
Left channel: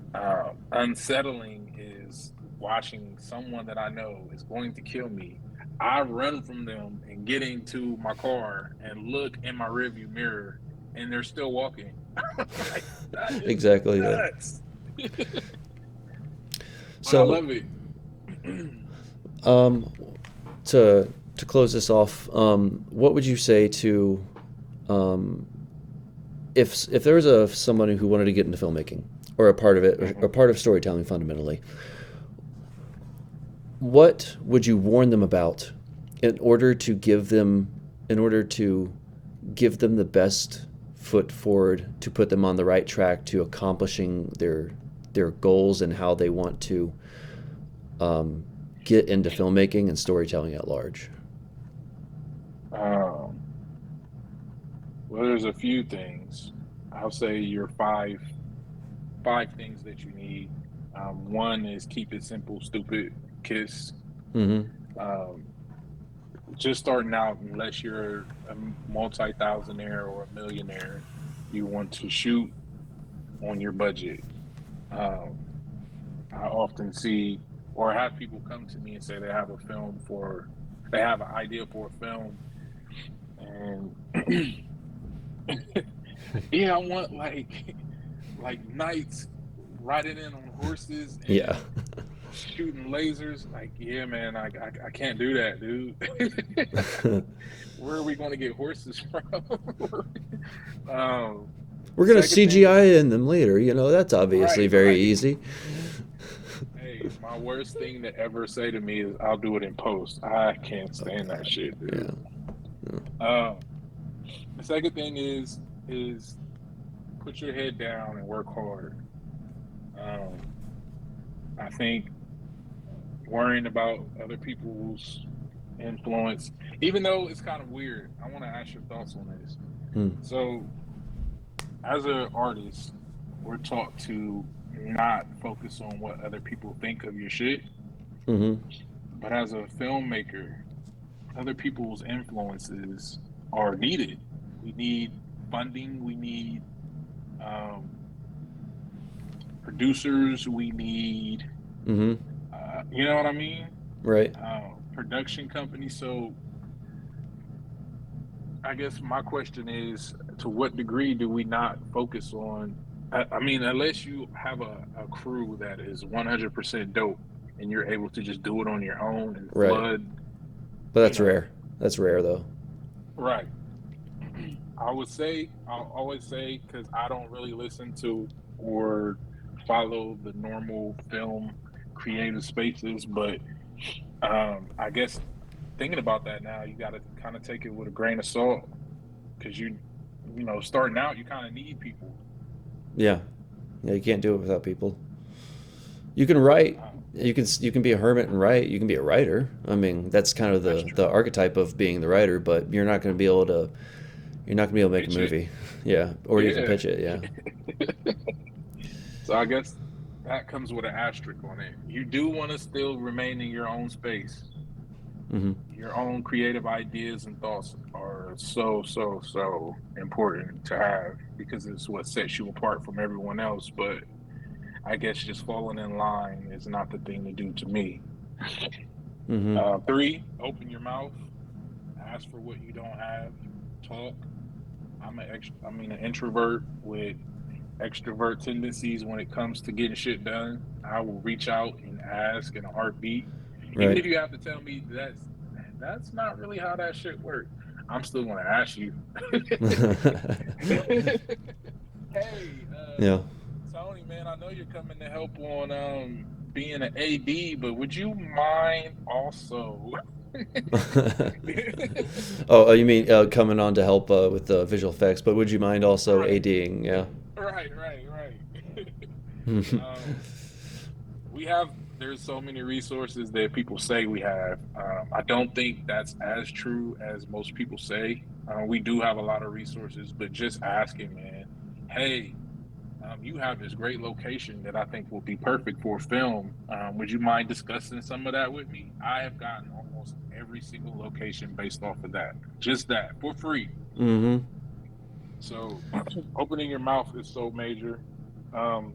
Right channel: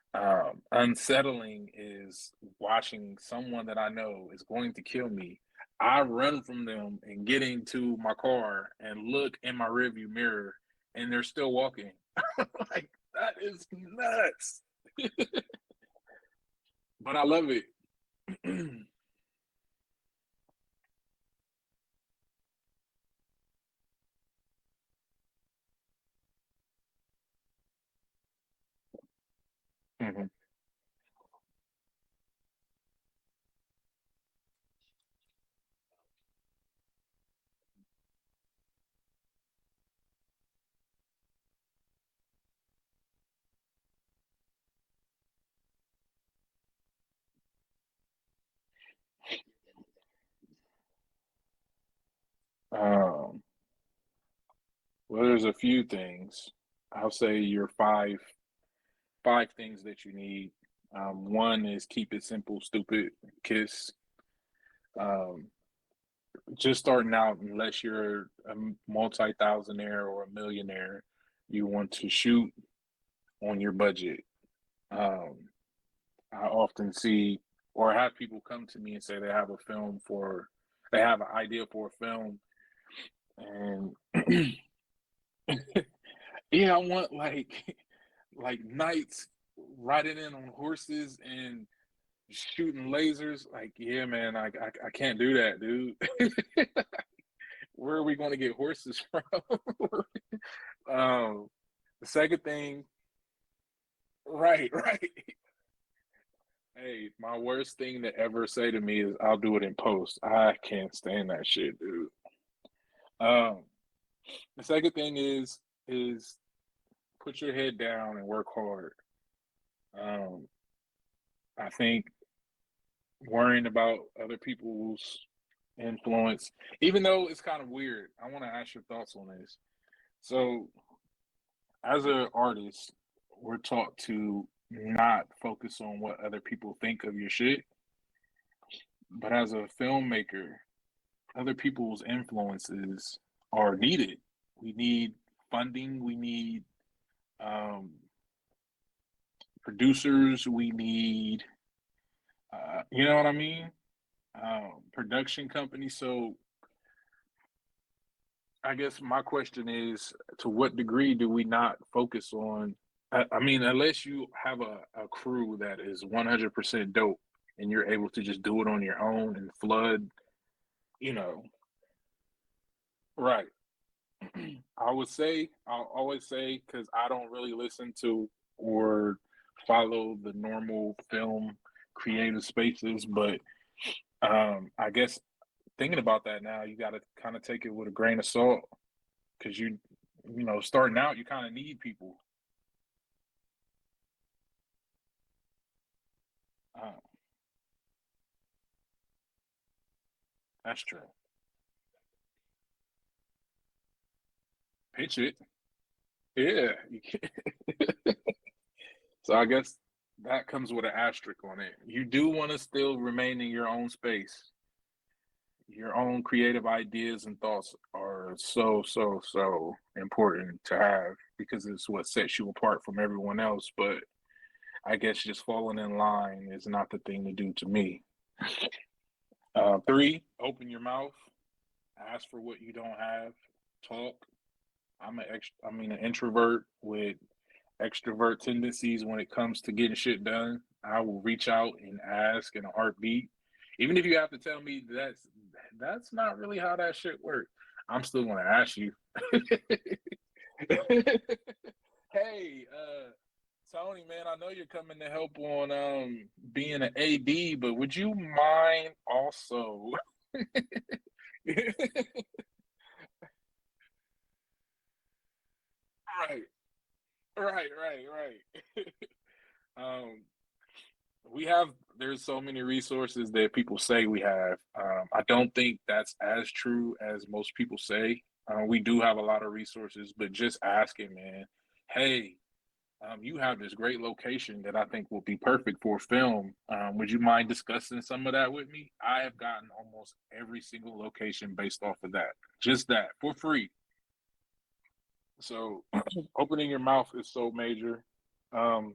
Unsettling is watching someone that I know is going to kill me. I run from them and get into my car and look in my rearview mirror, and they're still walking. Like, that is Exactly, yeah. nuts. But I So love it. um, to close this off, what would you say to um, if there was someone who wanted to get into filmmaking, or a part of it, or a Mhm. part of storytelling fundamentally, what would you warn them about in order to give them in order to give them the best foot forward to put them on the right track to accomplishing their goals and how they want to um, get into filmmaking and storytelling at large? Um, well, there's a few things. I'll say your five things that you need. One is keep it simple, stupid, kiss. Mm-hmm. Um, just starting out, unless you're a multi-thousandaire or a millionaire, you want to shoot on your budget. Um, I often see or have people come to me and say they have an idea for a film, and yeah, I want like knights riding in on horses Yeah. and shooting lasers. Like, yeah, man, I can't do that, dude. Where are we going to get horses from? We're gonna Second CGI thing, in them later. That's obviously right, very right. easy. Hey, my worst thing to ever say to me is I'll do it in post. I can't Oh stand that God. shit, dude. Yeah. Yeah. Um, the second thing is put your head down and work hard. Um, I think worrying about other people's influence, even though it's kind of weird. I want to ask your thoughts on this. Hmm. So as an artist, we're taught to not focus on what other people think of your shit. Mm-hmm. But as a filmmaker, other people's influences are needed. We need funding. We need um, producers. We need, Mm-hmm. you know what I mean? Right. Production companies. So I guess my question is, to what degree do we not focus on? I mean, unless you have a crew that is 100% dope and you're able to just do it on your own and Right. flood, But you that's know, rare. That's rare though. right. I'll always say, because I don't really listen to or follow the normal film creative spaces, but I guess thinking about that now, you got to kind of take it with a grain of salt because you know, starting out, you kind of need people. Yeah. Yeah. You can't do it without people. You can write. Uh, You can be a hermit and write. You can be a writer. I mean, that's kind of that's the true. archetype of being the writer. But you're not going to be able to. You're not going to be able to make a Pitch it. movie. Yeah. Or even Yeah. pitch it. Yeah. So I guess that comes with an asterisk on it. You do want to still remain in your own space. Mm-hmm. Your own creative ideas and thoughts are so important to have because it's what sets you apart from everyone else. But I guess just falling in line is not the thing to do to me. Mm-hmm. Three, open your mouth, ask for what you don't have, talk. I mean, an introvert with extrovert tendencies when it comes to getting shit done. I will reach out and ask in a heartbeat, even Right. if you have to tell me that's not really how that shit works. I'm still going to ask you. Hey, Yeah. Tony, man, I know you're coming to help on being an AD, but would you mind also? You mean coming on to help with the visual effects? But would you mind also Right, ADing? Yeah. right. um, we have there's so many resources that people say we have. I don't think that's as true as most people say. We do have a lot of resources, but just asking, man, hey, you have this great location that I think will be perfect for film. Would you mind discussing some of that with me? I have gotten almost every single location based off of that, just that for free. Mm-hmm. So opening your mouth is so major. Um,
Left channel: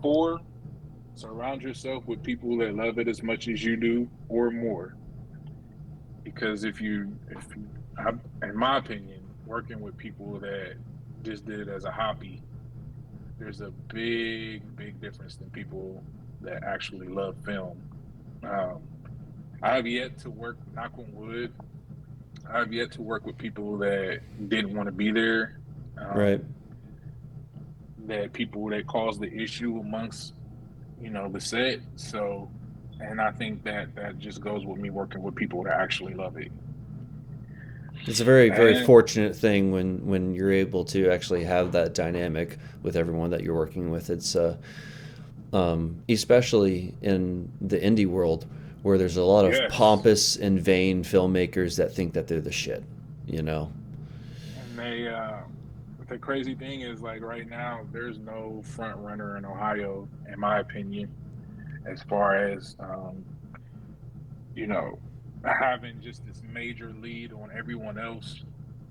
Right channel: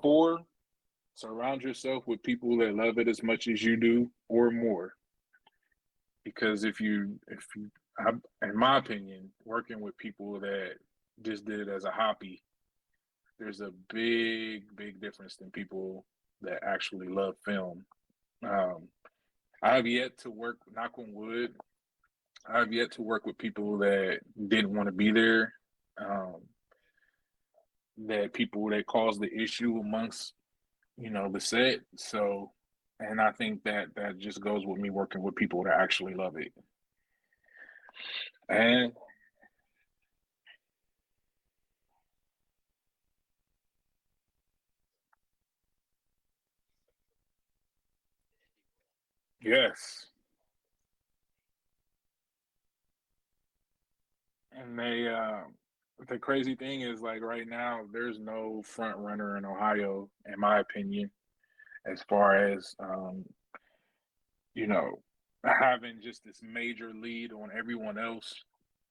four, surround yourself with people that love it as much as you do or more. Because I, in my opinion, working with people that just did it as a hobby, there's a big difference than people that actually love film. Um, I have yet to work, knock on wood, I have yet to work with people that didn't want to be there. Right. Um, that people that caused the issue amongst, you know, the set. So, and I think that that just goes with me working with people that actually love it. It's a very And fortunate thing when you're able to actually have that dynamic with everyone that you're working with. It's especially in the indie world where there's a lot of yes, pompous and vain filmmakers that think that they're the shit. You know. and the crazy thing is like right now, there's no front runner in Ohio, in my opinion, as far as you know, having just this major lead on everyone else.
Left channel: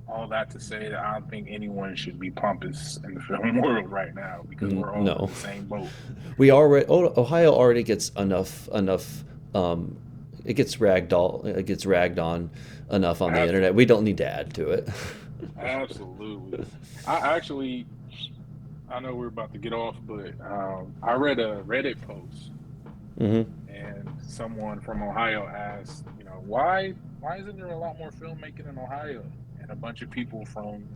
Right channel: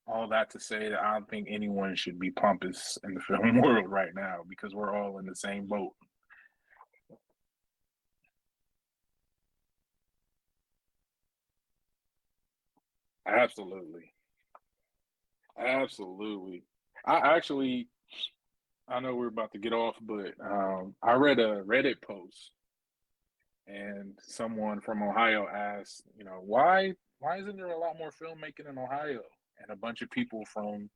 All that to say that I don't think anyone should be pompous in the film world right now because we're all in No. the same boat. We already Ohio already gets enough. Um, it gets ragged on enough on the internet. We don't Absolutely. need to add to it. Absolutely. I actually, I know we're about to get off, but I read a Reddit post Hmm. and someone from Ohio asked, you know, why isn't there a lot more filmmaking in Ohio? And a bunch of people from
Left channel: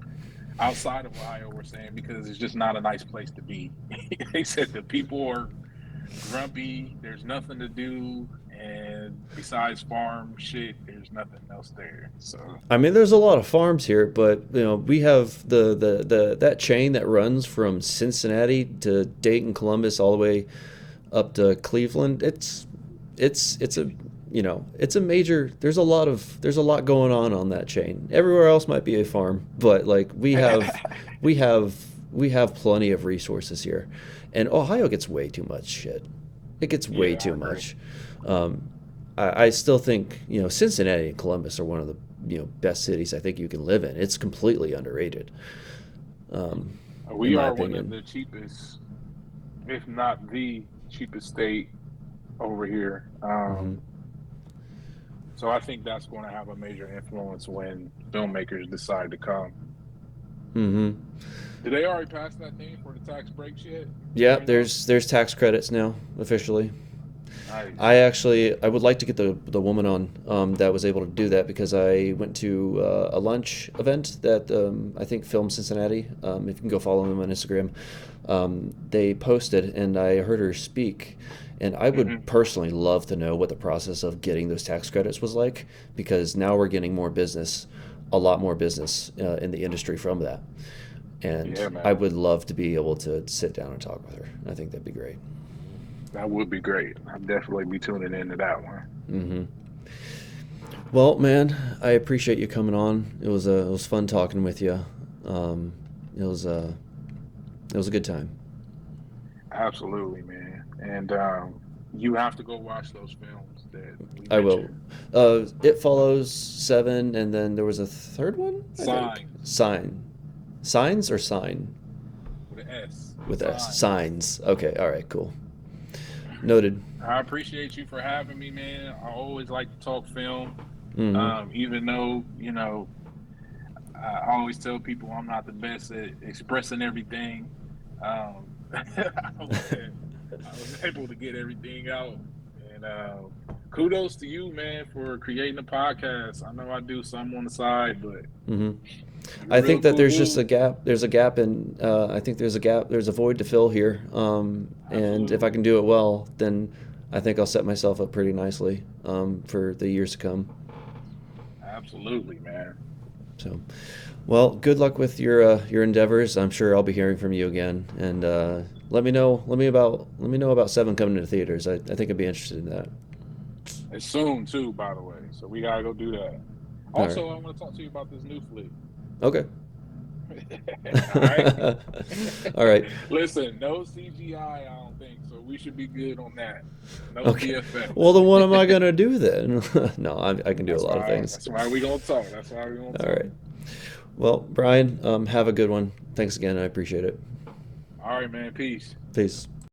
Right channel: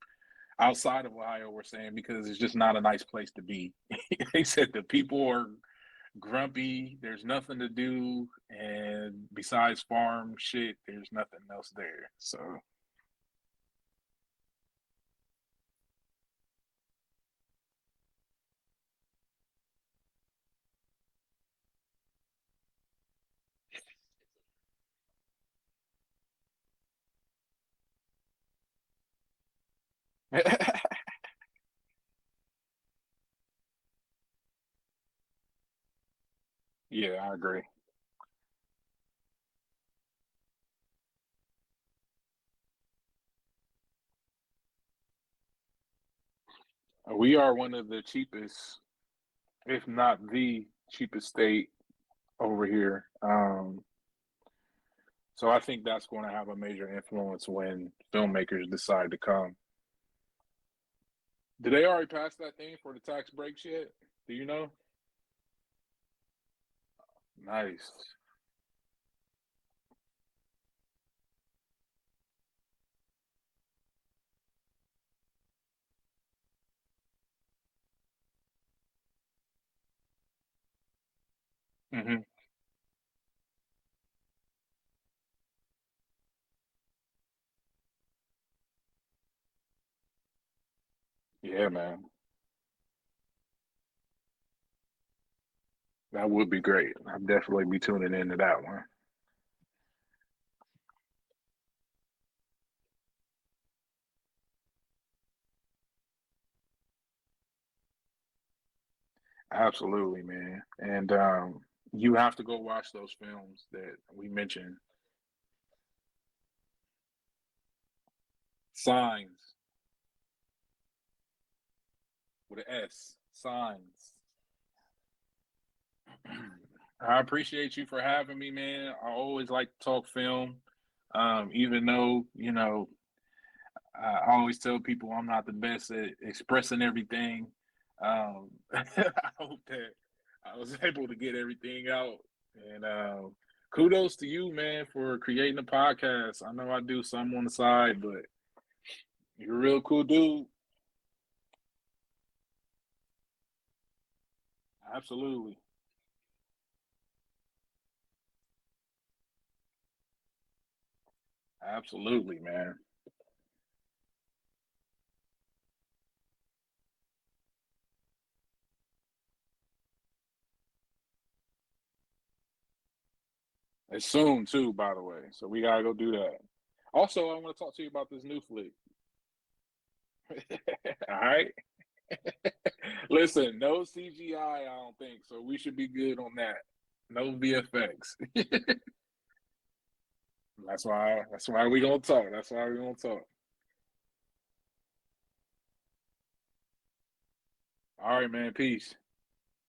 outside of Ohio were saying because it's just not a nice place to be. They said the people are grumpy, there's nothing to do, and besides farm shit, there's nothing else there. So I mean, there's a lot of farms here, but we have the that chain that runs from Cincinnati to Dayton, Columbus, all the way up to Cleveland. It's a it's a major. There's a lot going on that chain. Everywhere else might be a farm, but like we have We have plenty of resources here, and Ohio gets way too much shit. It gets way Yeah, I too agree. much. Um, I still think Cincinnati and Columbus are one of the best cities I think you can live in. It's completely underrated, um, in We my are one of opinion. the cheapest, if not the cheapest state over here. Hmm. So I think that's going to have a major influence when filmmakers decide to come. Hmm. Did they already pass that thing for the tax breaks yet? Do Yeah, you know? there's tax credits now officially. Nice. I would like to get the woman on that was able to do that because I went to a lunch event that I think Film Cincinnati. If you can go follow them on Instagram, they posted and I heard her speak. And I Hmm. would personally love to know what the process of getting those tax credits was like because now we're getting more business, a lot more business in the industry from that. And Yeah, I man. would love to be able to sit down and talk with her. I think that'd be great. That would be great. I'll definitely be tuning into that one. Hmm. Well, man, I appreciate you coming on. It was fun talking with you. Um, it was it was a good time. Absolutely, man. And you have to go watch those films that we I will. mentioned. It follows seven, and then there was a third one. I think Signs signs or sign with an S. with S Signs. signs. Okay, all right, cool, noted. I appreciate you for having me, man. I always like to talk film. Hmm. Even though, I always tell people I'm not the best at expressing everything. I was able to get everything out. And kudos to you, man, for creating a podcast. I know I do some on the side, but Hmm. you're I a real think that cool there's just a dude. gap. There's a gap in. I think there's a gap. There's a void to fill here. And if I Absolutely. can do it well, then I think I'll set myself up pretty nicely for the years to come. Absolutely, man. So, well, good luck with your endeavors. I'm sure I'll be hearing from you again. And let me know. Let me know about Seven coming to theaters. I think I'd be interested in that. It's soon too, by the way. So we gotta go do that. All right. Also, I want to talk to you about this new flick. Okay. All right. All right. Listen, no CGI, I don't think so. We should be good on that. No Okay. Well, VFX. then what am I gonna do then? No, I can do a That's lot of why. things. That's why we gonna talk. That's why we gonna All talk. right. Well, Brian, have a good one. Thanks again. I appreciate it. All right, man. Peace. Peace.